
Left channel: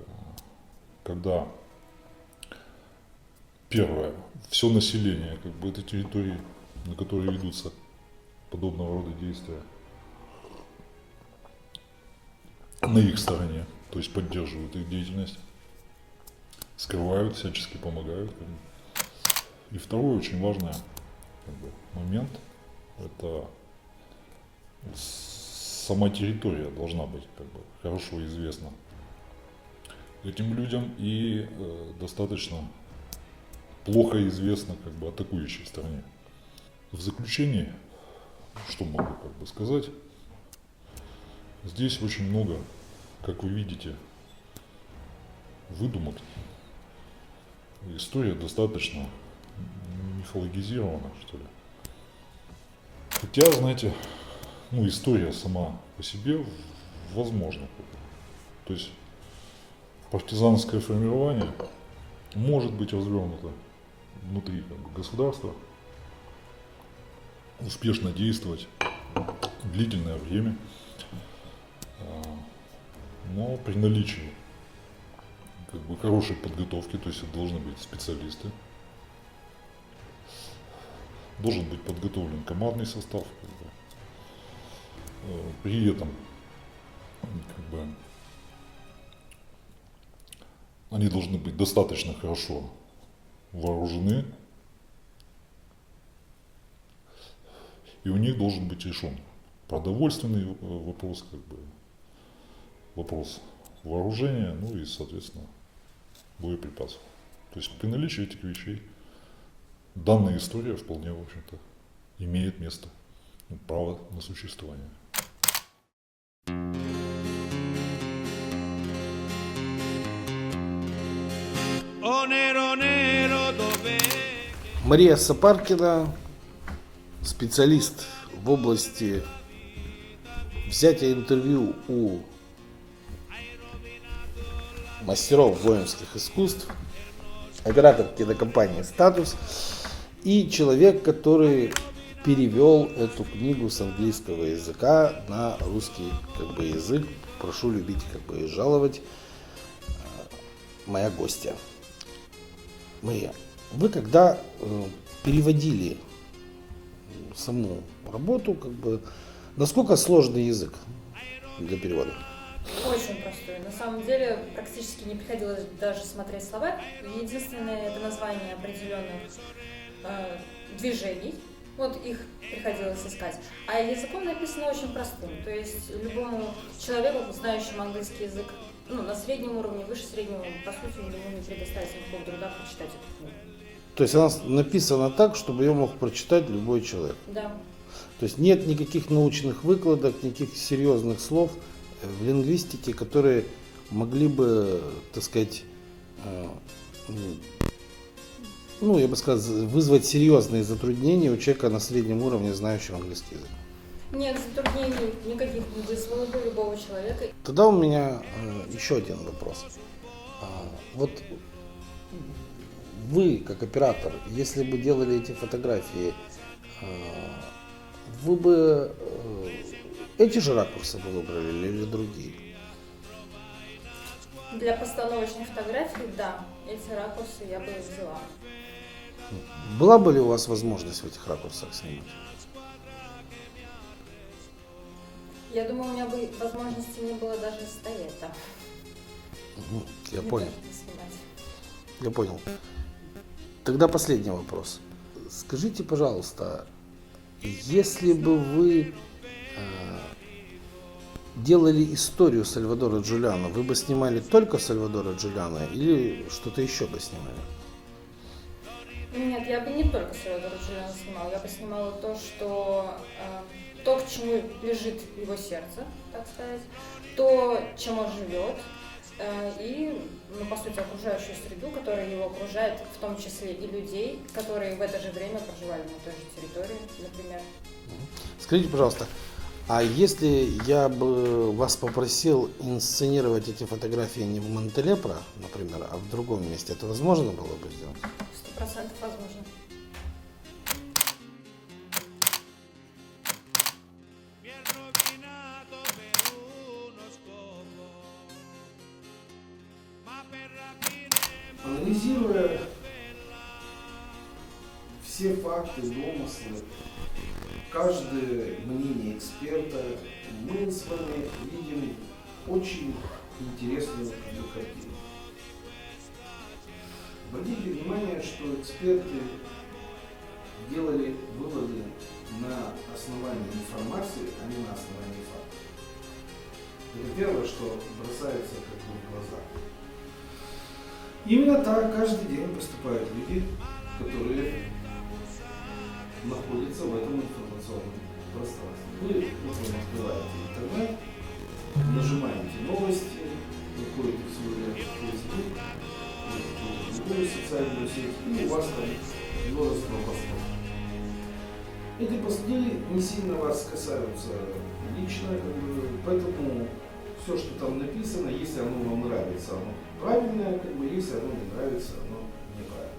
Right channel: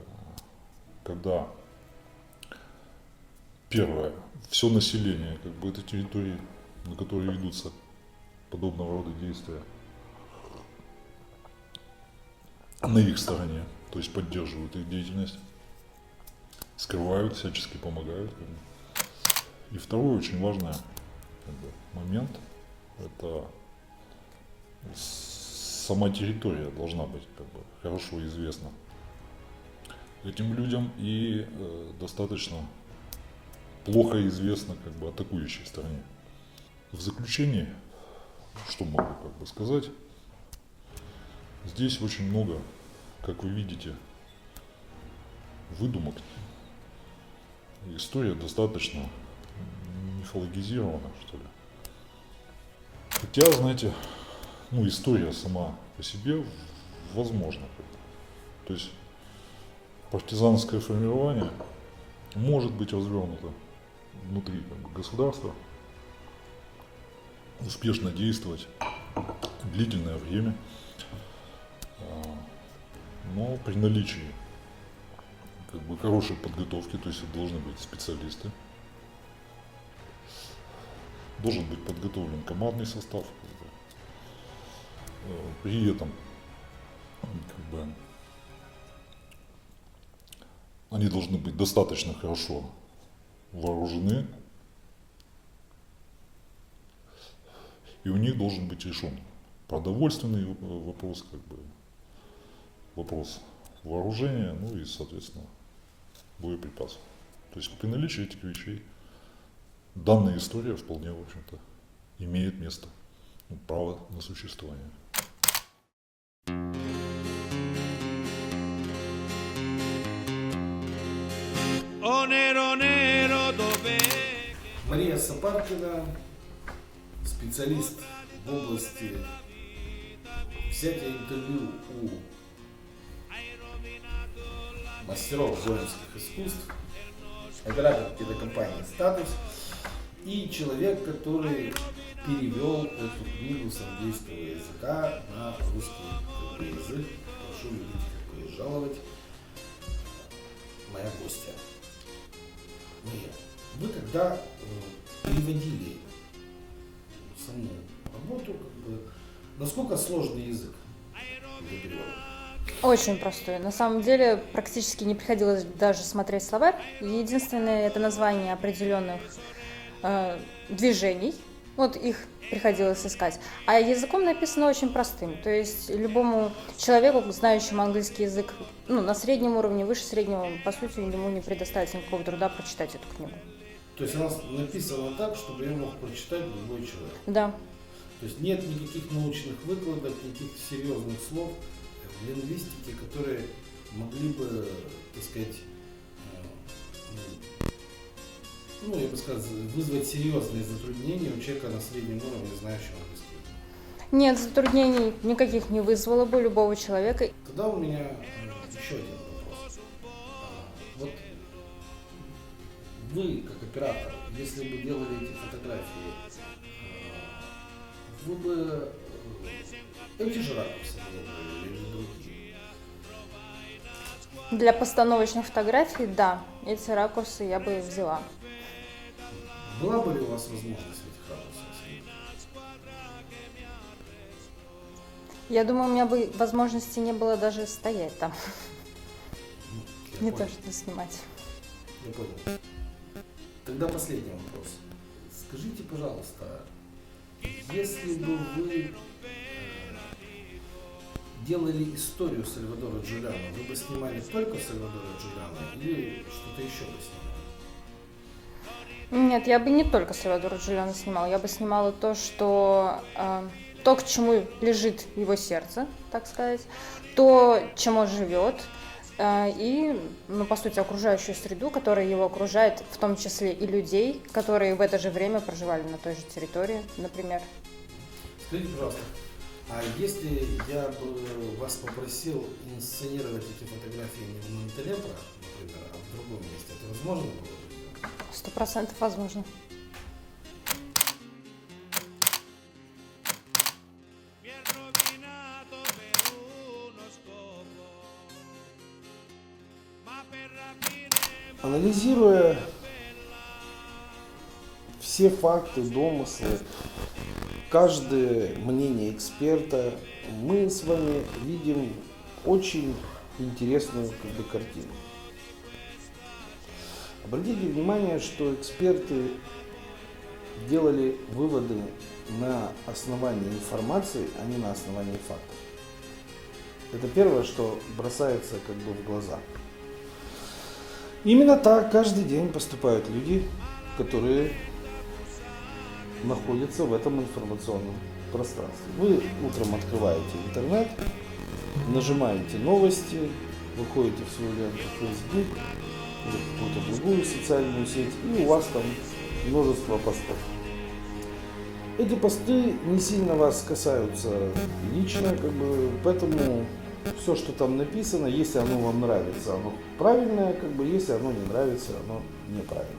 когда первое, все население, как бы, этой территории, на которой ведутся подобного рода действия, на их стороне, то есть поддерживают их деятельность, скрывают, всячески помогают. Как бы. И второй очень важный, как бы, момент – это сама территория должна быть, как бы, хорошо известна этим людям и достаточно плохо известна, как бы, атакующей стороне. В заключение, что могу, как бы, сказать, здесь очень много, как вы видите, выдумок. История достаточно мифологизирована, что ли. Хотя, знаете, ну, история сама по себе возможна. То есть партизанское формирование может быть развернуто внутри, как бы, государства, успешно действовать длительное время, но при наличии, как бы, хорошей подготовки, то есть это должны быть специалисты, должен быть подготовлен командный состав, как бы. При этом, как бы, они должны быть достаточно хорошо вооружены, и у них должен быть решен продовольственный вопрос, как бы, вопрос вооружения, ну и, соответственно, боеприпасов. То есть при наличии этих вещей данная история вполне, в общем-то, имеет место, ну, право на существование. Мария Сапаркина, специалист в области взятия интервью у мастеров воинских искусств, оператор кинокомпании «Статус» и человек, который перевел эту книгу с английского языка на русский, как бы, язык. Прошу любить, как бы, и жаловать. Моя гостья. Мария, вы когда переводили саму работу, как бы, насколько сложный язык для перевода? Очень простой. На самом деле практически не приходилось даже смотреть словарь. Единственное, это название определенных движений, вот их приходилось искать, а языком написано очень простым, то есть любому человеку, знающему английский язык, ну, на среднем уровне, выше среднего, по сути, ему не предоставится никакого труда прочитать эту книгу. То есть она написана так, чтобы ее мог прочитать любой человек. Да. То есть нет никаких научных выкладок, никаких серьезных слов в лингвистике, которые могли бы, так сказать, ну, я бы сказал, вызвать серьезные затруднения у человека на среднем уровне, знающего английский язык. Нет, затруднений никаких не вызвало бы любого человека. Тогда у меня еще один вопрос. Вот вы, как оператор, если бы делали эти фотографии, вы бы эти же ракурсы бы выбрали или другие? Для постановочных фотографий, да, эти ракурсы я бы взяла. Была бы ли у вас возможность в этих ракурсах снимать? Я думаю, у меня бы возможности не было даже стоять там. Я не понял. то, что снимать. Я понял. Тогда последний вопрос. Скажите, пожалуйста, если бы вы делали историю Сальвадора Джулиано, вы бы снимали только Сальвадора Джулиано или что-то еще бы снимали? Нет, я бы не только Сальвадора Джулиано снимала, я бы снимала то, что то, к чему лежит его сердце, так сказать, то, чем он живет, и, ну, по сути, окружающую среду, которая его окружает, в том числе и людей, которые в это же время проживали на той же территории, например. Скажите, пожалуйста, а если я бы вас попросил инсценировать эти фотографии не в Монтелепро, например, а в другом месте, это возможно было бы сделать? 100% возможно. Mi è rovinato per uno scopo, ma per rapire Анализируя все факты, домыслы, каждое мнение эксперта, мы с вами видим очень интересную картину. Обратите внимание, что эксперты делали выводы на основании информации, а не на основании фактов. Это первое, что бросается как бы в глаза. Именно так каждый день поступают люди, которые находятся в этом информационном пространстве. Вы утром открываете интернет, нажимаете новости, выходите в свою ленту Facebook или какую-то другую социальную сеть, и у вас там множество постов. Эти посты не сильно вас касаются лично, как бы, поэтому все, что там написано, если оно вам нравится, оно правильное, как бы, если оно не нравится, оно неправильное.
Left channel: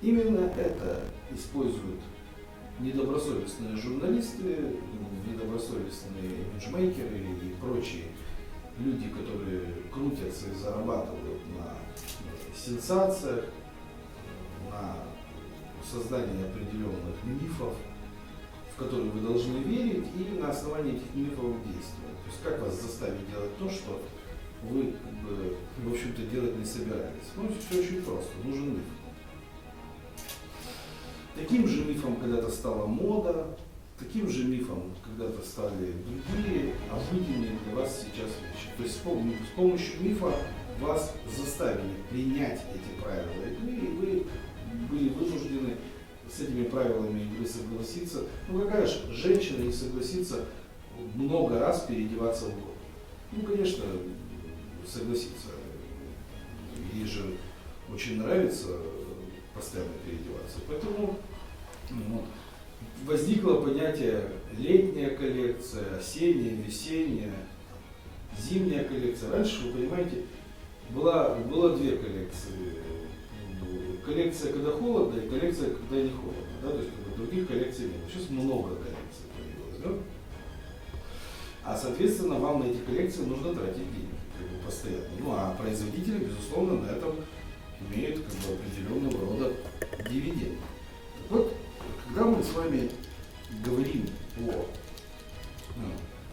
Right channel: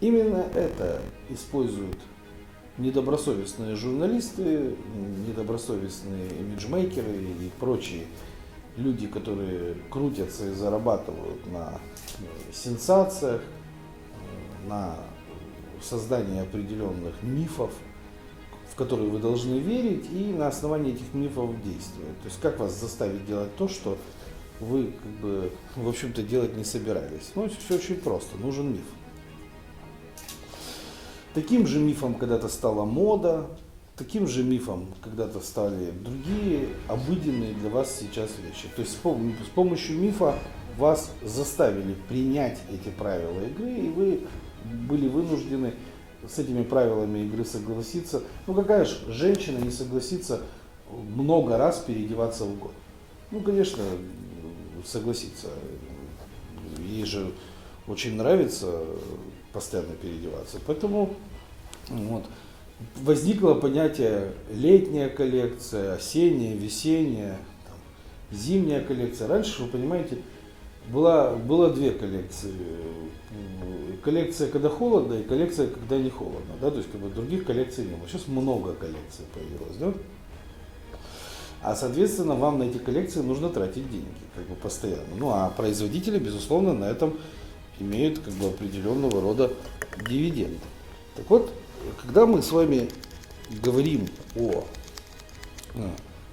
Именно это используют недобросовестные журналисты, недобросовестные имиджмейкеры и прочие люди, которые крутятся и зарабатывают на сенсациях, на создании определенных мифов, в которые вы должны верить, и на основании этих мифов действовать. То есть как вас заставить делать то, что вы, как бы, в общем-то, делать не собирались. Ну, все очень просто, нужен миф. Таким же мифом когда-то стала мода, таким же мифом когда-то стали другие обыденные для вас сейчас вещи. То есть с помощью мифа вас заставили принять эти правила игры, и вы были вынуждены с этими правилами игры согласиться. Ну какая же женщина не согласится много раз переодеваться в год? Ну, конечно, согласится. Ей же очень нравится постоянно переодеваться. Поэтому вот, возникло понятие летняя коллекция, осенняя, весенняя, зимняя коллекция. Раньше, вы понимаете, было две коллекции. Коллекция, когда холодно, и коллекция, когда не холодно. Да? То есть как бы, других коллекций не было. Сейчас много коллекций появилось. Да? А соответственно, вам на эти коллекции нужно тратить деньги как бы, постоянно. Ну а производители, безусловно, на этом имеют как бы, определенного рода дивиденды. Так вот, когда мы с вами говорим о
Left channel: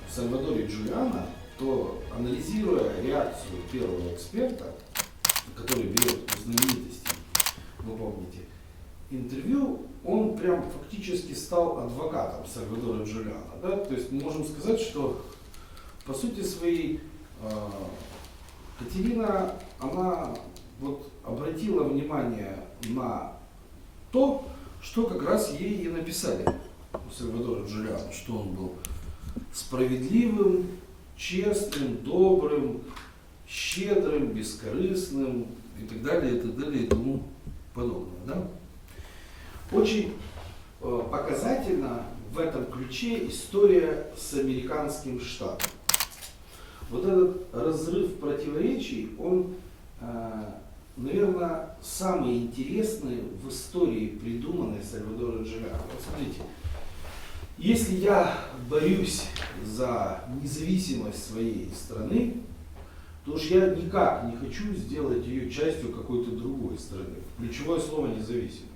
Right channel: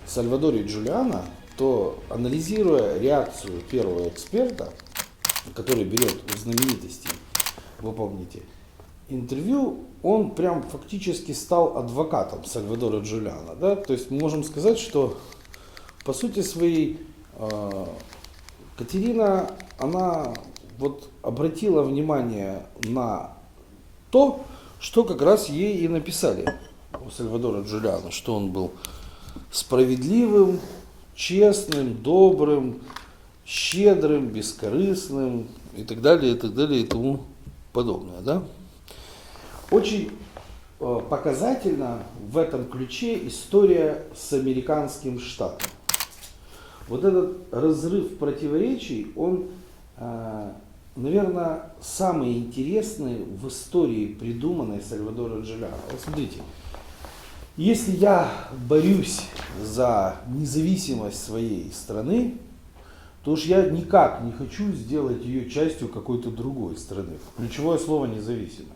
Сальвадоре Джулиано, то анализируя реакцию первого эксперта, который берет у знаменитостей вы помните, интервью, он прям фактически стал адвокатом Сальвадора Джулиано. Да? То есть мы можем сказать, что по сути своей Катерина, она вот обратила внимание на то, что как раз ей и написали у Сальвадора Джулиано, что он был справедливым, честным, добрым, щедрым, бескорыстным и так далее, и тому подобное. Да? Очень показательна в этом ключе история с американским штатом. Вот этот разрыв противоречий, он, наверное, самый интересный в истории, придуманной Сальвадора Джулиано. Вот смотрите, если я борюсь за независимость своей страны, то уж я никак не хочу сделать ее частью какой-то другой страны. Ключевое слово независимость.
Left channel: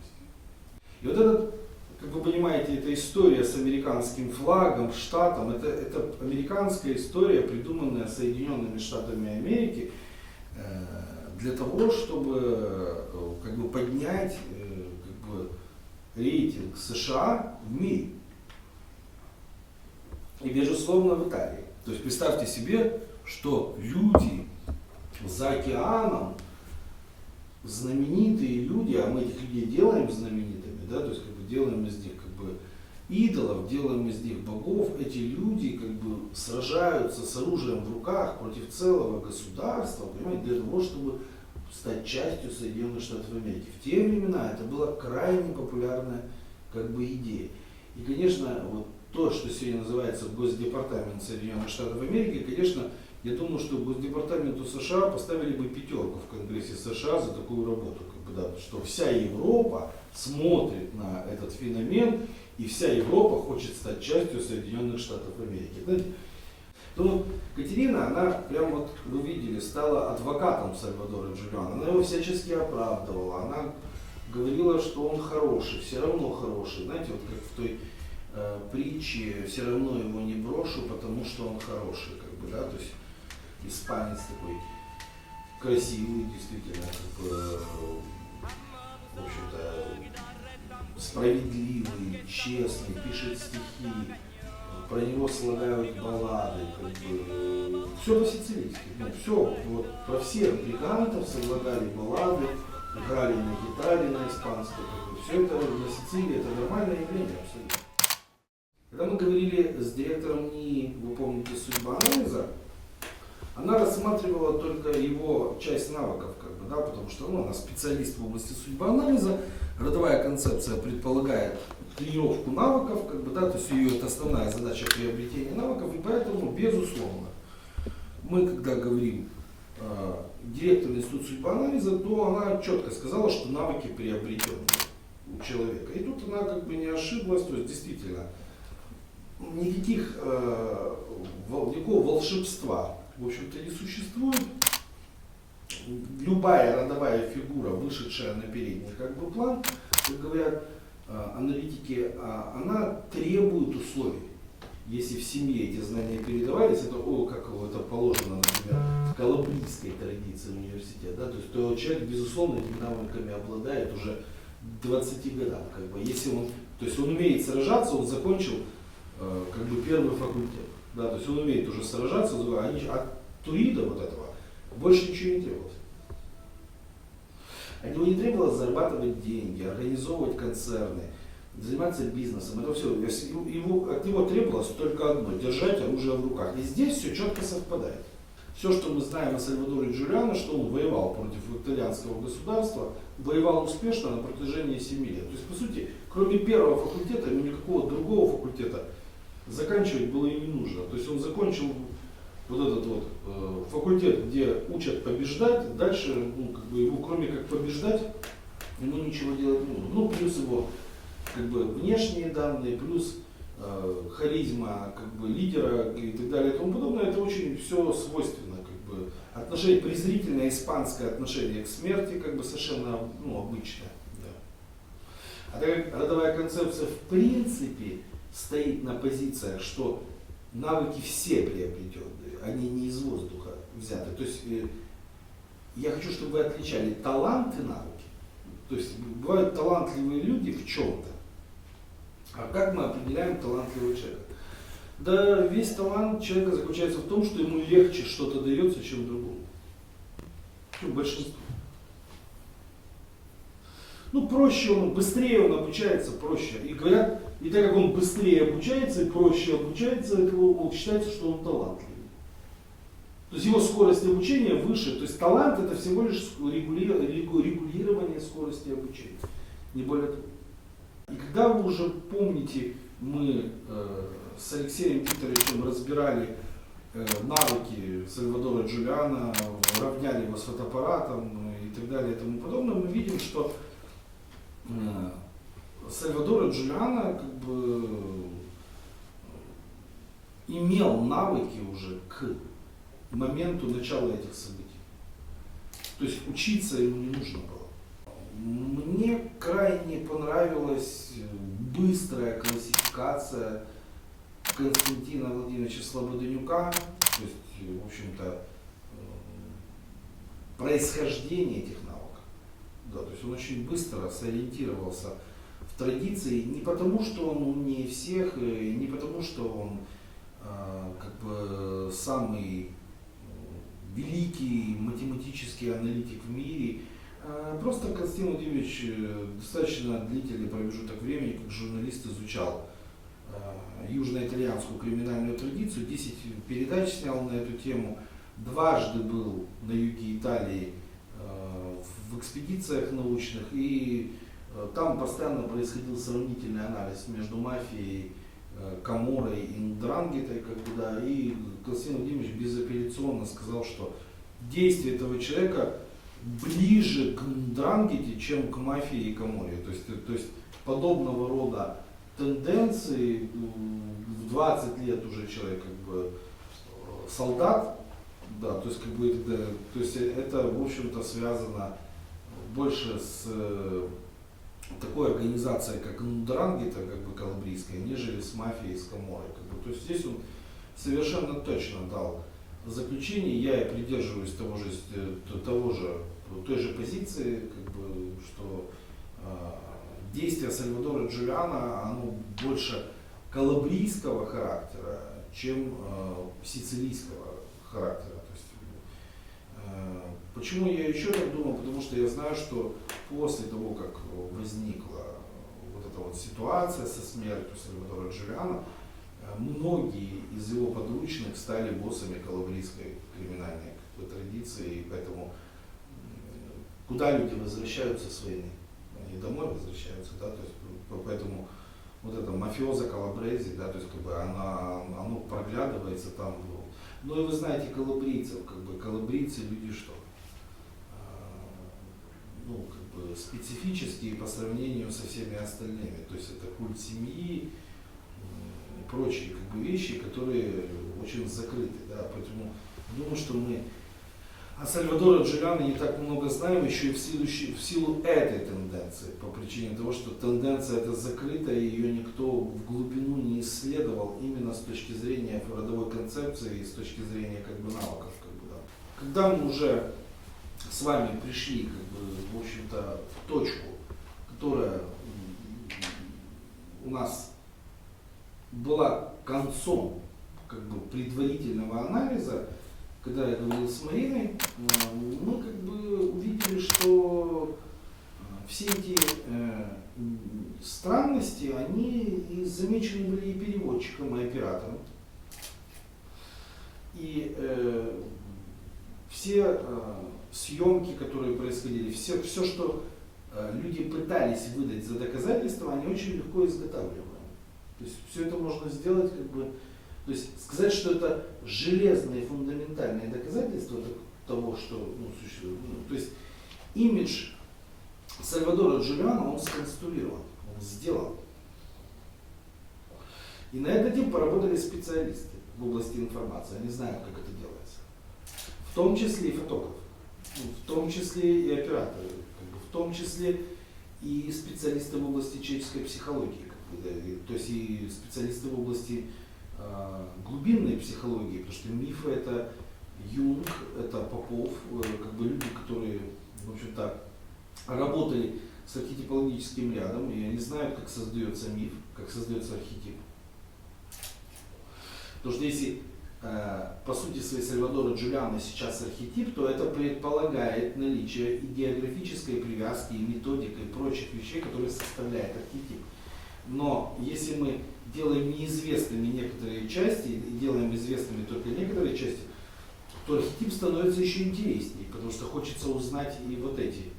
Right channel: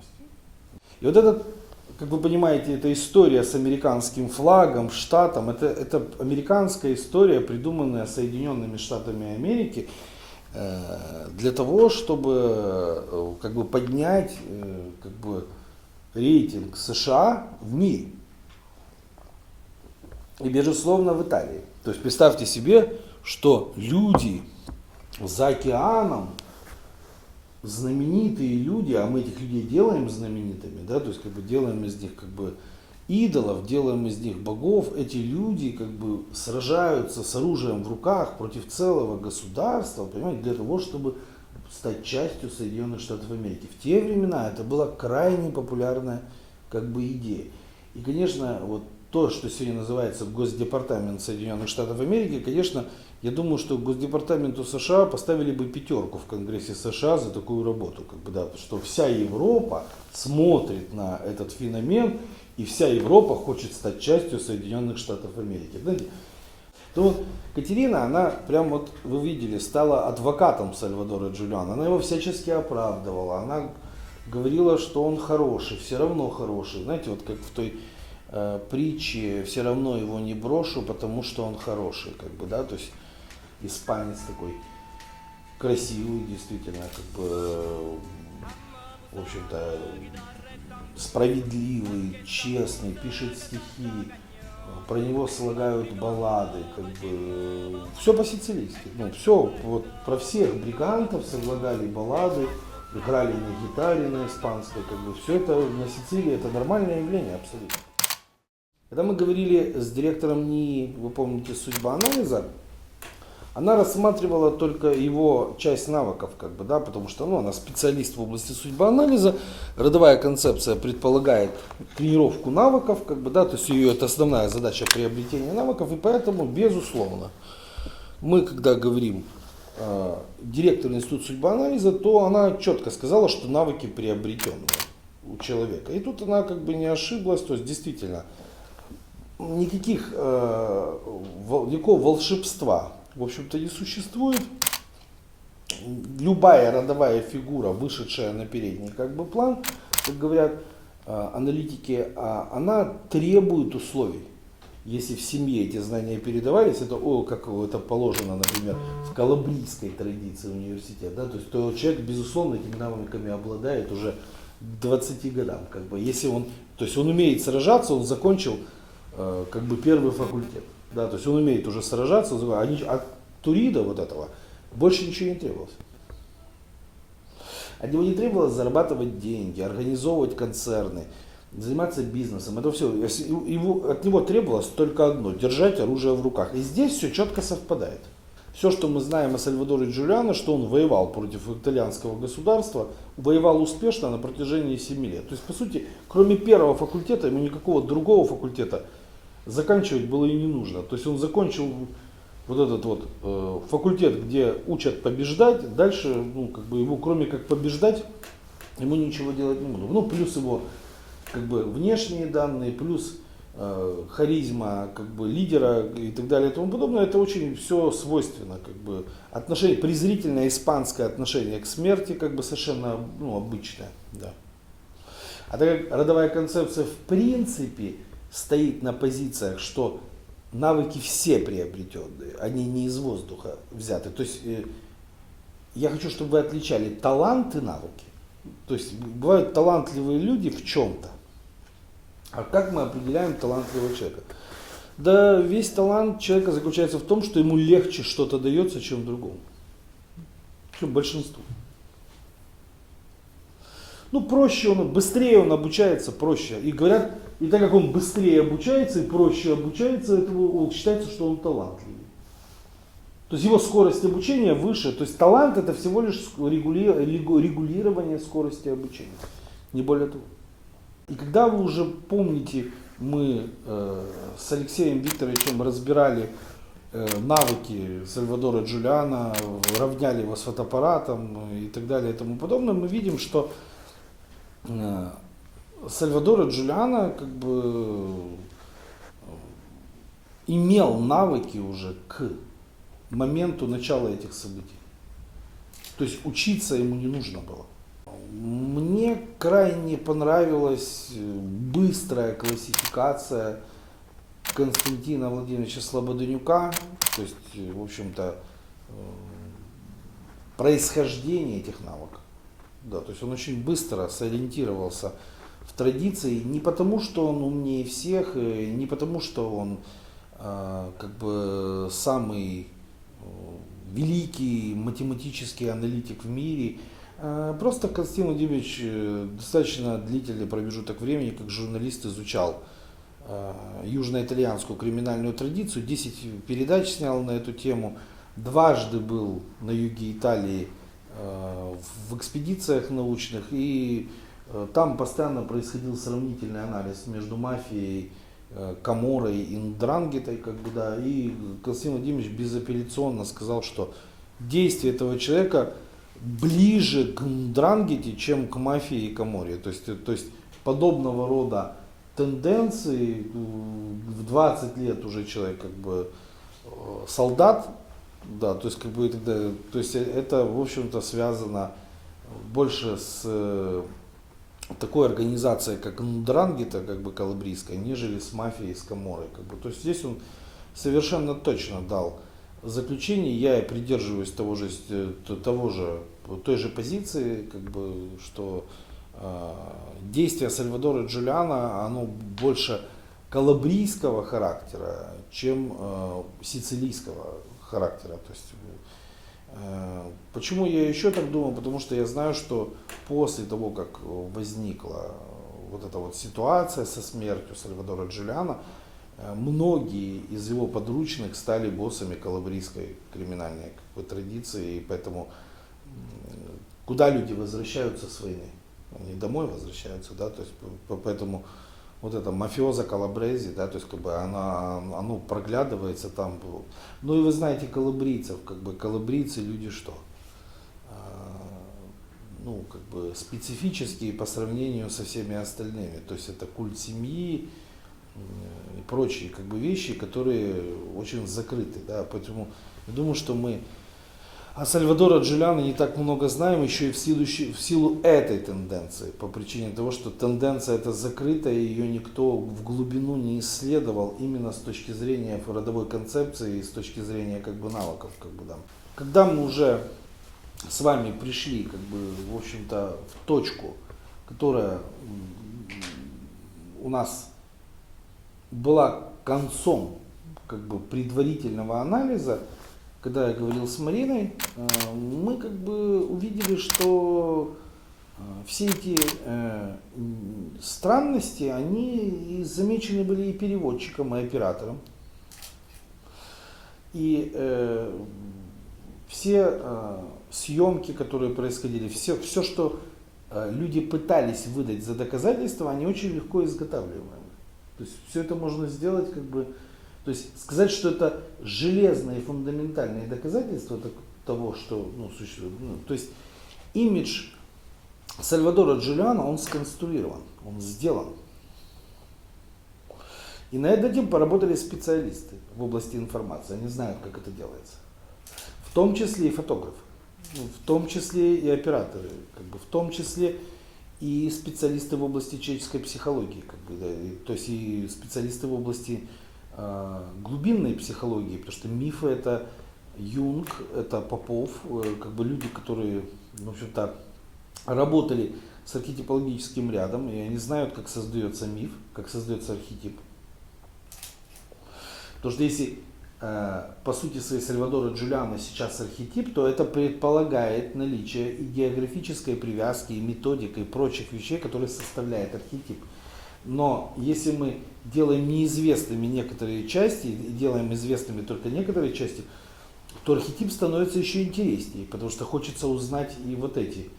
И вот этот, как вы понимаете, эта история с американским флагом, штатом, это американская история, придуманная Соединенными Штатами Америки для того, чтобы как бы поднять как бы рейтинг США в мире. И, безусловно, в Италии. То есть представьте себе, что люди за океаном, знаменитые люди, а мы этих людей делаем знаменитыми, да, то есть как бы делаем из них как бы идолов, делаем из них богов, эти люди как бы сражаются с оружием в руках против целого государства, понимаете, для того, чтобы стать частью Соединенных Штатов Америки. В те времена это была крайне популярная как бы идея. И, конечно, вот то, что сегодня называется Госдепартамент Соединенных Штатов Америки, конечно, я думаю, что Госдепартаменту США поставили бы 5 в Конгрессе США за такую работу, как бы, да, что вся Европа смотрит на этот феномен, и вся Европа хочет стать частью Соединенных Штатов Америки. Знаете, то вот Катерина, она прям вот, вы видели, стала адвокатом Сальвадора Джулиано, она его всячески оправдывала, она говорила, что он хороший, все равно хороший, знаете, вот как в той притче «все равно его не брошу, потому что он хороший», как бы, да, то есть испанец такой красивый, действительно, как бы, в общем-то, справедливый, честный, пишет стихи, про него слагают баллады, как бы, все по-сицилийски, ну, все, вот про всех бригантов слагали баллады, играли на гитаре, на испанской, как бы, все это на Сицилии, это нормальное явление абсолютно. Когда мы говорили с директором НИИ, вы помните, судьба анализа, она рассматривала только его часть навыков, как бы, да, потому что она специалист в области судьбоанализа, родовая концепция предполагает тренировку навыков, как бы, да, то есть ее это основная задача приобретения навыков, и поэтому, безусловно, мы, когда говорим директор института судьбоанализа, то она четко сказала, что навыки приобретены у человека. И тут она как бы не ошиблась, то есть действительно никакого волшебства, в общем-то, не существует. Любая родовая фигура, вышедшая на передний как бы план, как говорят аналитики, она требует условий. Если в семье эти знания передавались, это, как это положено, например, в калабрийской традиции университета, да, то есть то человек, безусловно, этими навыками обладает уже к 20 годам. Как бы, если он, то есть он умеет сражаться, он закончил как бы первый факультет. Да, то есть он умеет уже сражаться, от Турида вот этого больше ничего не требовалось. От него не требовалось зарабатывать деньги, организовывать концерны, заниматься бизнесом. Это все. От него требовалось только одно – держать оружие в руках. И здесь все четко совпадает. Все, что мы знаем о Сальвадоре Джулиано, что он воевал против итальянского государства, воевал успешно на протяжении 7 лет. То есть, по сути, кроме первого факультета, ему никакого другого факультета заканчивать было и не нужно. То есть он закончил вот этот вот факультет, где учат побеждать, дальше, ну, как бы его, кроме как побеждать, ему ничего делать не нужно. Ну, плюс его как бы внешние данные, плюс харизма как бы лидера и так далее и тому подобное, это очень все свойственно, как бы отношение, презрительное испанское отношение к смерти, как бы совершенно, ну, обычное. Да. А так как родовая концепция в принципе стоит на позициях, что навыки все приобретенные, они не из воздуха взяты. То есть я хочу, чтобы вы отличали талант и навыки. То есть бывают талантливые люди в чем-то. А как мы определяем талантливого человека? Да весь талант человека заключается в том, что ему легче что-то дается, чем другому. Чем большинству. Ну, проще он, быстрее он обучается, проще. И говорят, и так как он быстрее обучается и проще обучается, это считается, что он талантливый. То есть его скорость обучения выше. То есть талант это всего лишь регулирование скорости обучения. Не более того. И когда вы уже помните, мы с Алексеем Викторовичем разбирали навыки Сальвадора Джулиана, равняли его с фотоаппаратом и так далее и тому подобное, мы видим, что Сальвадора Джулиана как бы имел навыки уже к моменту начала этих событий. То есть учиться ему не нужно было. Мне крайне понравилась быстрая классификация Константина Владимировича Слободенюка, то есть, в общем-то, происхождение этих навыков. Да, то есть он очень быстро сориентировался в традиции, не потому, что он умнее всех, не потому, что он как бы самый великий математический аналитик в мире. Просто Константин Владимирович достаточно длительный промежуток времени как журналист изучал южноитальянскую криминальную традицию, 10 передач снял на эту тему, дважды был на юге Италии в экспедициях научных, и там постоянно происходил сравнительный анализ между мафией, Каморрой и Ндрангетой, как бы, да, и Константин Владимирович безапелляционно сказал, что действие этого человека ближе к Ндрангете, чем к мафии и Каморре. То есть подобного рода тенденции в 20 лет уже человек как бы солдат, да, то есть как бы это в общем-то связано больше с такой организацией, как Ндрангета, как бы калабрийская, нежели с мафией, с Каморрой. Как бы. То есть здесь он совершенно точно дал заключение, я и придерживаюсь той же позиции, как бы, что действие Сальвадора Джулиана, оно больше калабрийского характера, чем сицилийского характера. То есть, почему я еще так думаю? Потому что я знаю, что после того, как возникла вот эта вот ситуация со смертью Сальвадора Джулиана, многие из его подручных стали боссами калабрийской криминальной как бы традиции, и поэтому куда люди возвращаются с войны? Они домой возвращаются, да, то есть поэтому вот это мафиоза калабрези, да, то есть как бы оно проглядывается там. Ну и вы знаете калабрийцев, как бы калабрийцы люди что? Ну, как бы специфические по сравнению со всеми остальными. То есть это культ семьи и прочие как бы вещи, которые очень закрыты, да, поэтому я думаю, что мы о Сальвадоре Джулиане не так много знаем еще и в силу этой тенденции, по причине того, что тенденция эта закрыта, и ее никто в глубину не исследовал именно с точки зрения родовой концепции и с точки зрения как бы навыков. Как бы, да. Когда мы уже с вами пришли как бы, в общем-то, в точку, которая у нас была концом как бы, предварительного анализа, когда я говорил с Мариной, мы как бы увидели, что все эти странности, они замечены были и переводчиком, и оператором. И все съемки, которые происходили, все, что люди пытались выдать за доказательства, они очень легко изготавливаемы. То есть все это можно сделать как бы. То есть сказать, что это железные фундаментальные доказательства того, что существует. То есть имидж Сальвадора Джулиана, он сконструирован, он сделан. И над этим поработали специалисты в области информации, они знают, как это делается. В том числе и фотографы, в том числе и операторы, как бы, в том числе и специалисты в области человеческой психологии, как бы, да, то есть и специалисты в области глубинной психологии, потому что мифы это Юнг, это Попов, как бы люди, которые, в общем-то, работали с архетипологическим рядом, и они знают, как создается миф, как создается архетип. Потому что если по сути своей Сальвадора Джулиано сейчас архетип, то это предполагает наличие и географической привязки, и методики, и прочих вещей, которые составляют архетип. Но если мы делаем неизвестными некоторые части, и делаем известными только некоторые части, то архетип становится еще интереснее, потому что хочется узнать и вот эти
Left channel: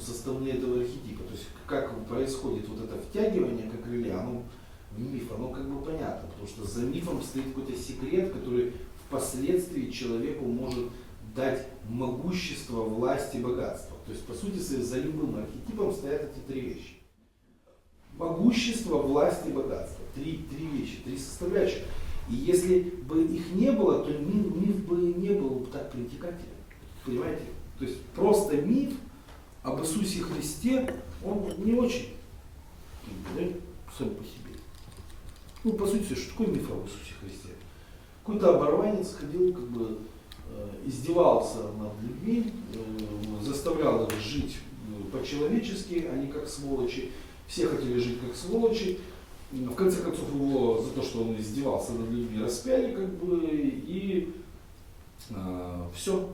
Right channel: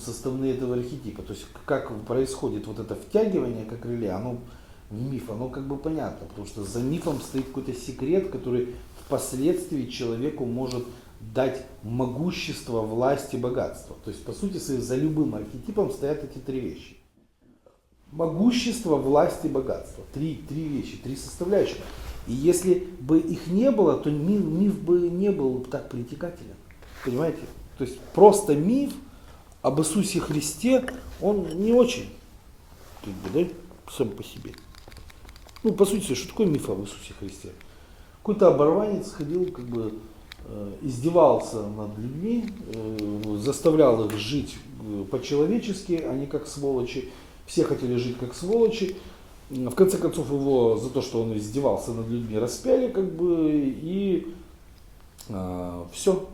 составные этого архетипа. То есть как происходит вот это втягивание как реле, оно в миф, оно как бы понятно, потому что за мифом стоит какой-то секрет, который впоследствии человеку может дать могущество, власть и богатство. То есть по сути за любым архетипом стоят эти три вещи. Могущество, власть и богатство. Три вещи, три составляющих. И если бы их не было, то миф бы не был так притекателен. Понимаете? То есть просто миф об Иисусе Христе, он не очень, как бы, да, сам по себе. Ну, по сути, что такое миф об Иисусе Христе? Какой-то оборванец ходил, как бы, издевался над людьми, заставлял их жить по-человечески, а не как сволочи. Все хотели жить как сволочи. В конце концов, его за то, что он издевался над людьми, распяли, как бы, и все.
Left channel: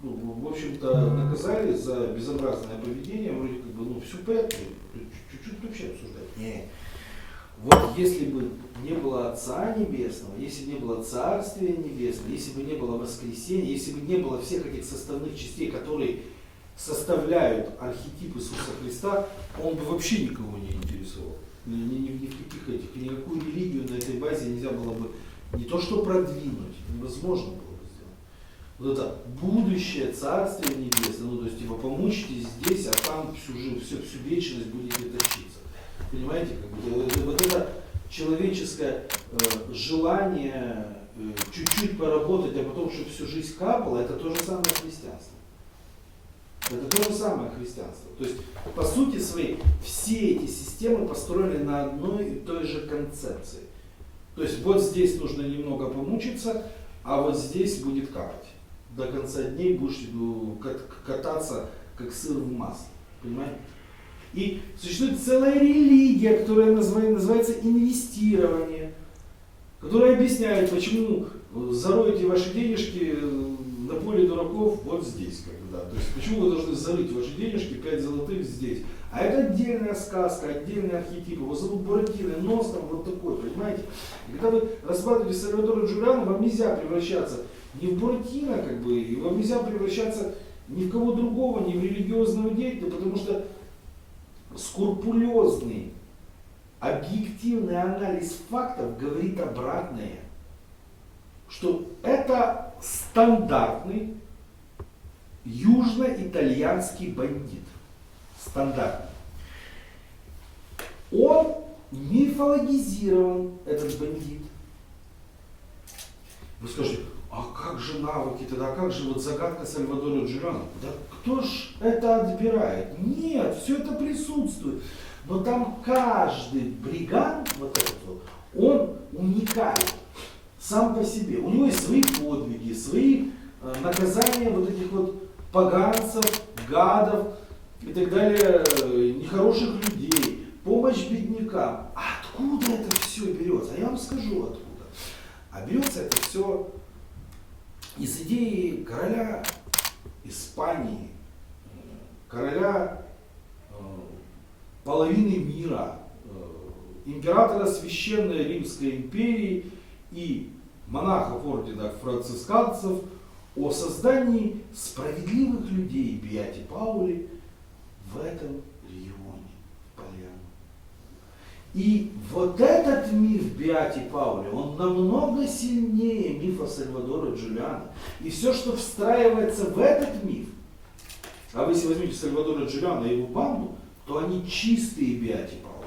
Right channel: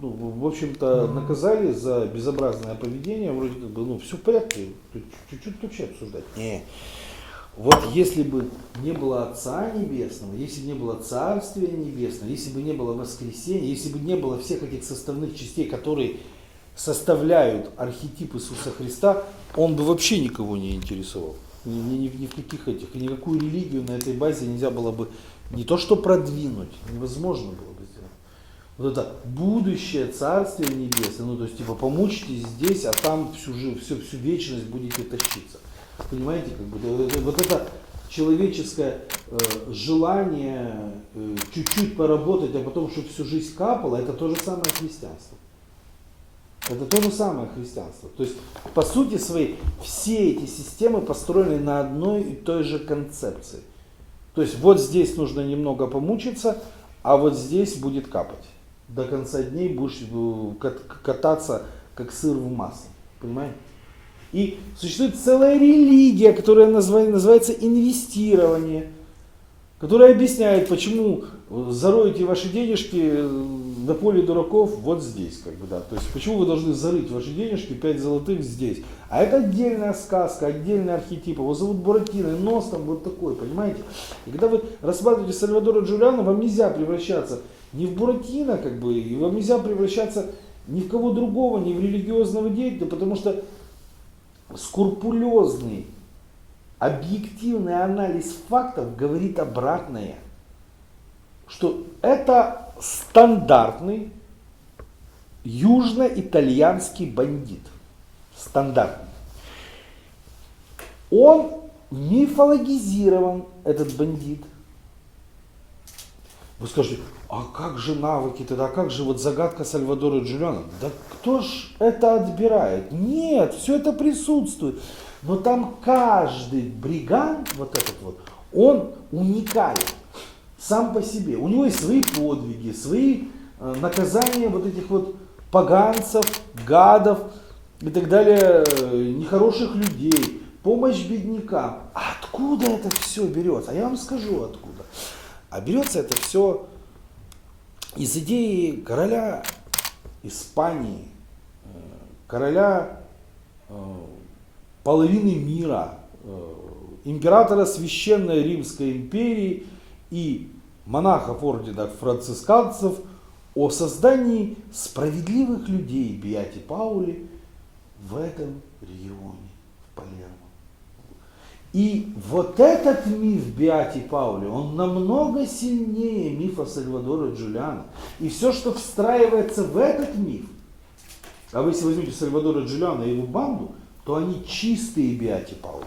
Ну, в общем-то, наказали за безобразное поведение, вроде как бы, ну, все в порядке, чуть-чуть вообще обсуждать. Не. Вот если бы не было Отца Небесного, если бы не было Царствия Небесного, если бы не было воскресения, если бы не было всех этих составных частей, которые составляют архетип Иисуса Христа, он бы вообще никого не интересовал. Ни в каких этих, никакую религию на этой базе нельзя было бы не то что продвинуть, невозможно было бы сделать. Вот это будущее Царствие Небесное, ну то есть типа помучитесь здесь, а там всю вечность будете тащиться. Понимаете, как бы, вот это человеческое желание чуть-чуть поработать, а потом, чтобы всю жизнь капало, это то же самое христианство. Это то же самое христианство. То есть, по сути своей, все эти системы построены на одной и той же концепции. То есть, вот здесь нужно немного помучиться, а вот здесь будет капать. До конца дней будешь кататься, как сыр в масле. Понимаете? И существует целая религия, которая называется инвестирование, которая объясняет, почему зароете ваши денежки на поле дураков вот здесь. Как бы, да. То есть почему вы должны зарыть ваши денежки 5 золотых здесь. А это отдельная сказка, отдельный архетип. Его зовут Буратино, нос там вот такой, понимаете? И когда вы рассматриваете Сальвадора Джулиано, вам нельзя превращаться ни в Буратино, как бы, и вам нельзя превращаться ни в кого другого, ни в религиозного деятеля, потому что скрупулезный, объективный анализ фактов говорит обратное, что это стандартный южно-итальянский бандит. Стандартный. Он мифологизирован, этот бандит. Вы скажете, а как же навыки тогда, а как же вот загадка Сальвадора Джулиано? Да кто ж это отбирает? Нет, все это присутствует. Но там каждый бригант, вот этот вот, он уникален сам по себе. У него есть свои подвиги, свои наказания вот этих вот поганцев, гадов и так далее, нехороших людей, помощь беднякам. А откуда это все берется? А я вам скажу откуда. А берется это все из идеи короля Испании, короля половины мира, императора Священной Римской империи и монахов ордена францисканцев о создании справедливых людей Беати Паули в этом регионе, в Палермо. И вот этот миф Беати Паули, он намного сильнее мифа Сальвадора Джулиано. И все, что встраивается в этот миф, а вы если возьмете Сальвадора Джулиано и его банду, то они чистые Беати Паули.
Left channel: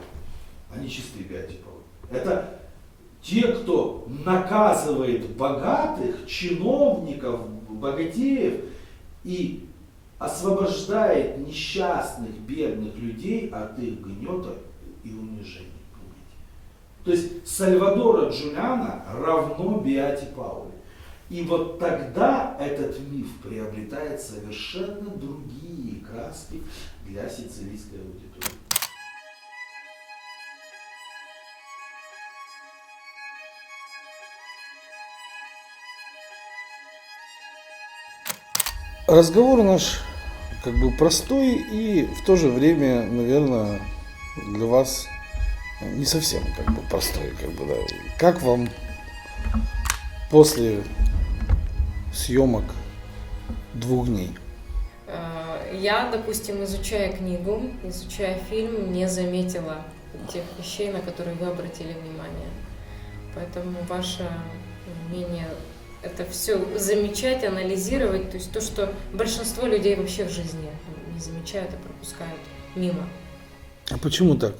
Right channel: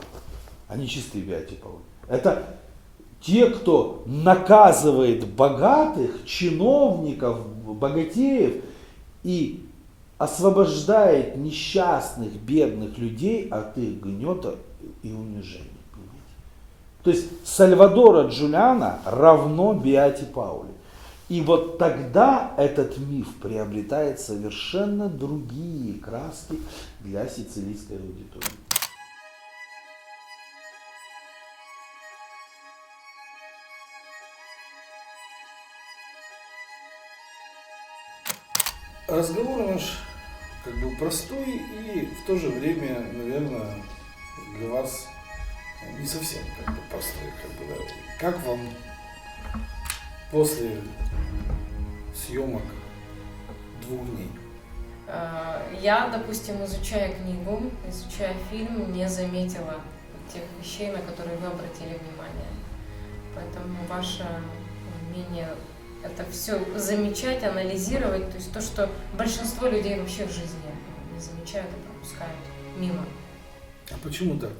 Они чистые Беати Паули. Это те, кто наказывает богатых, чиновников, богатеев и освобождает несчастных, бедных людей от их гнета и унижения. То есть Сальвадора Джулиано равно Беати Паули. И вот тогда этот миф приобретает совершенно другие краски для сицилийской аудитории. Разговор наш как бы простой и в то же время, наверное, для вас не совсем как бы простой. Как бы, да. Как вам после съемок 2 дней? Я, допустим, изучая книгу, изучая фильм, не заметила тех вещей, на которые вы обратили внимание. Поэтому ваше умение это все замечать, анализировать, то есть то, что большинство людей вообще в жизни не замечают и пропускают мимо. А почему так?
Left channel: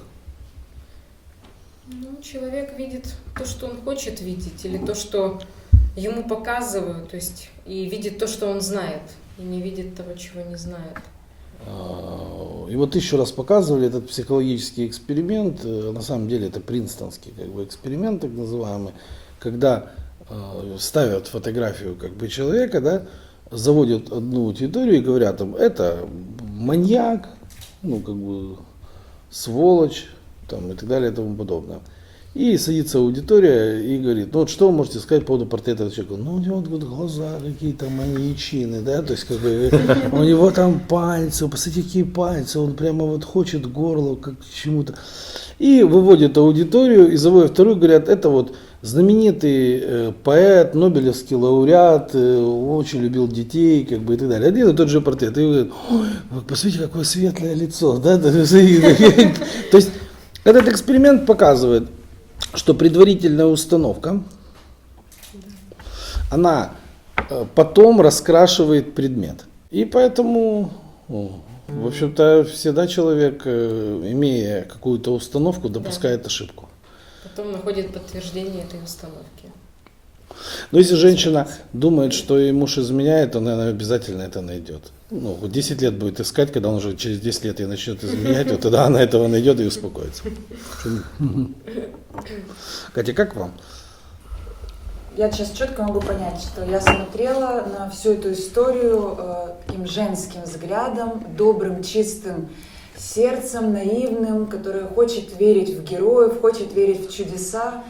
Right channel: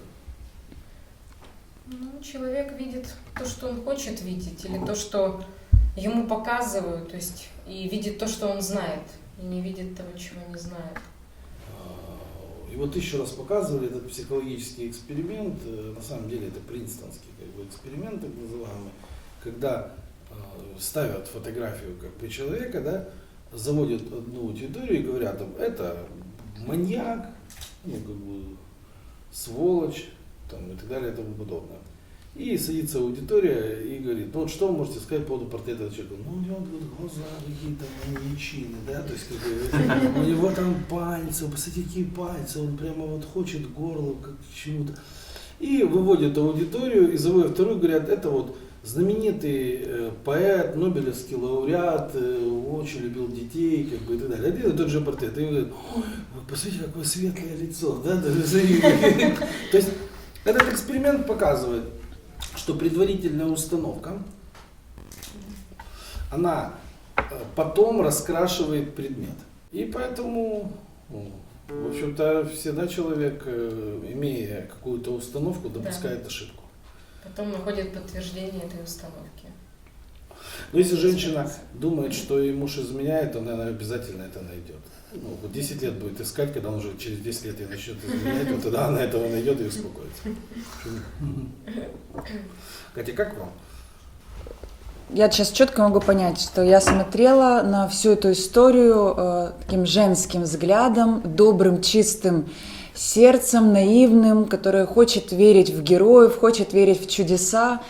Ну, человек видит то, что он хочет видеть, или то, что ему показывают, то есть и видит то, что он знает, и не видит того, чего не знает. И вот еще раз показывали этот психологический эксперимент, на самом деле это принстонский как бы эксперимент так называемый, когда ставят фотографию как бы человека, да, заводят одну аудиторию и говорят им, это маньяк, ну как бы сволочь, там, и так далее и тому подобное. И садится аудитория и говорит, ну вот что вы можете сказать по поводу портрета этого человека? Ну у него вот глаза какие-то маньячины, да, то есть как бы у него там пальцы, посмотрите какие пальцы, он прямо вот хочет горло как к чему-то. И выводят аудиторию и заводят вторую, говорят, это вот знаменитый поэт, нобелевский лауреат, очень любил детей, как бы и так далее. Один и тот же портрет. И говорят, ой, вы посмотрите, какое светлое лицо. Да? То есть этот эксперимент показывает, что предварительная установка, она потом раскрашивает предмет. И поэтому, в общем-то, всегда человек, имея какую-то установку, допускает ошибку. Потом находит подтверждение этой установки. Но если женщина думает, что ей муж изменяет, то она обязательно это найдет. Ну, вот 10 лет будет искать, когда он уже через 10 лет ей начнет изменять, вот тогда она этого найдет и успокоится. Катя, как вам? Я сейчас четко могу понять, что я смотрела на всю эту историю таким женским взглядом, добрым, чистым сердцем, наивным, которое хочет верить в героев, хочет верить в чудеса.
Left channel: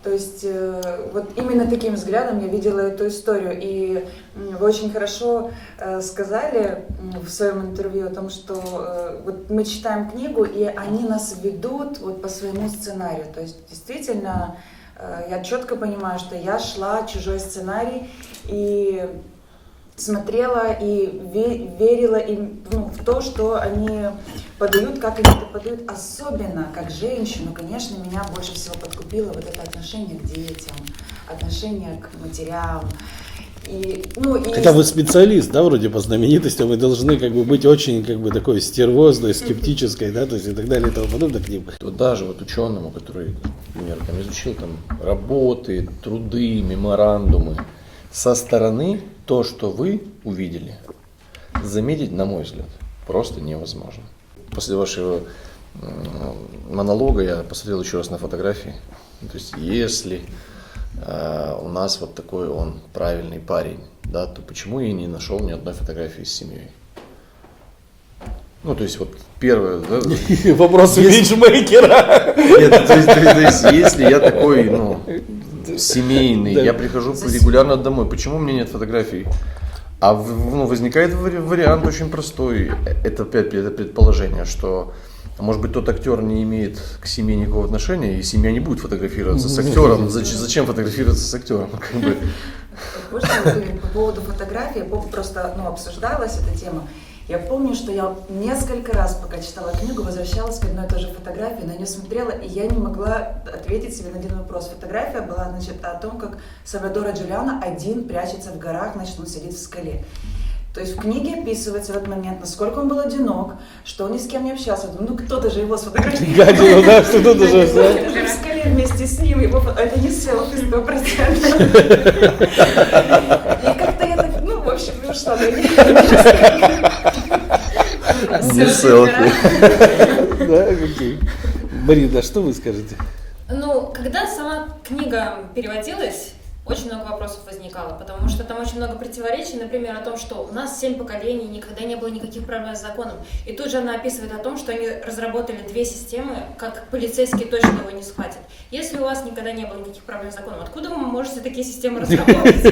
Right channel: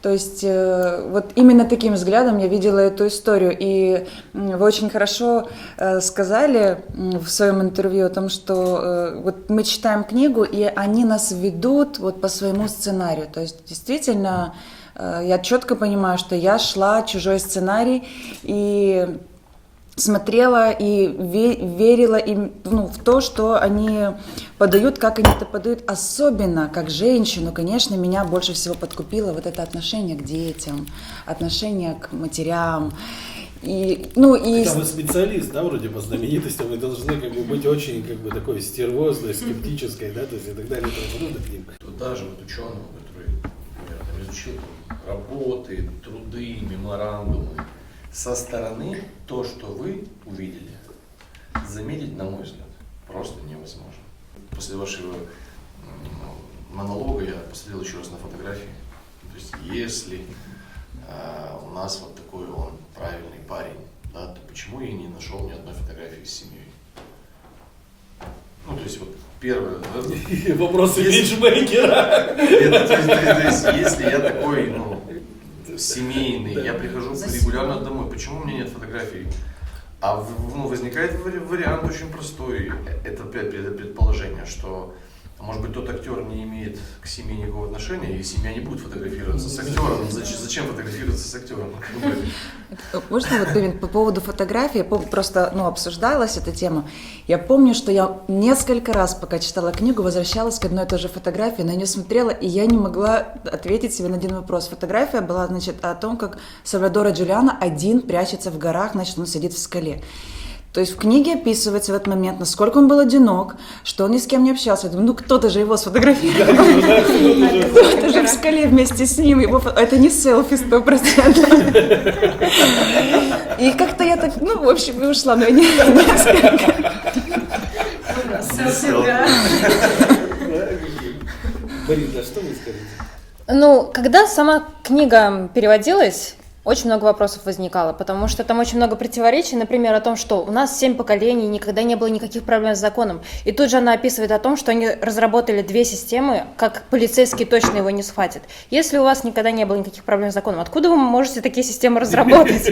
То есть вот именно таким взглядом я видела эту историю. И вы очень хорошо сказали в своем интервью о том, что вот мы читаем книгу, и они нас ведут вот по своему сценарию. То есть действительно я четко понимаю, что я шла чужой сценарий и смотрела и верила им, ну, в то, что они подают, как они это подают. Особенно, как женщину, конечно, меня больше всего подкупило вот это отношение к детям, отношение к матерям. И, ну, и... Хотя вы специалист, да, вроде по знаменитостям, вы должны как бы быть очень как бы такой стервозной, скептической, да, то есть и так далее и тому подобное к ним. То даже вот ученому, который, например, там, изучил там, работы, труды, меморандумы, со стороны то, что вы увидели, заметить, на мой взгляд, просто невозможно. После вашего монолога я посмотрел еще раз на фотографии. То есть, если у нас вот такой он правильный парень, да, то почему я не нашел ни одной фотографии с семьей? Ну, то есть, вот первое... Да, вопросы менеджмейкера. То есть, если я такой, ну, семейный, я прихожу регулярно домой, почему у меня нет фотографий? А ну, возникает вариант очень простой, это опять это предположение, что, может быть, тот актер не имеет к семье никакого отношения, и семья не будет фотографироваться с актером. Зачем фотографироваться с актером? Можно вот по поводу фотографии, просто обсуждалась эта тема. Я помню, что я несколько раз, пока читала книгу, возвращалась к одной и той же фотографии, на нее смотрела, и я не могла ответить себе на один вопрос. Фотография была, значит, о том, как Сальвадоро Джулиано один прячется в горах, значит, он сидит в скале. То есть в книге описывается в этот момент, насколько он был одинок, что он ни с кем не общался. Я думаю, ну кто-то же его сфотографировал. Кто-то же в скале вместе с ним. Это не селфи 100%. И как-то я так, в общем, ушла на несколько. Да, окей. Марина, что вы скажете? Ну, когда сама книга переводилась, очень много вопросов возникало, потому что там очень много противоречий, например, о том, что у нас 7 поколений, никогда не было никаких проблем с законом. И тут же она описывает о том, что они разработали 2 системы, как полицейский точно его не схватит. Если у вас никогда не было никаких проблем с законом, откуда вы можете такие системы разработать?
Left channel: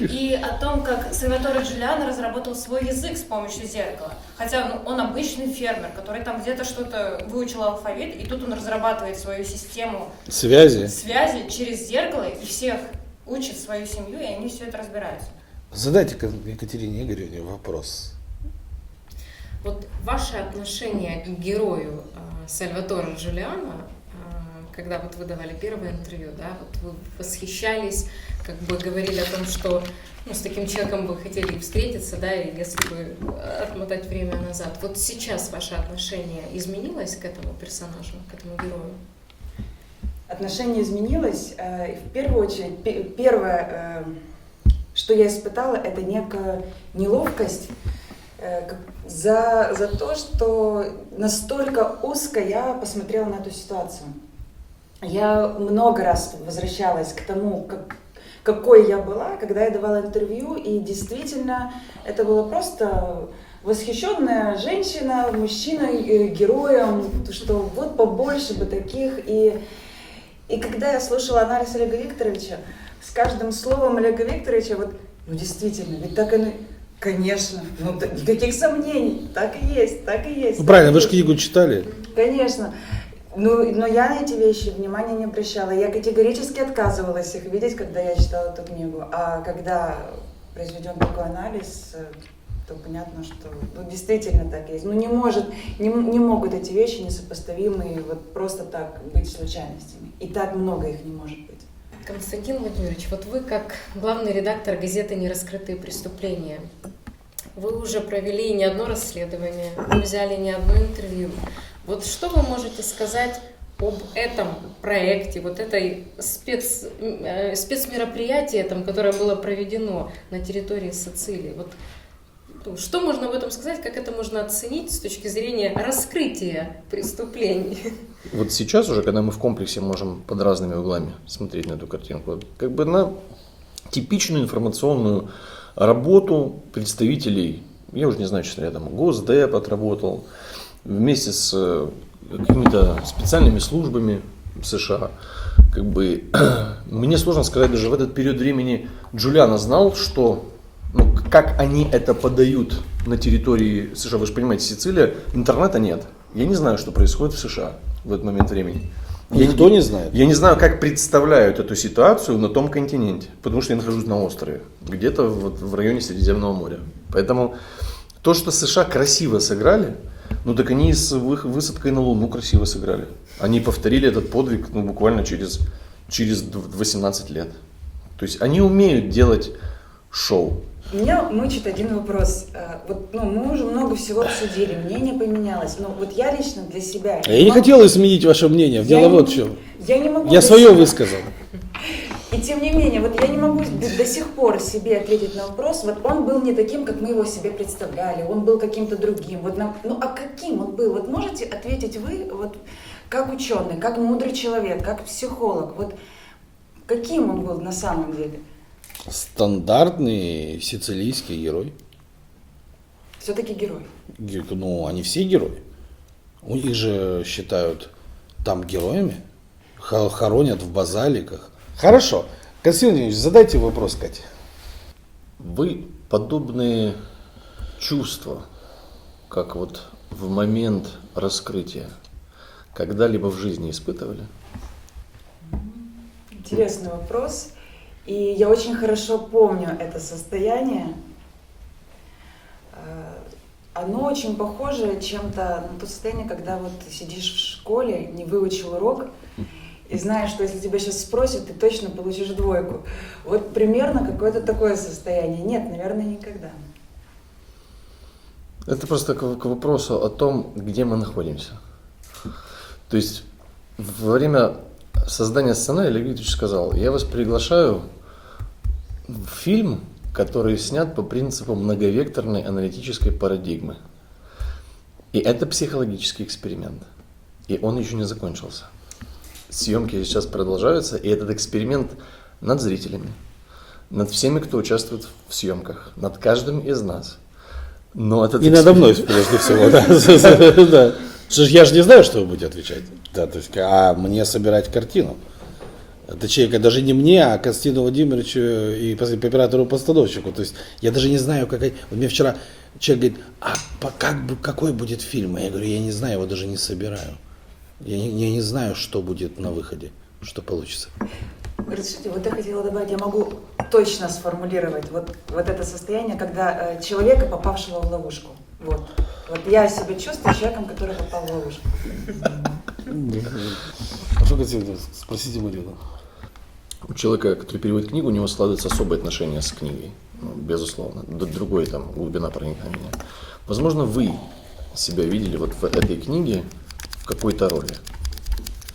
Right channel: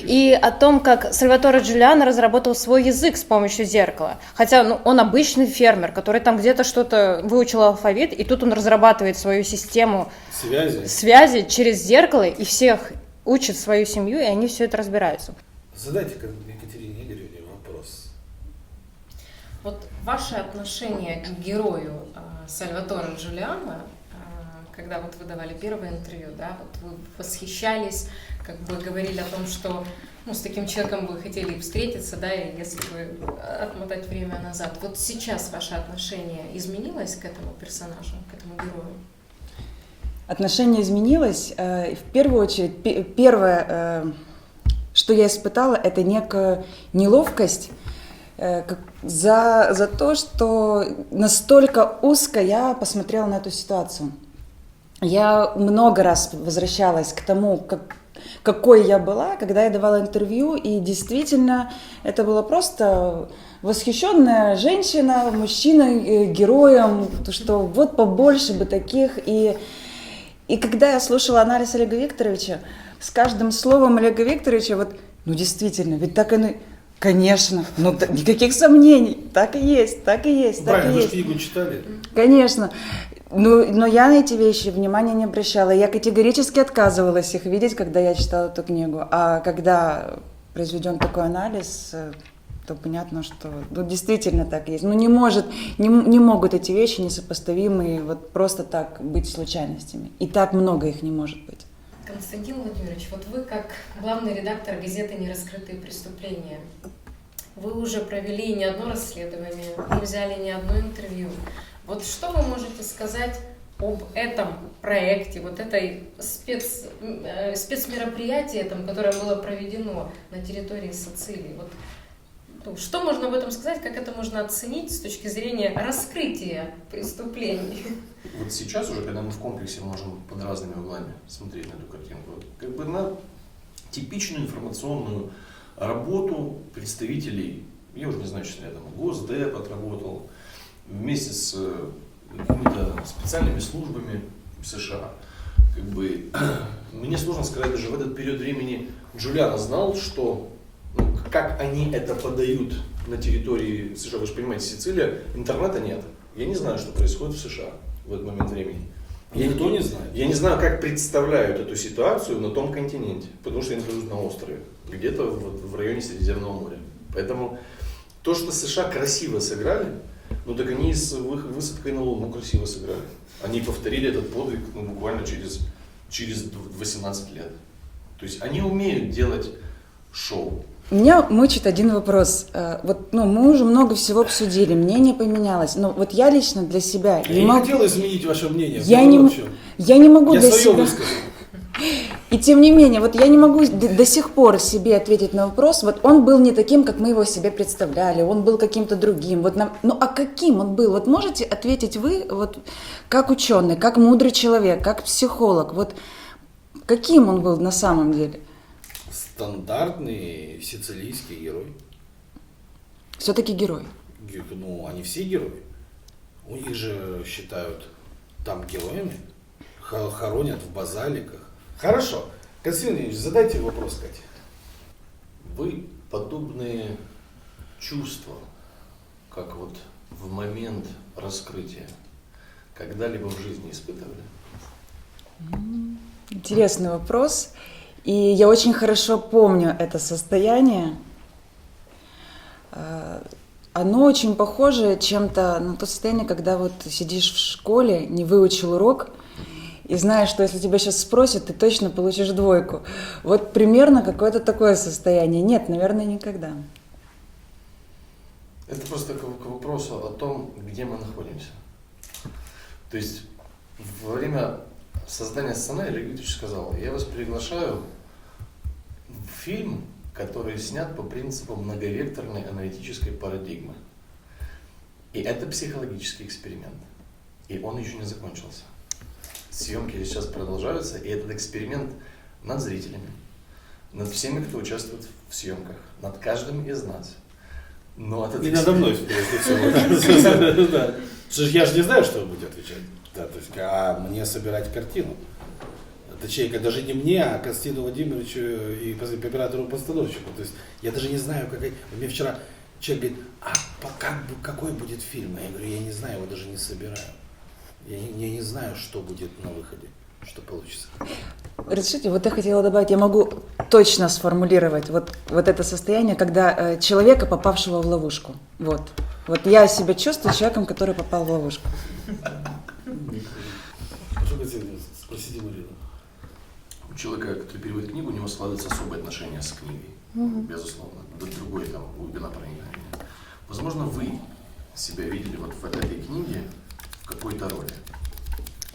И о том, как Сальваторе Джулиано разработал свой язык с помощью зеркала. Хотя он обычный фермер, который там где-то что-то выучил алфавит, и тут он разрабатывает свою систему связи через зеркало, и всех учат свою семью, и они все это разбираются. Задайте Екатерине Игоревне вопрос. Вот ваше отношение к герою Сальваторе Джулиано, когда вот вы давали первое интервью, да, вот вы восхищались, как бы говорили о том, что с таким человеком вы хотели встретиться, да, и если бы отмотать время назад. Вот сейчас ваше отношение изменилось к этому персонажу, к этому герою? Отношение изменилось. В первую очередь, первое, что я испытала, это некая неловкость за то, что настолько узко я посмотрела на эту ситуацию. Я много раз возвращалась к тому, какой я была, когда я давала интервью, и действительно это было просто восхищенная женщина, мужчина героем, что вот побольше бы таких. И когда я слушала анализ Олега Викторовича, с каждым словом Олега Викторовича, действительно, ведь так оно, конечно, никаких сомнений, так и есть, так и есть. Правильно, вы же книгу читали. Конечно, но я на эти вещи внимания не обращала, я категорически отказывалась их видеть, когда я читала эту книгу, а когда произведен такой анализ, то понятно, что действительно так есть. Не могут эти вещи несопоставимые просто так быть случайностями. И так много их не может быть. Константин Владимирович, вот вы как главный редактор газеты «Нераскрытые преступления», вы уже провели не одно расследование, вы взяли не одно интервью. Вот что вы можете сказать об этом проекте, вот этой спецмероприятии, которое было проведено на территории Сицилии? Что можно об этом сказать, как это можно оценить с точки зрения раскрытия преступлений? Вот сейчас уже, когда мы в комплексе можем под разными углами смотреть на эту картинку, как бы на типичную информационную работу представителей, я уже не знаю, что рядом, Госдеп отработал, вместе с какими-то специальными службами США. Как бы, мне сложно сказать, даже в этот период времени Джулиано знал, что как они это подают на территории США. Вы же понимаете, Сицилия, интернета нет. Я не знаю, что происходит в США в этот момент времени. Никто не знает. Я не знаю, как представляют эту ситуацию на том континенте, потому что я нахожусь на острове, где-то в районе Средиземного моря. Поэтому то, что США красиво сыграли, так они с высадкой на Луну красиво сыграли. Они повторили этот подвиг буквально через 18 лет. То есть они умеют делать шоу. Меня мучит один вопрос. Мы уже много всего обсудили, мнение поменялось. Но я лично для себя... Я не хотел изменить ваше мнение. Дело вот в чем. Я не могу... Я свое высказал. И тем не менее, я не могу до сих пор себе ответить на вопрос. Он был не таким, как мы его себе представляли. Он был каким-то другим. А каким он был? Можете ответить вы, как ученый, как мудрый человек, как психолог. Каким он был на самом деле? Стандартный сицилийский герой. Все-таки герой. Они все герои. У них же считают там героями. Хоронят в базаликах. Хорошо. Константин Владимирович, задайте вопрос Кате. Вы подобные чувства, как в момент раскрытия, когда-либо в жизни испытывали? Интересный вопрос. И я очень хорошо помню это состояние. Оно очень похоже чем-то на то состояние, когда сидишь в школе, не выучил урок, и знаешь, что если тебя сейчас спросят, ты точно получишь 2. Примерно какое-то такое состояние. Нет, наверное, никогда. Это просто к вопросу о том, где мы находимся. То есть во время создания сценария Олег Викторович сказал: я вас приглашаю в фильм, который снят по принципу многовекторной аналитической парадигмы. И это психологический эксперимент. И он еще не закончился. Съемки сейчас продолжаются, и этот эксперимент над зрителями, над всеми, кто участвует в съемках, над каждым из нас. Но этот И надо мной, прежде всего, да. Да. Что ж, я же не знаю, что вы будете отвечать. Да, то есть, а мне собирать картину. Точнее, даже не мне, а Константину Владимировичу и оператору-постановщику. То есть я даже не знаю, какая... Вот мне вчера человек говорит, какой будет фильм? А я говорю, я не знаю, его даже не собираю. Я не знаю, что будет на выходе, что получится. Разрешите, вот я хотела добавить, я могу точно сформулировать вот это состояние, когда человека, попавшего в ловушку. Вот я себя чувствую человеком, который попал в ловушку. А что хотите спросите Марину? У человека, который переводит книгу, у него складывается особое отношение с книгой, безусловно, другой там глубина проникновения. Возможно, вы себя видели вот в этой книге в какой-то роли.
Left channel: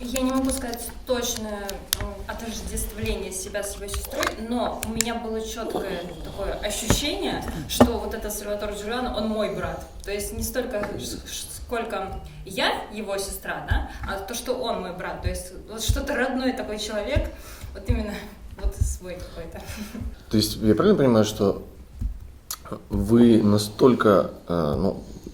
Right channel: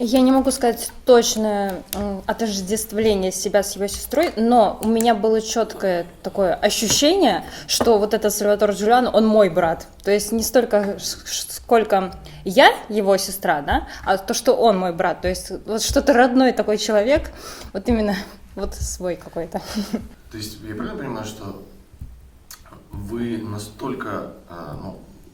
Я не могу сказать точное отождествление себя с его сестрой, но у меня было четкое такое ощущение, что вот этот Сальваторе Джулиано, он мой брат. То есть не столько, сколько я его сестра, да, а то, что он мой брат. То есть вот что-то родной такой человек, вот именно вот свой какой-то. То есть я правильно понимаю, что вы настолько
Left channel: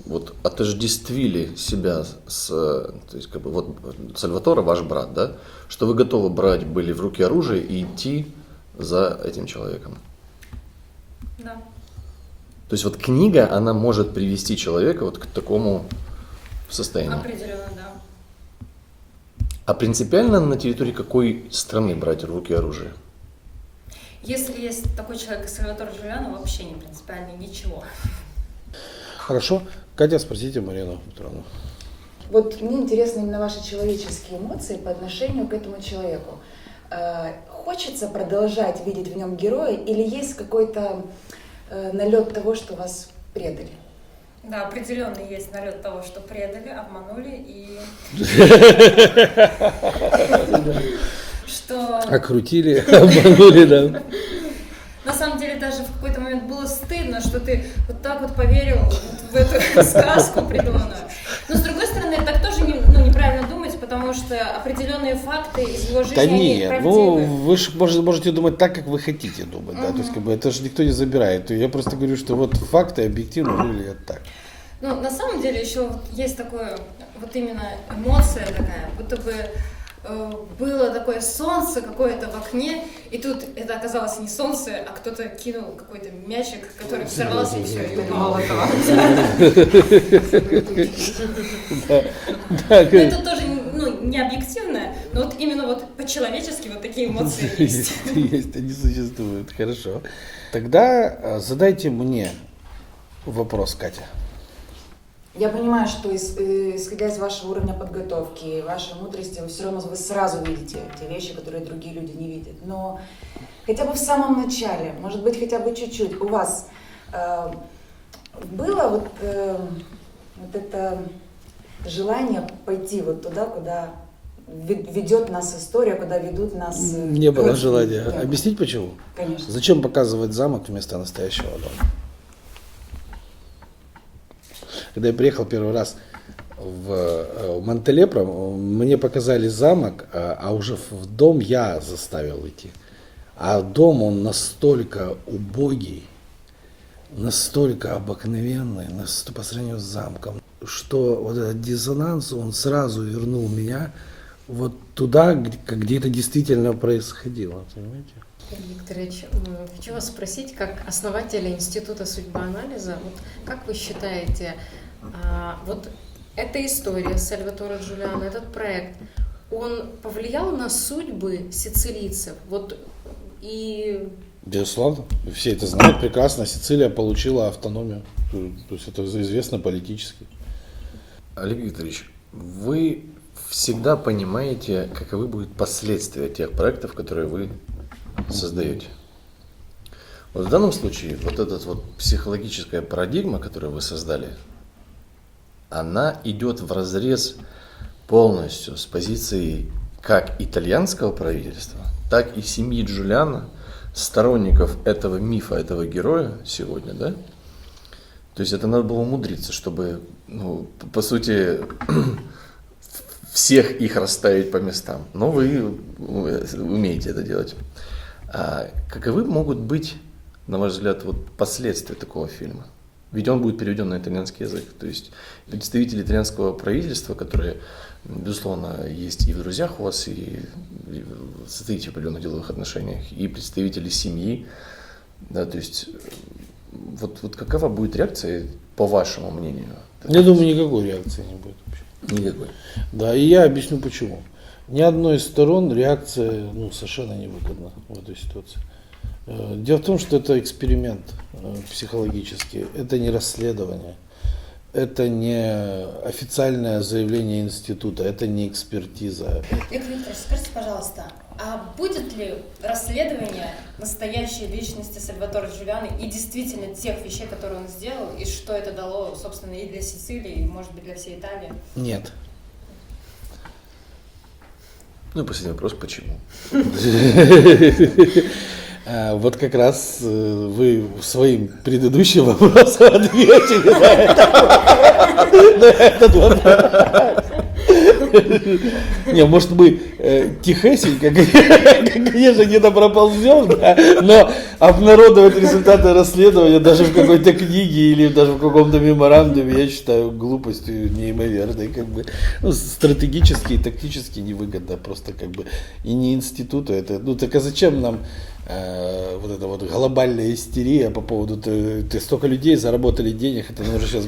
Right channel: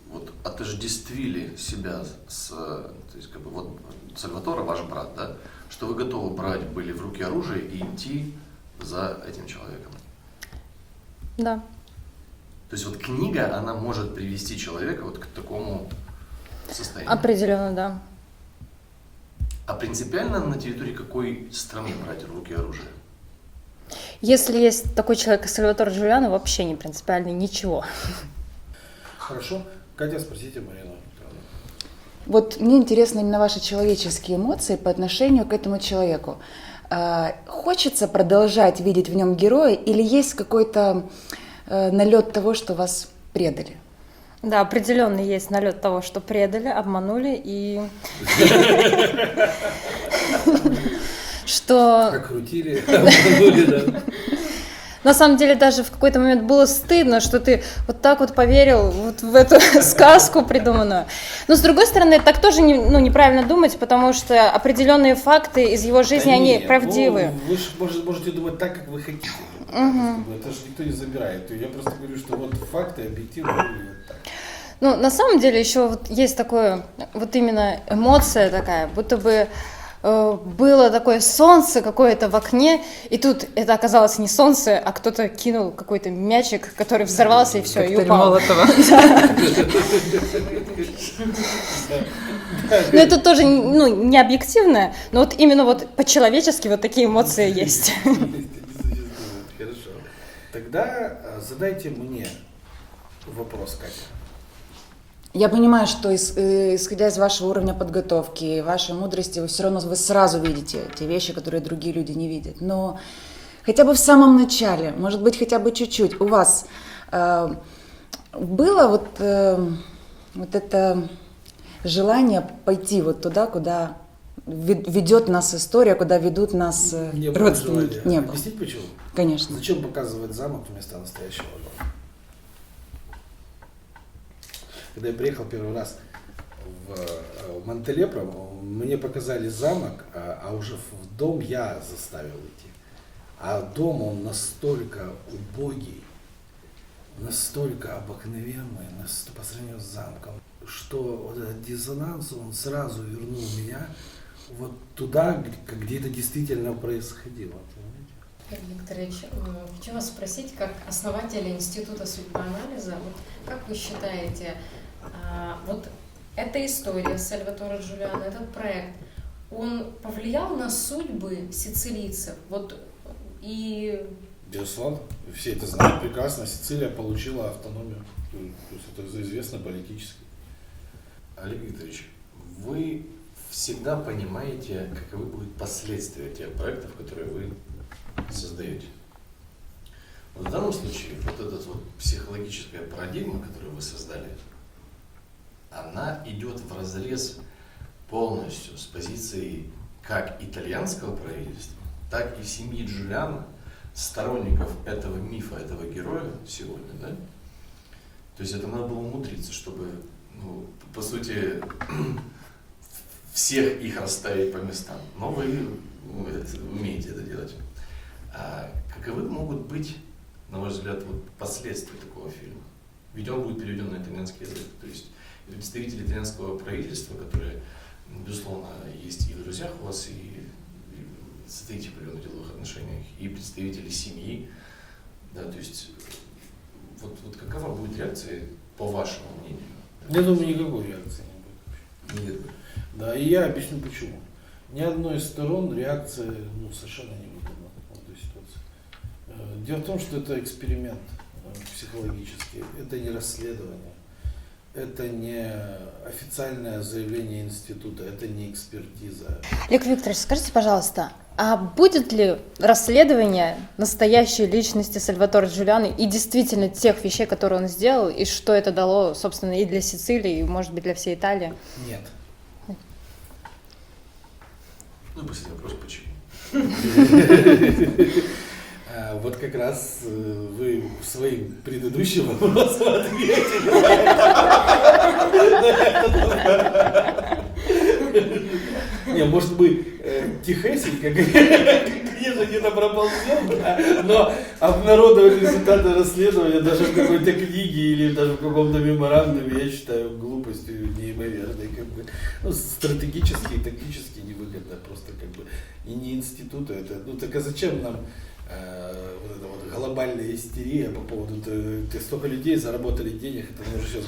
вот отождествили себя с, то есть как бы вот Сальваторе ваш брат, да, что вы готовы брать были в руки оружие и идти за этим человеком. Да. То есть вот книга, она может привести человека вот к такому состоянию. Определенно, да. А принципиально на территории какой страны брать в руки оружие? Если есть такой человек, как Сальваторе Джулиано, вообще не принципиально ничего. Хорошо. Катя, спросите Марину Петровну. Вот мне интересны именно ваши человеческие эмоции по отношению к этому человеку. Хочется продолжать видеть в нем героя или есть какой-то налет того, что вас предали? Да, определенно есть налет того, что предали, обманули и что... Окрутили, обманули, да. На самом деле даже в какой-то момент было стыдно, что ты вот так вот поверил вот в эту сказку придуманную. Но с другой стороны, так тоже неправильно думать, потому что определенные факты из его жизни, они правдивы. Вы же можете думать так, как вы хотите думать. Да? То есть, как бы, это же никто не забирает. Я просто говорю, что вот факты объективно выглядят так. Ну, на самом деле еще вот есть такое, вот именно эмоция такая, будто бы было такое солнце какое-то в окне, и тут это оказалось не солнце, а кто-то кинул какой-то мячик, который взорвался и все, и упал. Но это тоже не объективно, но вот именно вот по-человечески вот такие эмоции есть. Есть, они существуют, хорошо. Тогда задайте мне вопрос, Катя. Я понимаю, что исходя из вашего уровня подготовки, вашей мудрости, вы все равно вы сразу видите те вещи, которые другие люди не видят. Но хотя бы в самом начале, может быть, хотя бы чуть-чуть, у вас было вот это желание пойти вот туда, куда ведет нас история, куда ведут нас Не было желания. Не было. Объяснить почему? Конечно. Зачем показывать замок вместо настоящего дома? Когда я приехал первый раз в Монтелепро, мне показали замок, а уже в дом я заставил идти. А дом, он настолько убогий, настолько обыкновенный, по сравнению с замком, что вот этот диссонанс, он сразу вернул меня вот туда, где это действительно происходило, понимаете? Сергей Викторович, хочу вас спросить, как основателя Института судьбоанализа, вот как вы считаете, вот эта история Сальваторе Джулиано, этот проект, он повлиял на судьбы сицилийцев? Вот и... Безусловно, все это знают прекрасно, Сицилия получила автономию, то есть это известно политически. Олег Викторович, вы всегда понимаете, каковы будут последствия тех проектов, которые вы создаете. Вот в данном случае вот эта вот психологическая парадигма, которую вы создали, она идет вразрез полностью с позицией как итальянского правительства, так и семьи Джулиано, сторонников этого мифа, этого героя сегодня, да? То есть это надо было умудриться, чтобы, по сути, всех их расставить по местам. Но вы умеете это делать. А каковы могут быть, на ваш взгляд, вот последствия такого фильма? Ведь он будет переведен на итальянский язык. То есть представители итальянского правительства, которые, безусловно, есть и в друзьях у вас, и состоите в определенных деловых отношениях, и представители семьи, да, то есть вот какова будет реакция, по вашему мнению? Я думаю, никакой реакции не будет вообще. Никакой. Да, и я объясню почему. Ни одной из сторон реакция совершенно невыгодна в этой ситуации. Дело в том, что это эксперимент психологический, это не расследование, это не официальное заявление института, это не экспертиза. Олег Викторович, скажите, пожалуйста, а будет ли расследование настоящей личности Сальваторе Джулиано и действительно тех вещей, которые он сделал, и что это дало, собственно, и для Сицилии, и, может быть, для всей Италии? Нет. Ну и последний вопрос, почему? Вот как раз вы своим предыдущим вопросом ответили на этот вопрос. Не, может мы тихесенько, конечно, где-то проползем, да, но обнародовать результаты расследования даже в какой-то книге или даже в каком-то меморандуме, я считаю глупостью неимоверной, как бы, стратегически и тактически невыгодно, просто как бы и не институту это, так а зачем нам вот эта вот глобальная истерия по поводу, ты столько людей заработали денег, это нужно сейчас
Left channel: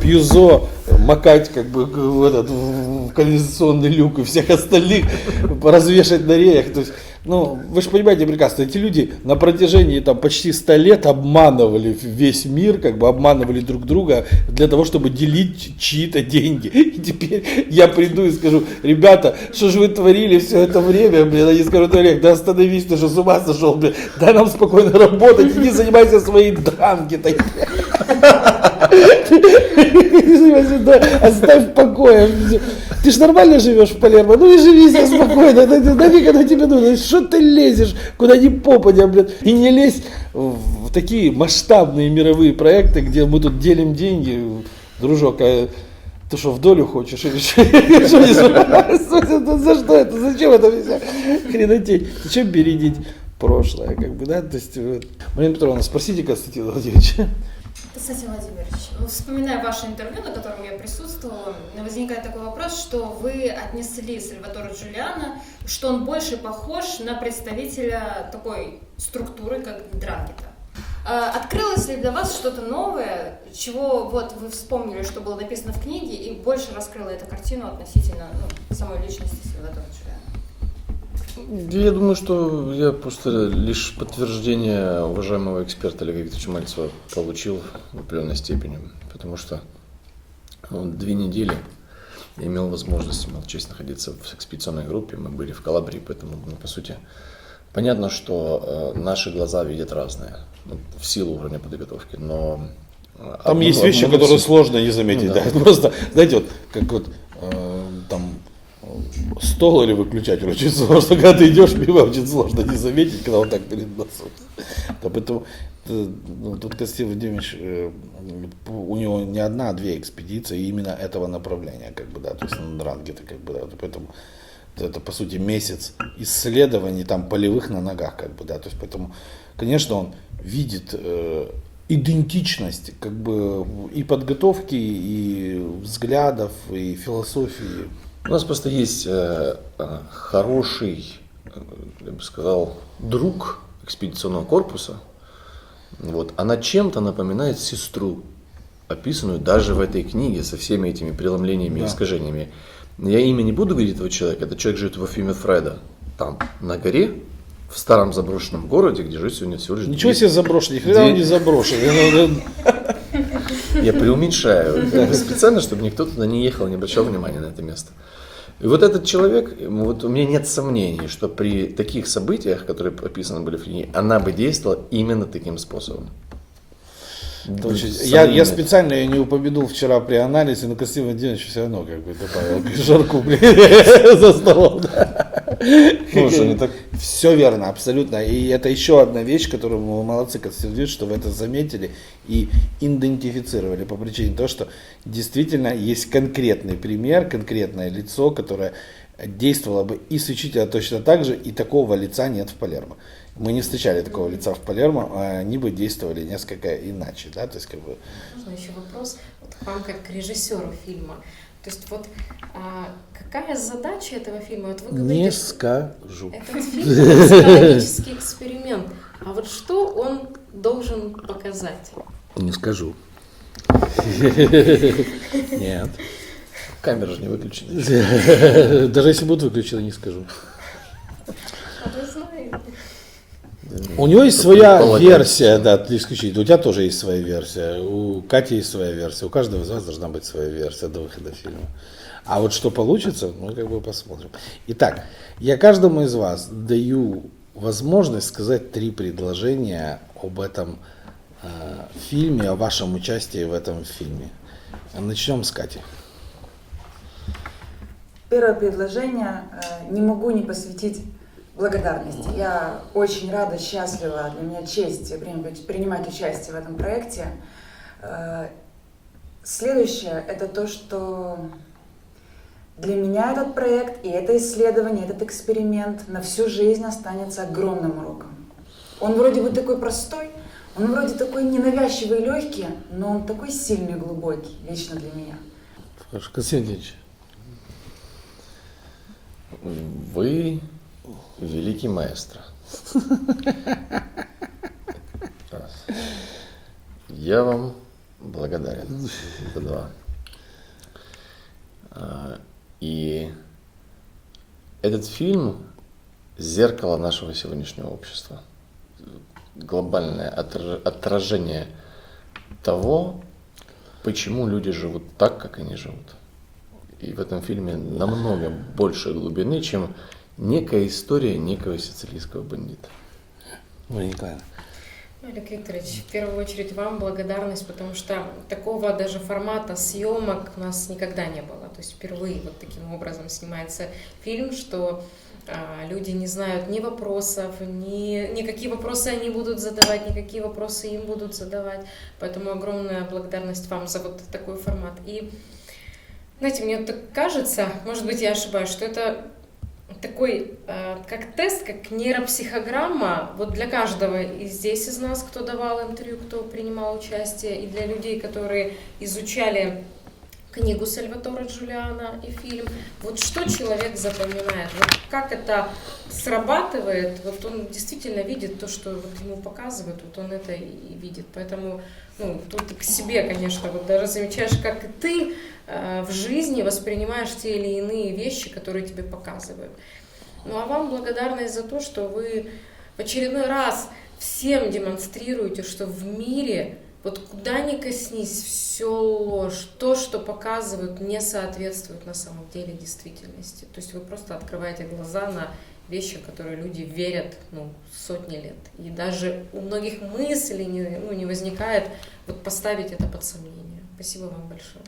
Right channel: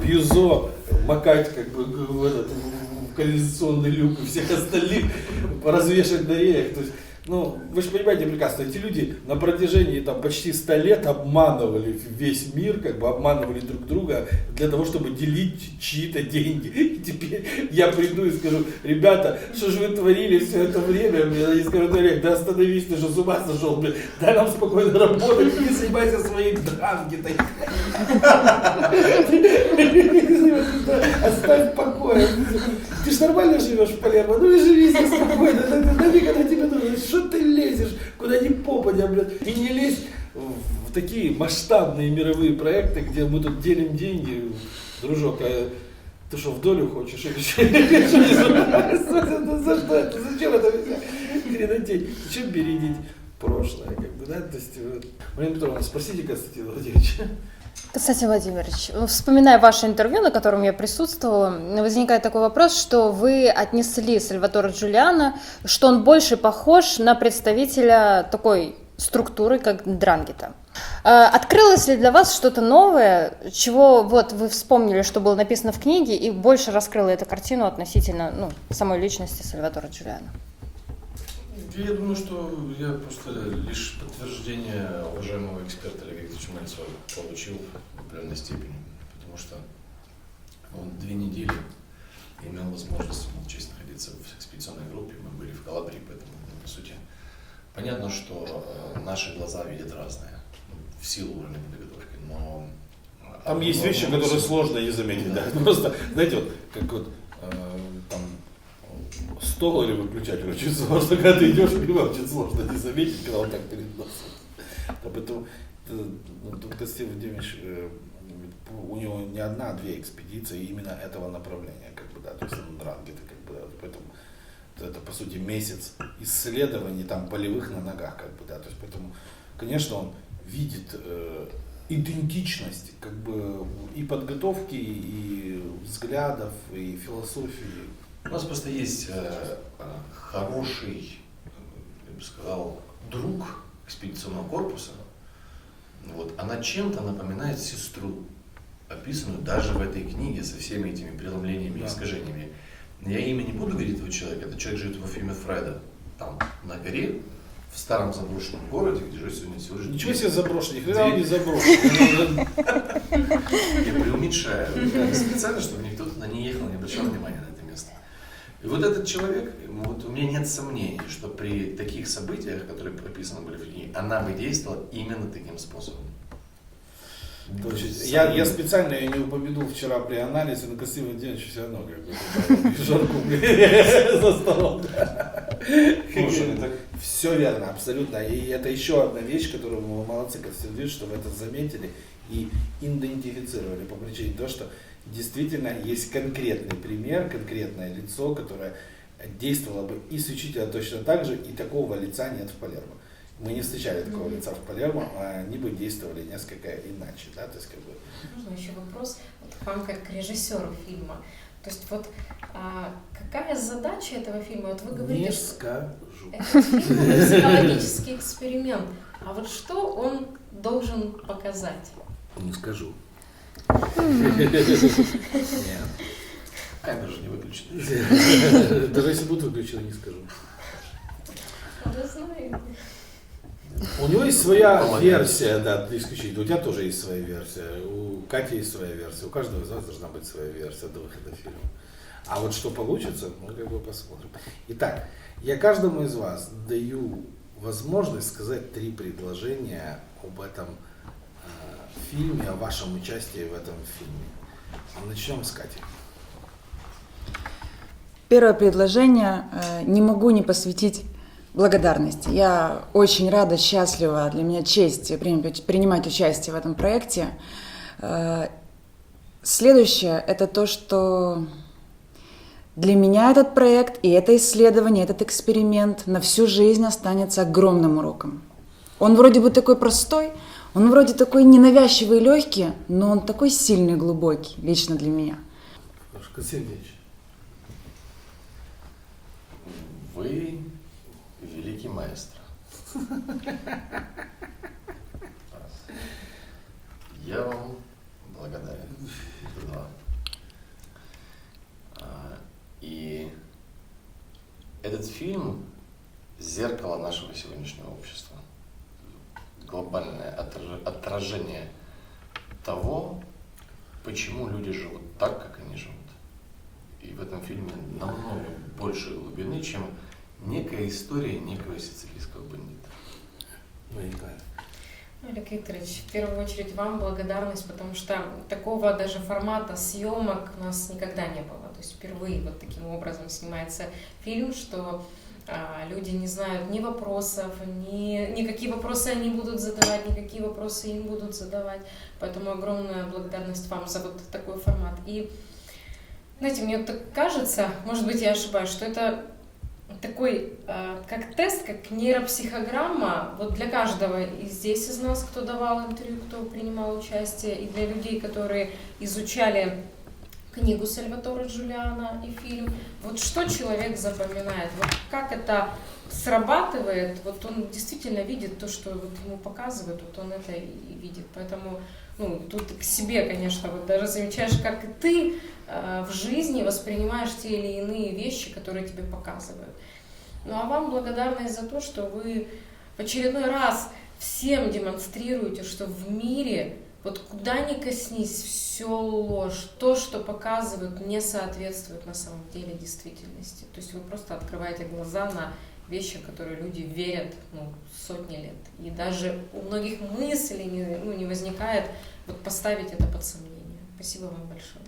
пьюзо макать как бы в канализационный люк и всех остальных развешать на реях. То есть, вы же понимаете прекрасно, эти люди на протяжении почти 100 лет обманывали весь мир, как бы обманывали друг друга для того, чтобы делить чьи-то деньги. И теперь я приду и скажу: ребята, что же вы творили все это время? Они скажут: Олег, да остановись, ты что, с ума сошел? Дай нам спокойно работать, не занимайся своей дранги-то. Оставь в покое. Ты ж нормально живешь в Палермо, и живи себе спокойно. Нафиг оно тебе нужно? Что ты лезешь, куда ни попадя, И не лезь в такие масштабные мировые проекты, где мы тут делим деньги. Дружок, а ты что, в долю хочешь? Или что? За что это? Зачем это вся хренотень? Зачем бередить прошлое? То есть, Марина Петровна, спросите Константина Владимировича. Константин Владимирович, вспоминая ваше интервью, на котором я присутствовала, возникает такой вопрос, что вы отнесли Сальваторе Джулиано, что он больше похож на представителя такой структуры, как Ндрангета. Открылось ли для вас что-то новое, чего вы вспомнили, что было написано в книге, и больше раскрыло эту картину относительно самой личности Сальваторе Джулиано? Я думаю, что я просто лишь подтверждение уважаемого эксперта Олега Викторовича Мальцева получил в определенной степени, потому что 2 недели я имел возможность, имел честь находиться в экспедиционной группе, мы были в Калабрии, поэтому, по сути, понятно, что наши глаза видят разное, в силу уровня подготовки, но... Там есть вещи, которые сложно не заметить, да. Просто, знаете, там стол или выключатель очень сложно, когда ты идешь мимо, очень сложно не заметить, когда он так перед носом. Да, поэтому тут Константин Владимирович, у него не одна, а 2 экспедиции именно этого направления, то есть на Ндрангета, поэтому это по сути месяц исследований там полевых на ногах, то есть поэтому, конечно, он видит идентичность и подготовки, и взглядов, и философии. У нас просто есть хороший, я бы сказал, друг экспедиционного корпуса. Она чем-то напоминает сестру, описанную даже в этой книге со всеми этими преломлениями и искажениями. Я имя не буду говорить этого человека, этот человек живет в Афиме Фреда, там, на горе, в старом заброшенном городе, где живет сегодня всего лишь... Ничего себе заброшенный, хрена он не заброшен. Я преуменьшаю, специально, чтобы никто туда не ехал, не обращал внимания на это место. И этот человек, у меня нет сомнений, что при таких событиях, которые описаны были в книге, она бы действовала именно таким способом. Я специально ее не упомянул вчера при анализе, но Константин Владимирович все равно добавил жарку за столом. Все верно, абсолютно. И это еще одна вещь, которую мы молодцы, Константин Владимирович, что вы это заметили и идентифицировали по причине того, что действительно есть конкретный пример, конкретное лицо, которое действовало бы исключительно точно так же, и такого лица нет в Палермо. мы не встречали такого лица в Палермо, они бы действовали несколько иначе, да, то есть как бы... Можно еще вопрос вот к вам как к режиссеру фильма. То есть вот какая задача этого фильма? Вот вы говорите, Не скажу. этот фильм это психологический эксперимент. А вот что он должен показать? Не скажу. Нет. Камеры же не выключены. Даже если будут выключены, не скажу. А вы знаете. У него есть своя Молодец. версия, да, исключительно. У тебя тоже есть своя версия, у Кати есть своя версия, у каждого из вас должна быть своя версия до выхода фильма. А вот что получится, мы как бы посмотрим. Итак, я каждому из вас даю возможность сказать 3 предложения об этом фильме, о вашем участии в этом фильме. Начнем с Кати. Первое предложение не могу не посвятить благодарности. Я очень рада, счастлива, для меня честь принимать участие в этом проекте. Следующее – это то, что для меня этот проект и это исследование, этот эксперимент на всю жизнь останется огромным уроком. Он вроде бы такой простой, он вроде такой ненавязчивый и легкий, но он такой сильный и глубокий, лично для меня. Хорошо, Константин Ильич. Вы великий маэстро. Я вам благодарен. Это 2. И этот фильм – зеркало нашего сегодняшнего общества. Глобальное отражение того, почему люди живут так, как они живут. И в этом фильме намного больше глубины, чем некая история некого сицилийского бандита. Мария Николаевна. Олег Викторович, в первую очередь вам благодарность, потому что такого даже формата съемок у нас никогда не было. То есть впервые вот таким образом снимается фильм, что люди не знают ни вопросов, ни какие вопросы они будут задавать, ни какие вопросы им будут задавать. Поэтому огромная благодарность вам за вот такой формат. И, знаете, мне так кажется, может быть, я ошибаюсь, что это такой, как тест, как нейропсихограмма, вот для каждого и здесь из нас, кто давал интервью, кто принимал участие, и для людей, которые изучали книгу Сальваторе Джулиано и фильм, вот что человек запоминает, вот как это срабатывает, вот он действительно видит то, что вот ему показывают, вот он это и видит, поэтому, ну, тут к себе, конечно, вот даже замечаешь, как и ты в жизни воспринимаешь те или иные вещи, которые тебе показывают. Ну, а вам благодарность за то, что вы в очередной раз всем демонстрируете, что в мире вот куда ни коснись, все ложь, то, что показывают, не соответствует на самом деле действительности. То есть вы просто открываете глаза на вещи, в которые люди верят сотни лет. И даже у многих мыслей не возникает вот поставить это под сомнение. Спасибо вам большое.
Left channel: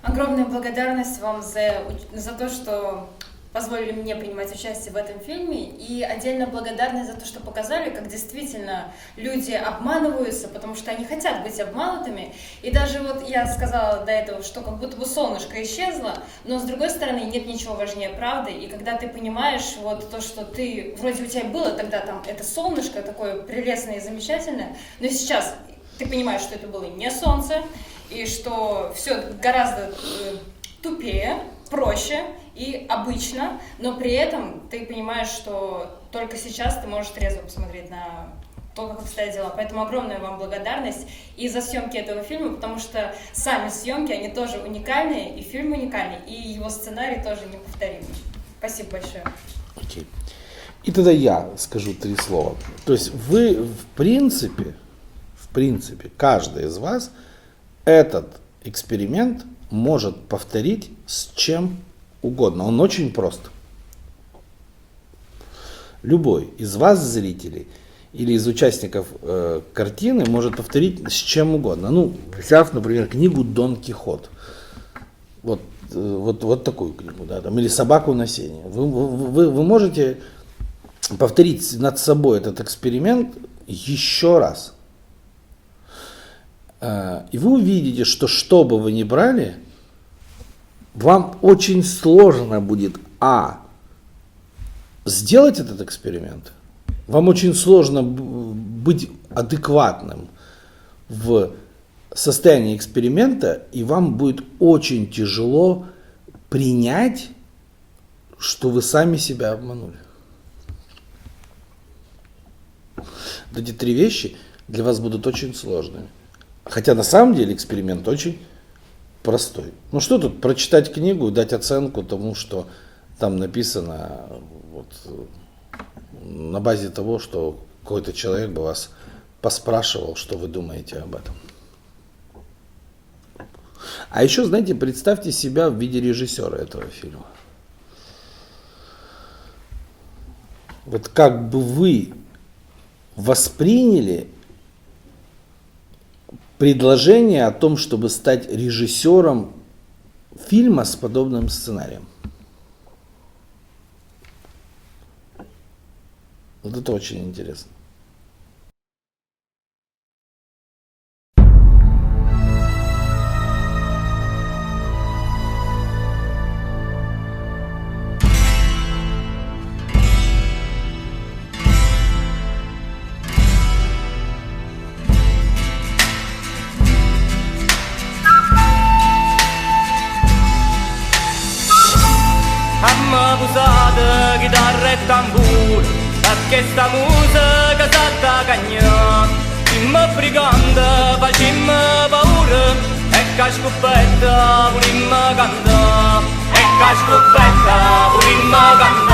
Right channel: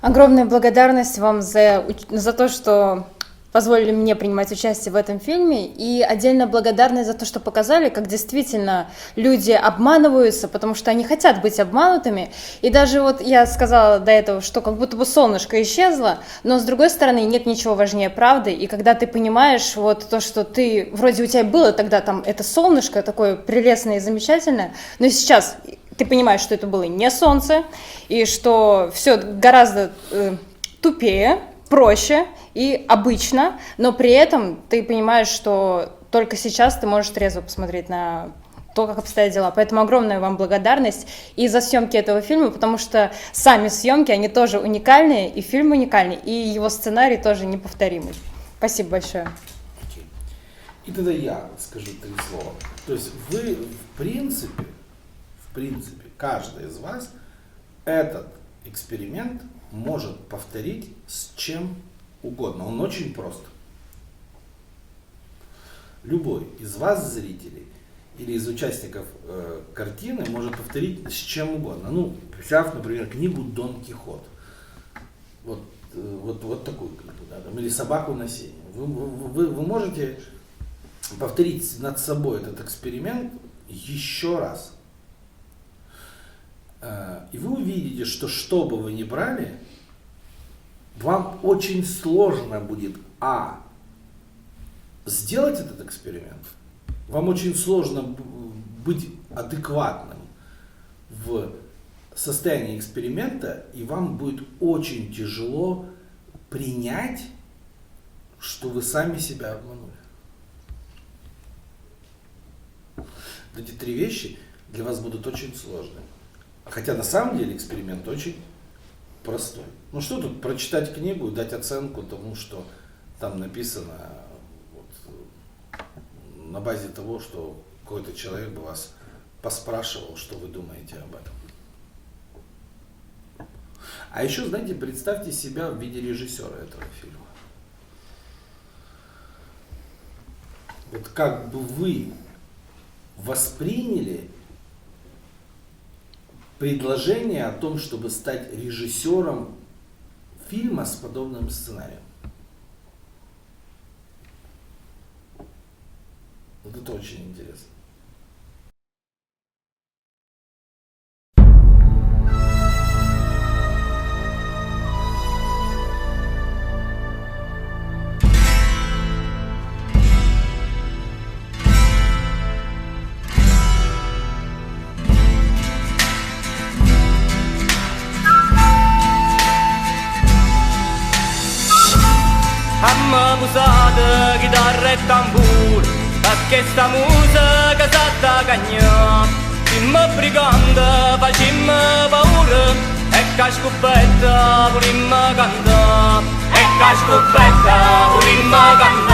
Огромная благодарность вам за то, что позволили мне принимать участие в этом фильме, и отдельно благодарность за то, что показали, как действительно люди обманываются, потому что они хотят быть обманутыми. И даже вот я сказала до этого, что как будто бы солнышко исчезло, но с другой стороны нет ничего важнее правды, и когда ты понимаешь вот то, что ты, вроде у тебя было тогда там это солнышко такое прелестное и замечательное, но сейчас ты понимаешь, что это было не солнце, и что все гораздо тупее, проще и обычно, но при этом ты понимаешь, что только сейчас ты можешь трезво посмотреть на то, как обстоят дела. Поэтому огромная вам благодарность и за съемки этого фильма, потому что сами съемки, они тоже уникальные, и фильм уникальный, и его сценарий тоже неповторимый. Спасибо большое. Окей. И тогда я скажу 3 слова. То есть вы, в принципе, каждый из вас этот эксперимент может повторить с чем угодно. Он очень прост. Любой из вас, зрителей, или из участников картины, может повторить с чем угодно. Ну, взяв, например, книгу «Дон Кихот». Вот такую книгу, да, там, или «Собаку на сене». Вы можете повторить над собой этот эксперимент еще раз. И вы увидите, что бы вы ни брали, вам очень сложно будет сделать этот эксперимент, вам очень сложно быть адекватным в состоянии эксперимента, и вам будет очень тяжело принять, что вы сами себя обманули. Вот эти 3 вещи для вас будут очень сложными. Хотя на самом деле эксперимент очень простой. Ну что тут, прочитать книгу, дать оценку тому, что там написано, вот, на базе того, что какой-то человек бы вас поспрашивал, что вы думаете об этом. А еще, знаете, представьте себя в виде режиссера этого фильма. Вот как бы вы восприняли предложение о том, чтобы стать режиссером фильма с подобным сценарием. Вот это очень интересно. Busate, chitarra e tamburo, perché sta musica s'attacagna. Dimmi brigante, facimmi paura, e che scoppetta, volimmo cantare, e che scoppetta, volimmo cantare.